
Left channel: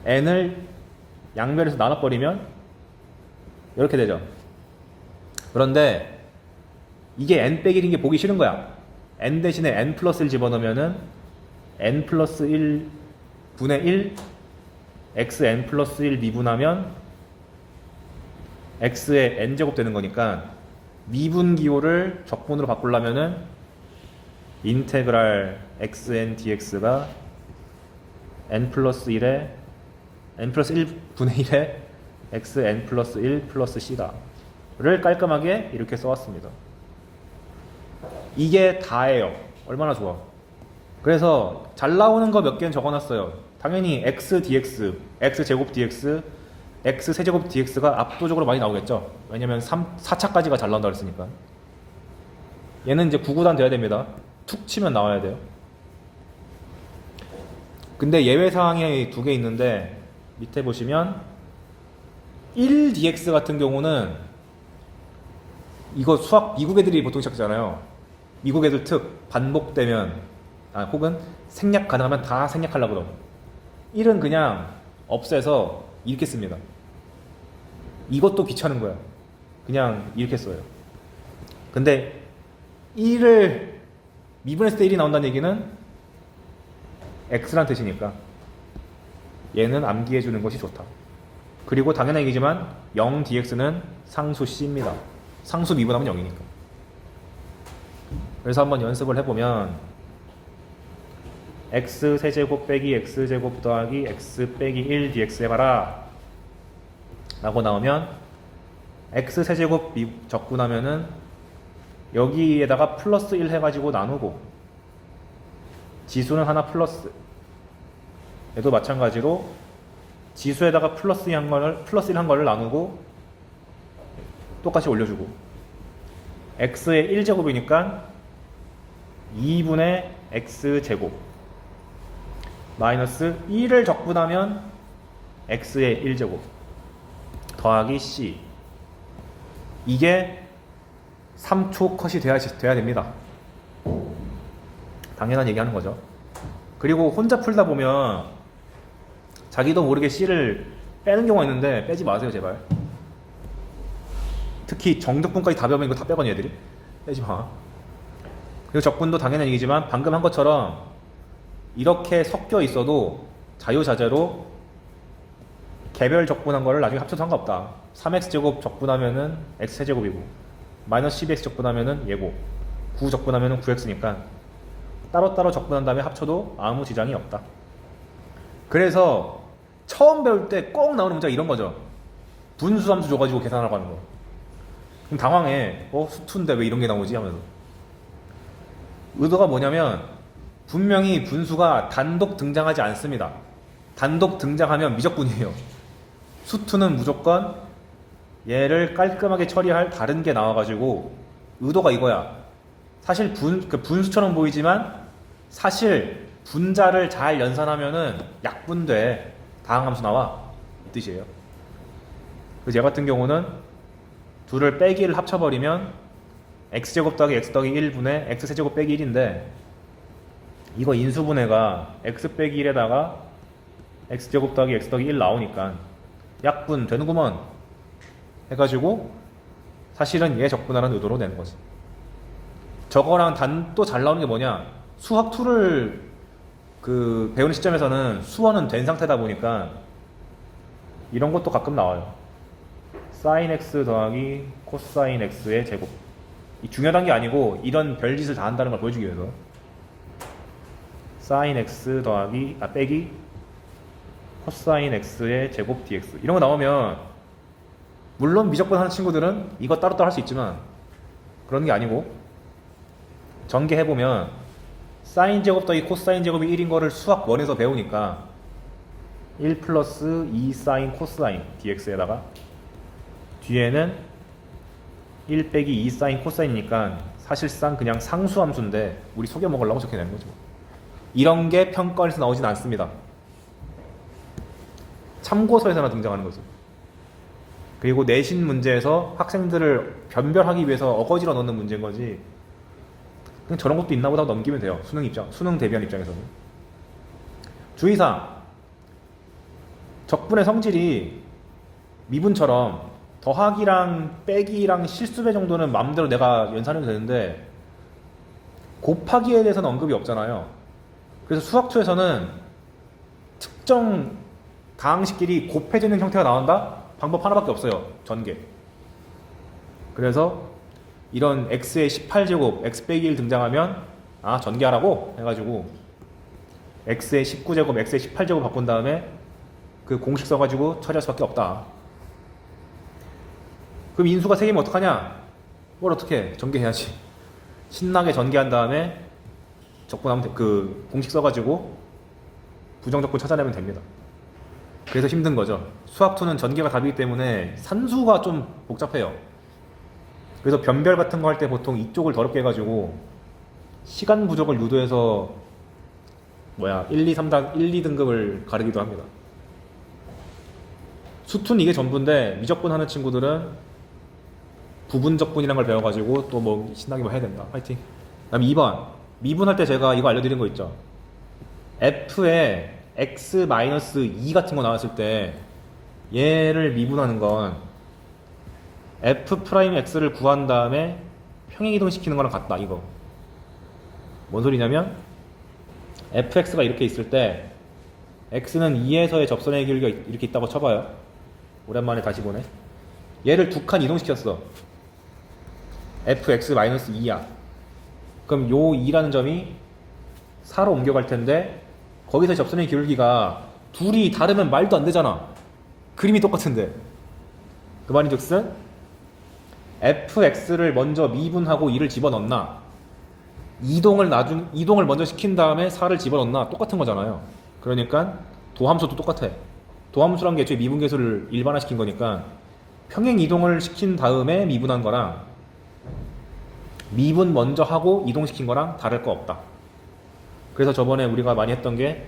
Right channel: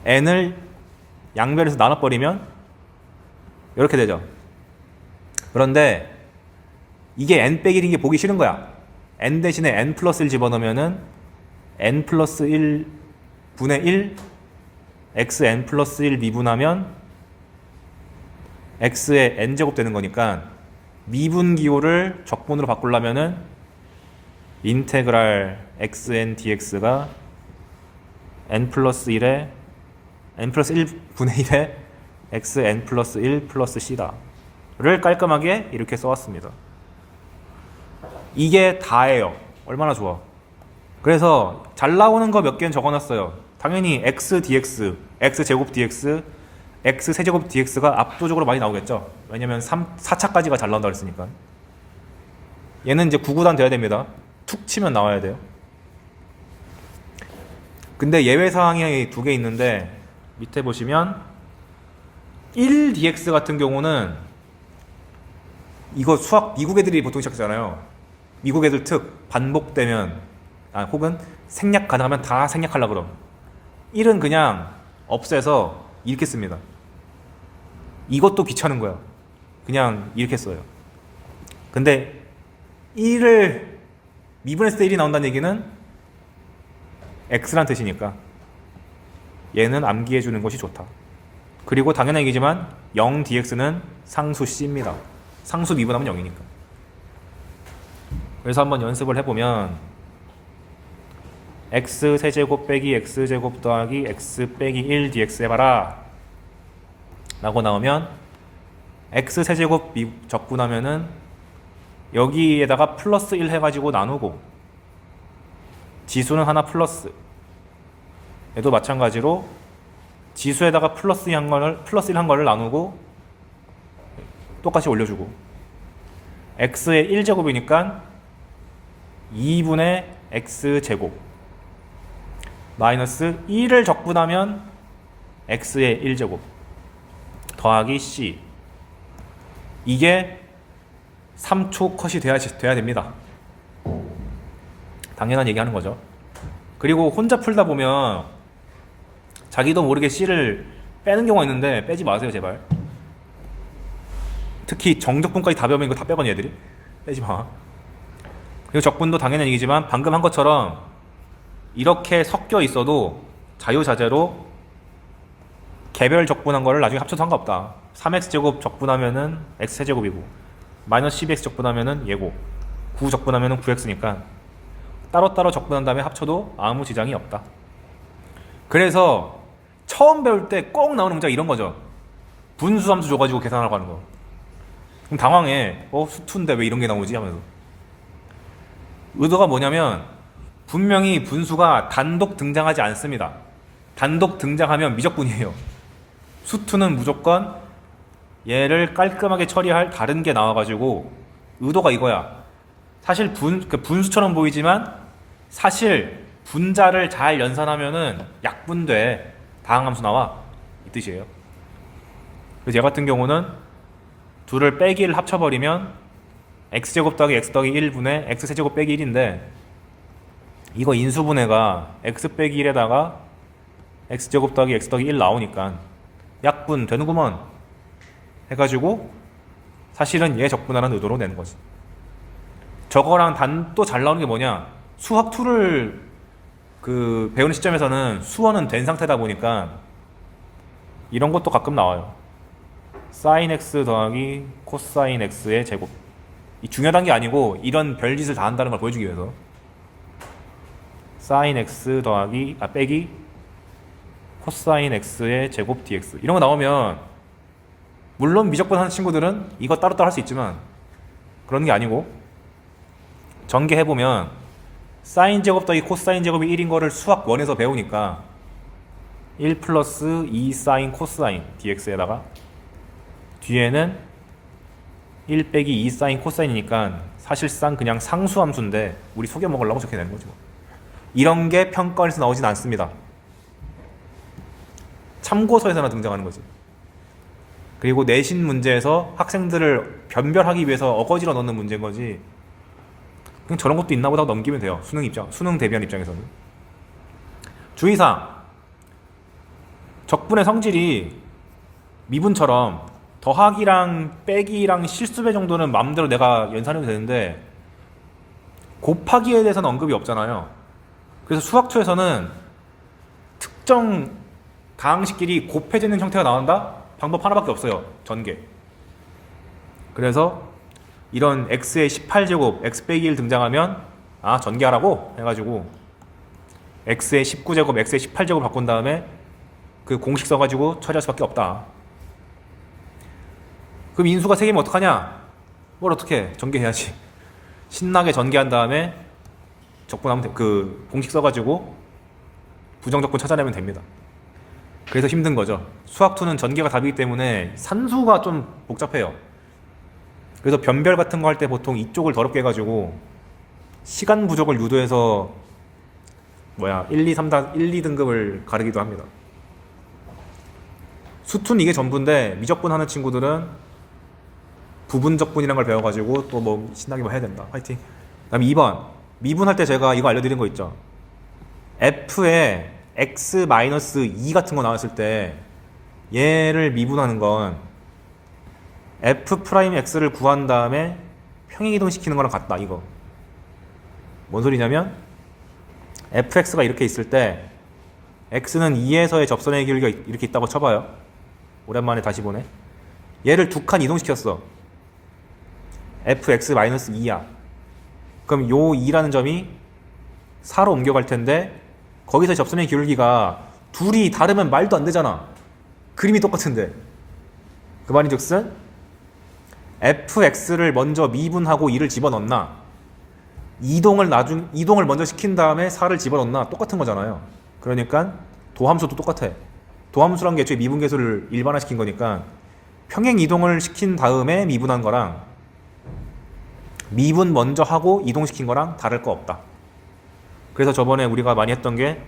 n을 양변에서 나눠버리면 이렇게 되죠. 그런데 이게 n 빼기 1인 게 보기 싫은 거야. n 대신에 n 플러스 1 집어넣으면은 n 플러스 1 분의 1 xn 플러스 1 미분하면 x의 n제곱 되는 거니까 미분 기호를 적분으로 바꾸려면은 인테그랄 xn dx가 n 플러스 1에 n 플러스 1 분의 1에 xn 플러스 1 플러스 c다 를 깔끔하게 이렇게 써왔습니다. 이게 다예요. 얼마나 좋아. 그래서 잘 나오는 거 몇 개는 적어놨어요. 당연히 x dx, x 제곱 dx, x 세제곱 dx가 압도적으로 많이 나오겠죠. 왜냐면 4차까지가 잘 나온다고 했으니까. 얘는 이제 9구단 돼야 됩니다. 툭 치면 나와야 돼요. 근데 예외사항이 2개 있는데 밑에 보시면 1dx 같은 경우는 이거 수학 미국 애들이 보통 시작하잖아요. 미국 애들 특 반복되면 혹은 생략 가능하면 다 생략하려고 그럼 1은 그냥 없애서 이렇게 씁니다. 이것도 귀찮은 거야. 그냥 이렇게 써요. 근데 1을 미분했을 때 1이 나온다는 얘기는 x란 뜻이니까 얘는 암기해 주는 것이 좋다. 그리고 당연한 얘기지만 0dx는 상수 c입니다. 상수 미분하면 0이니까. 그래서 한번 연습을 해보면 x 세제곱 빼기 x제곱 더하기 x 빼기 1 dx 해봐라 라고 나오면 x 세제곱 적분하면은 여기에다가 플러스 1 해가지고 나누고 지수는 하나 플러스 얘도 마찬가지로 지수에다가 플러스 1 한 거를 나누고 똑같이 올려주고 x의 1제곱이니까 2분의 x제곱 마이너스 1을 적분하면 x의 1제곱 더하기 c. 이게 3초 컷이 돼야 됩니다. 당연한 얘기 하는 거죠. 그리고 혼자 풀다 보면 자기도 모르게 c를 빼는 경우가 있는데 빼지 마세요 제발. 특히 정적분까지 다 배우면 이거 다 빼거든 얘들이. 빼지 마. 그리고 적분도 당연한 얘기지만 방금 한 것처럼 이렇게 섞여 있어도 자유자재로 개별 적분한 거를 나중에 합쳐도 상관없다. 3x제곱 적분하면은 x세제곱이고 마이너스 12x 적분하면은 얘고 9 적분하면은 9x니까 따로따로 적분한 다음에 합쳐도 아무 지장이 없다. 그래서 처음 배울 때 꼭 나오는 문제가 이런 거죠. 분수함수 줘가지고 계산하라고 하는 거. 그럼 당황해. 수투인데 왜 이런 게 나오지? 하면서. 의도가 뭐냐면 분명히 분수가 단독 등장하지 않습니다. 단독 등장하면 미적분이에요. 수투는 무조건 얘를 깔끔하게 처리할 다른 게 나와가지고 의도가 이거야. 사실 분수처럼 보이지만 사실 분자를 잘 연산하면은 약분돼. 다항함수 나와. 이 뜻이에요. 그래서 얘 같은 경우는 둘을 빼기를 합쳐버리면 x제곱 더하기 x 더하기 1분의 x세제곱 빼기 1인데 이거 인수분해가 x 빼기 1에다가 x제곱 더하기 x 더하기 1 나오니까 약분 되는구먼 해가지고 사실은 얘 적분하라는 의도로 내는 거지. 저거랑 또 잘 나오는 게 뭐냐, 수학 2를 배우는 시점에서는 수원은 된 상태다 보니까 이런 것도 가끔 나와요. sin x 더하기 코사인 x의 제곱. 이 중요한 게 아니고 이런 별짓을 다 한다는 걸 보여주기 위해서 sin x 더하기 빼기 코사인 x의 제곱 dx 이런 거 나오면 물론 미적분 하는 친구들은 이거 따로따로 할 수 있지만 그런 게 아니고 전개해보면 사인 제곱 더하기 코사인 제곱이 1인 거를 수학 1에서 배우니까 1 플러스 2 사인 코사인 dx에다가 뒤에는 1 빼기 2 사인 코사인이니까 사실상 그냥 상수함수인데 우리 속여 먹으려고 저렇게 되는 거죠. 이런 게 평가원에서 나오진 않습니다. 참고서에서나 등장하는 거지. 그리고 내신 문제에서 학생들을 변별하기 위해서 어거지로 넣는 문제인 거지. 그냥 저런 것도 있나 보다 넘기면 돼요. 수능 대비한 입장에서는. 주의사항. 적분의 성질이 미분처럼 더하기랑 빼기랑 실수배 정도는 마음대로 내가 연산해도 되는데 곱하기에 대해서는 언급이 없잖아요. 그래서 수학2에서는 특정 다항식끼리 곱해지는 형태가 나온다? 방법 하나밖에 없어요. 전개. 그래서 이런 x의 18제곱, x 빼기 1 등장하면 전개하라고 해가지고 x의 19제곱, x의 18제곱 바꾼 다음에 그 공식 써가지고 처리할 수밖에 없다. 그럼 인수가 3개면 어떡하냐? 뭘 어떻게 전개해야지. 신나게 전개한 다음에 적분하면 공식 써가지고 부정적분 찾아내면 됩니다. 그래서 힘든 거죠. 수학2는 전개가 답이기 때문에 산수가 좀 복잡해요. 그래서 변별 같은 거 할 때 보통 이쪽을 더럽게 해가지고 시간 부족을 유도해서 1, 2, 2등급을 가르기도 합니다. 수투는 이게 전부인데 미적분 하는 친구들은 부분적분이라는 걸 배워가지고 또 신나게 해야 된다. 화이팅. 그 다음에 2번 미분할 때 제가 이거 알려드린 거 있죠. f에 x-2 같은 거 나왔을 때 얘를 미분하는 건 f'x를 구한 다음에 평행이동시키는 거랑 같다. 이거 뭔 소리냐면 fx가 이렇게 있을 때 x는 2에서의 접선의 길이가 이렇게 있다고 쳐봐요. 오랜만에 다시 보네. 얘를 2칸 이동시켰어. fx-2야. 그럼 요 2라는 점이 4로 옮겨갈 텐데 거기서 접선의 기울기가 둘이 다르면 말도 안 되잖아. 그림이 똑같은데. 그 말인즉슨 fx를 먼저 미분하고 2를 집어넣나, 이동을 먼저 시킨 다음에 4를 집어넣나 똑같은 거잖아요. 그러니까 도함수도 똑같아. 도함수란 게 애초에 미분계수를 일반화시킨 거니까 평행 이동을 시킨 다음에 미분한 거랑 미분 먼저 하고 이동시킨 거랑 다를 거 없다. 그래서 저번에 우리가 많이 했던 게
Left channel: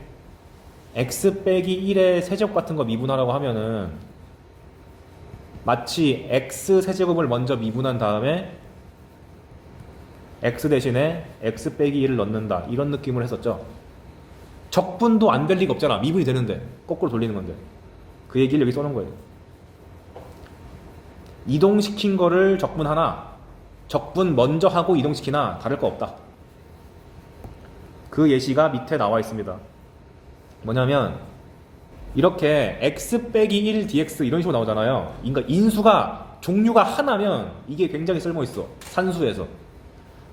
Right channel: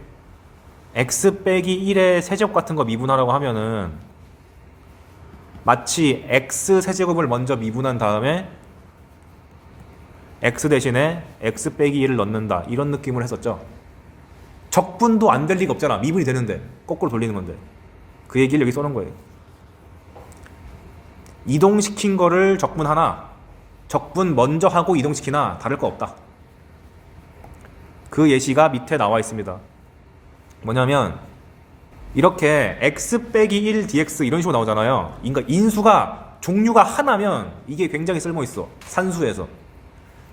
x 빼기 1의 세제곱 같은 거 미분하라고 하면은 마치 x 세제곱을 먼저 미분한 다음에 x 대신에 x 빼기 1을 넣는다, 이런 느낌을 했었죠. 적분도 안 될 리가 없잖아. 미분이 되는데 거꾸로 돌리는 건데. 그 얘기를 여기 써놓은 거예요. 이동시킨 거를 적분하나 적분 먼저 하고 이동시키나 다를 거 없다. 그 예시가 밑에 나와 있습니다. 뭐냐면 이렇게 x 빼기 1 dx 이런 식으로 나오잖아요. 그러니까 인수가 종류가 하나면 이게 굉장히 쓸모있어. 산수에서.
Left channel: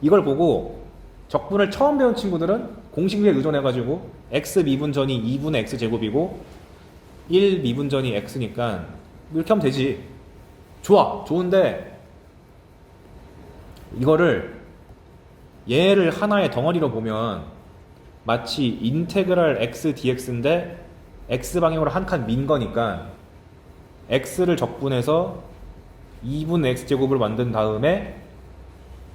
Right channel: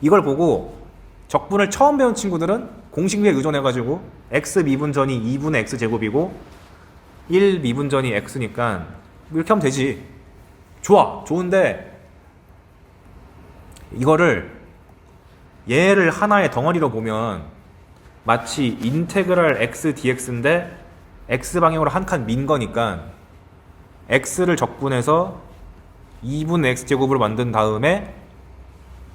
이걸 보고 적분을 처음 배운 친구들은 공식비에 의존해가지고 x 미분전이 2분의 x 제곱이고 1 미분전이 x니까 이렇게 하면 되지. 좋아. 좋은데 이거를 얘를 하나의 덩어리로 보면 마치 인테그랄 x dx인데 x 방향으로 한 칸 민 거니까 x를 적분해서 2분의 x제곱을 만든 다음에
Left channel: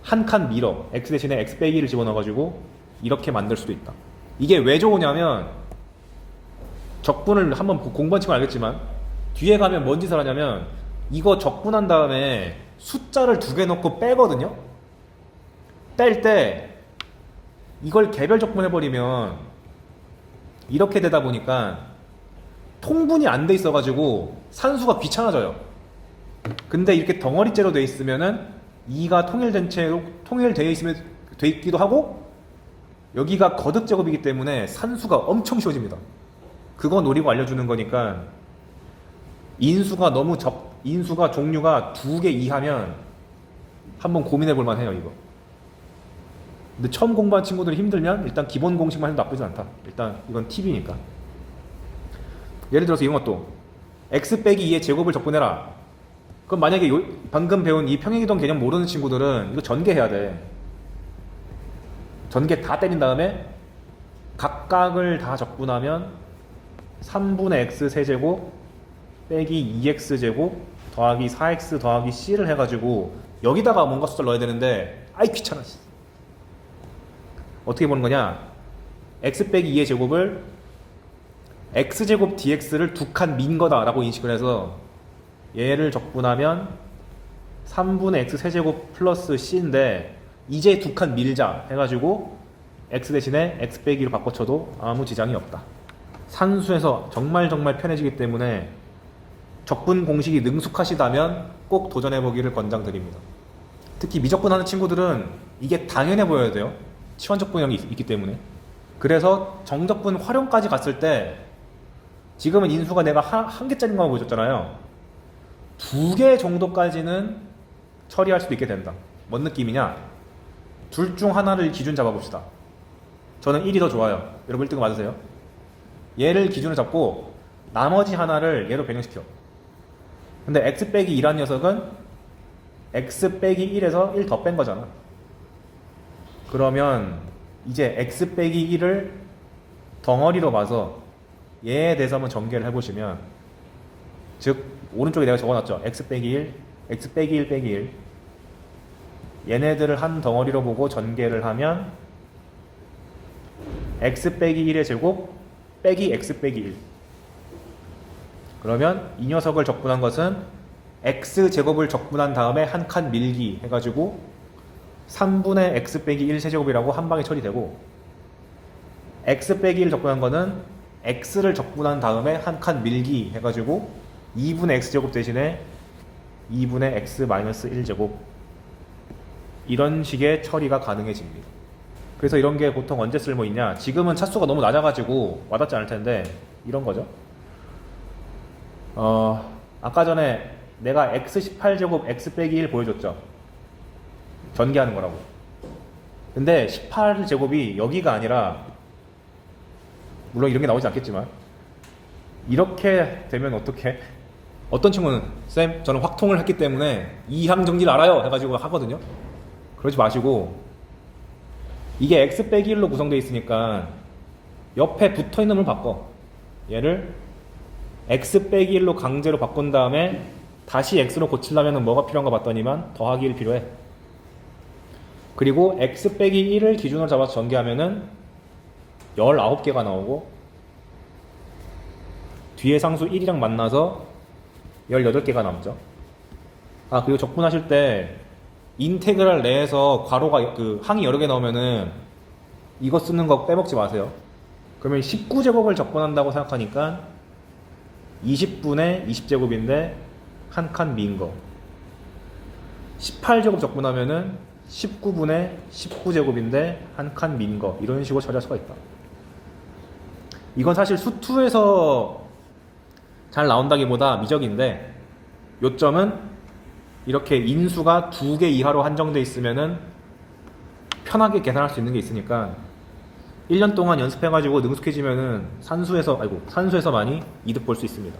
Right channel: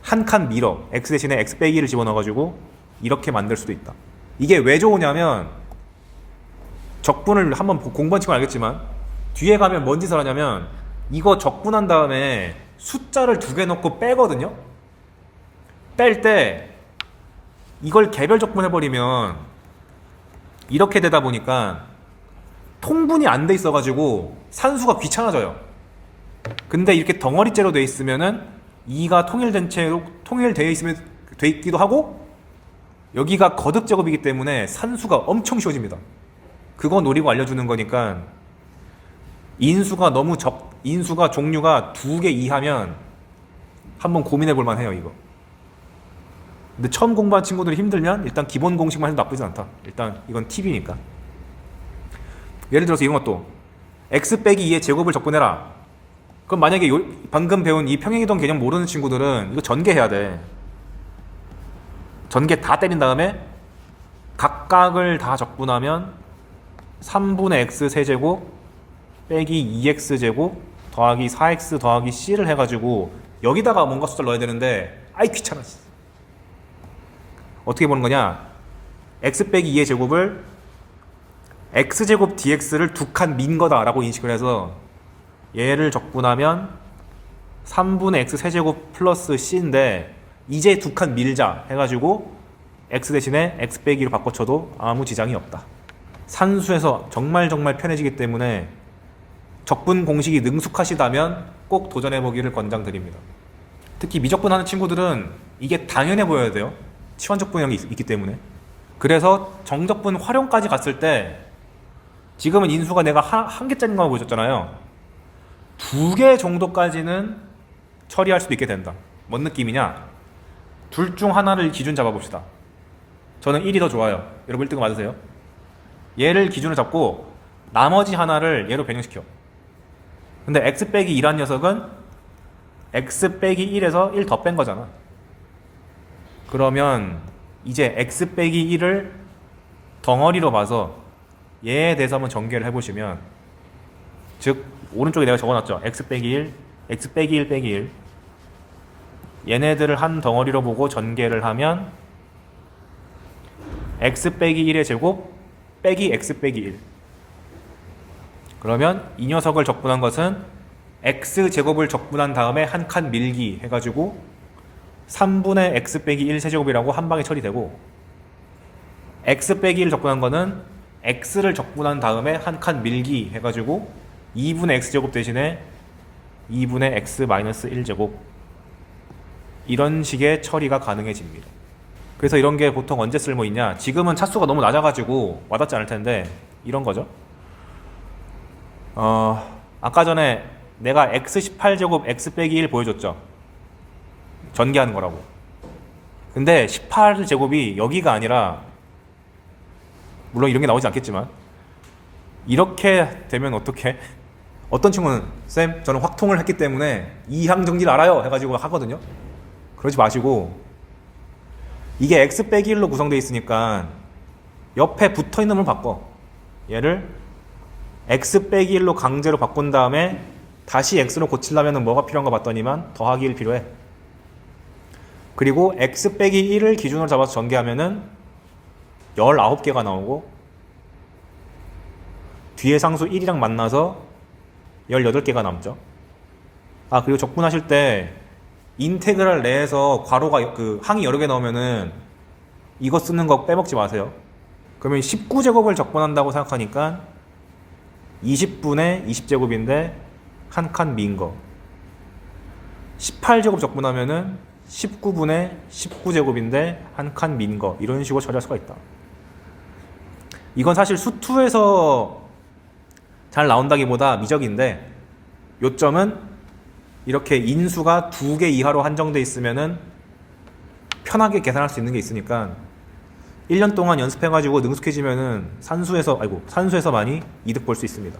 한 칸 밀어. x 대신에 x 빼기를 집어넣어가지고 이렇게 만들 수도 있다. 이게 왜 좋으냐면 적분을 한번 공부한 친구는 알겠지만 뒤에 가면 뭔 짓을 하냐면 이거 적분한 다음에 숫자를 2개 넣고 빼거든요. 뺄 때 이걸 개별 적분해버리면 이렇게 되다 보니까 통분이 안 돼 있어가지고 산수가 귀찮아져요. 근데 이렇게 덩어리째로 돼 있으면은 2가 통일된 채로 통일되어 있으면 돼 있기도 하고 여기가 거듭 제곱이기 때문에 산수가 엄청 쉬워집니다. 그거 노리고 알려주는 거니까 인수가 너무 인수가 종류가 2개 이하면 한번 고민해 볼 만해요 이거. 근데 처음 공부한 친구들이 힘들면 일단 기본 공식만 해도 나쁘진 않다. 일단 이건 팁이니까. 예를 들어서 이런 것도 x 빼기 2의 제곱을 적분해라. 그럼 만약에 방금 배운 이 평행이동 개념 모르는 친구들은 이거 전개해야 돼. 전개 다 때린 다음에 각각을 다 적분하면 3분의 x 세제곱 빼기 2x 제곱 더하기 4x 더하기 c를 해가지고 여기다가 뭔가 숫자를 넣어야 되는데 아이 귀찮아. 어떻게 보는 거냐, x 빼기 2의 제곱을 x제곱 dx를 2칸 민 거다 라고 인식을 해서 얘를 적분하면 3분의 x 세제곱 플러스 c인데 이제 2칸 밀자 해가지고 x 대신에 x 빼기로 바꿔쳐도 아무 지장이 없다. 산수에서 정말 편해지기 때문에 적분 공식이 능숙하시다면 꼭 도전해보기를 권장드립니다. 특히 미적분하는 친구들은 이게 당연해 보여야 돼요. 치환적분형이 있기 때문에. 그래서 정적분 활용까지 갔을 때 지금은 인수가 내가 한 개짜리인 거 보여줬잖아요. 2개 정도까지는 처리할 수도 있게 된다. 뭔 느낌이냐, 둘 중 하나를 기준 잡아봅시다. 저는 1이 더 좋아요. 여러분 1등 맞으세요? 얘를 기준으로 잡고 나머지 하나를 얘로 변형시켜. 근데 x 빼기 2란 녀석은 x 빼기 1에서 1 더 뺀 거잖아. 그러면 이제 x 빼기 1을 덩어리로 봐서 얘에 대해서 한번 전개를 해보시면, 즉 오른쪽에 내가 적어놨죠. x 빼기 1, x 빼기 1 빼기 1, 얘네들을 한 덩어리로 보고 전개를 하면 x 빼기 1의 제곱 빼기 x 빼기 1. 그러면 이 녀석을 적분한 것은 x 제곱을 적분한 다음에 한 칸 밀기 해가지고 3분의 x 빼기 1 세제곱이라고 한 방에 처리되고, x 빼기 1 적분한 거는 x를 적분한 다음에 한 칸 밀기 해가지고 2분의 x제곱 대신에 2분의 x 마이너스 1제곱, 이런 식의 처리가 가능해집니다. 그래서 이런 게 보통 언제 쓸모 있냐, 지금은 차수가 너무 낮아가지고 와닿지 않을 텐데 이런 거죠. 아까 전에 내가 x18제곱 x 빼기 1 보여줬죠. 전개하는 거라고. 근데 18제곱이 여기가 아니라, 물론 이런 게 나오지 않겠지만 이렇게 되면 어떻게? 어떤 친구는 쌤 저는 확통을 했기 때문에 이항 정리를 알아요 해가지고 하거든요. 그러지 마시고, 이게 x 빼기 1로 구성되어 있으니까 옆에 붙어있는 걸 바꿔. 얘를 x 빼기 1로 강제로 바꾼 다음에 다시 x로 고치려면 뭐가 필요한가 봤더니만 더하기 1 필요해. 그리고 x 빼기 1을 기준으로 잡아서 전개하면은 19개가 나오고 뒤에 상수 1이랑 만나서 18개가 남죠. 아, 그리고 적분하실 때 인테그랄 내에서 괄호가 그 항이 여러 개 나오면은 이거 쓰는 거 빼먹지 마세요. 그러면 19제곱을 적분한다고 생각하니까 20분의 20제곱인데 한 칸 민 거. 18제곱 적분하면은 19분의 19제곱인데 한 칸 민 거. 이런 식으로 처리할 수가 있다. 이건 사실 수투에서 잘 나온다기보다 미적인데, 요점은 이렇게 인수가 2개 이하로 한정돼 있으면은 편하게 계산할 수 있는 게 있으니까 1년 동안 연습해가지고 능숙해지면은 산수에서 많이 이득 볼 수 있습니다.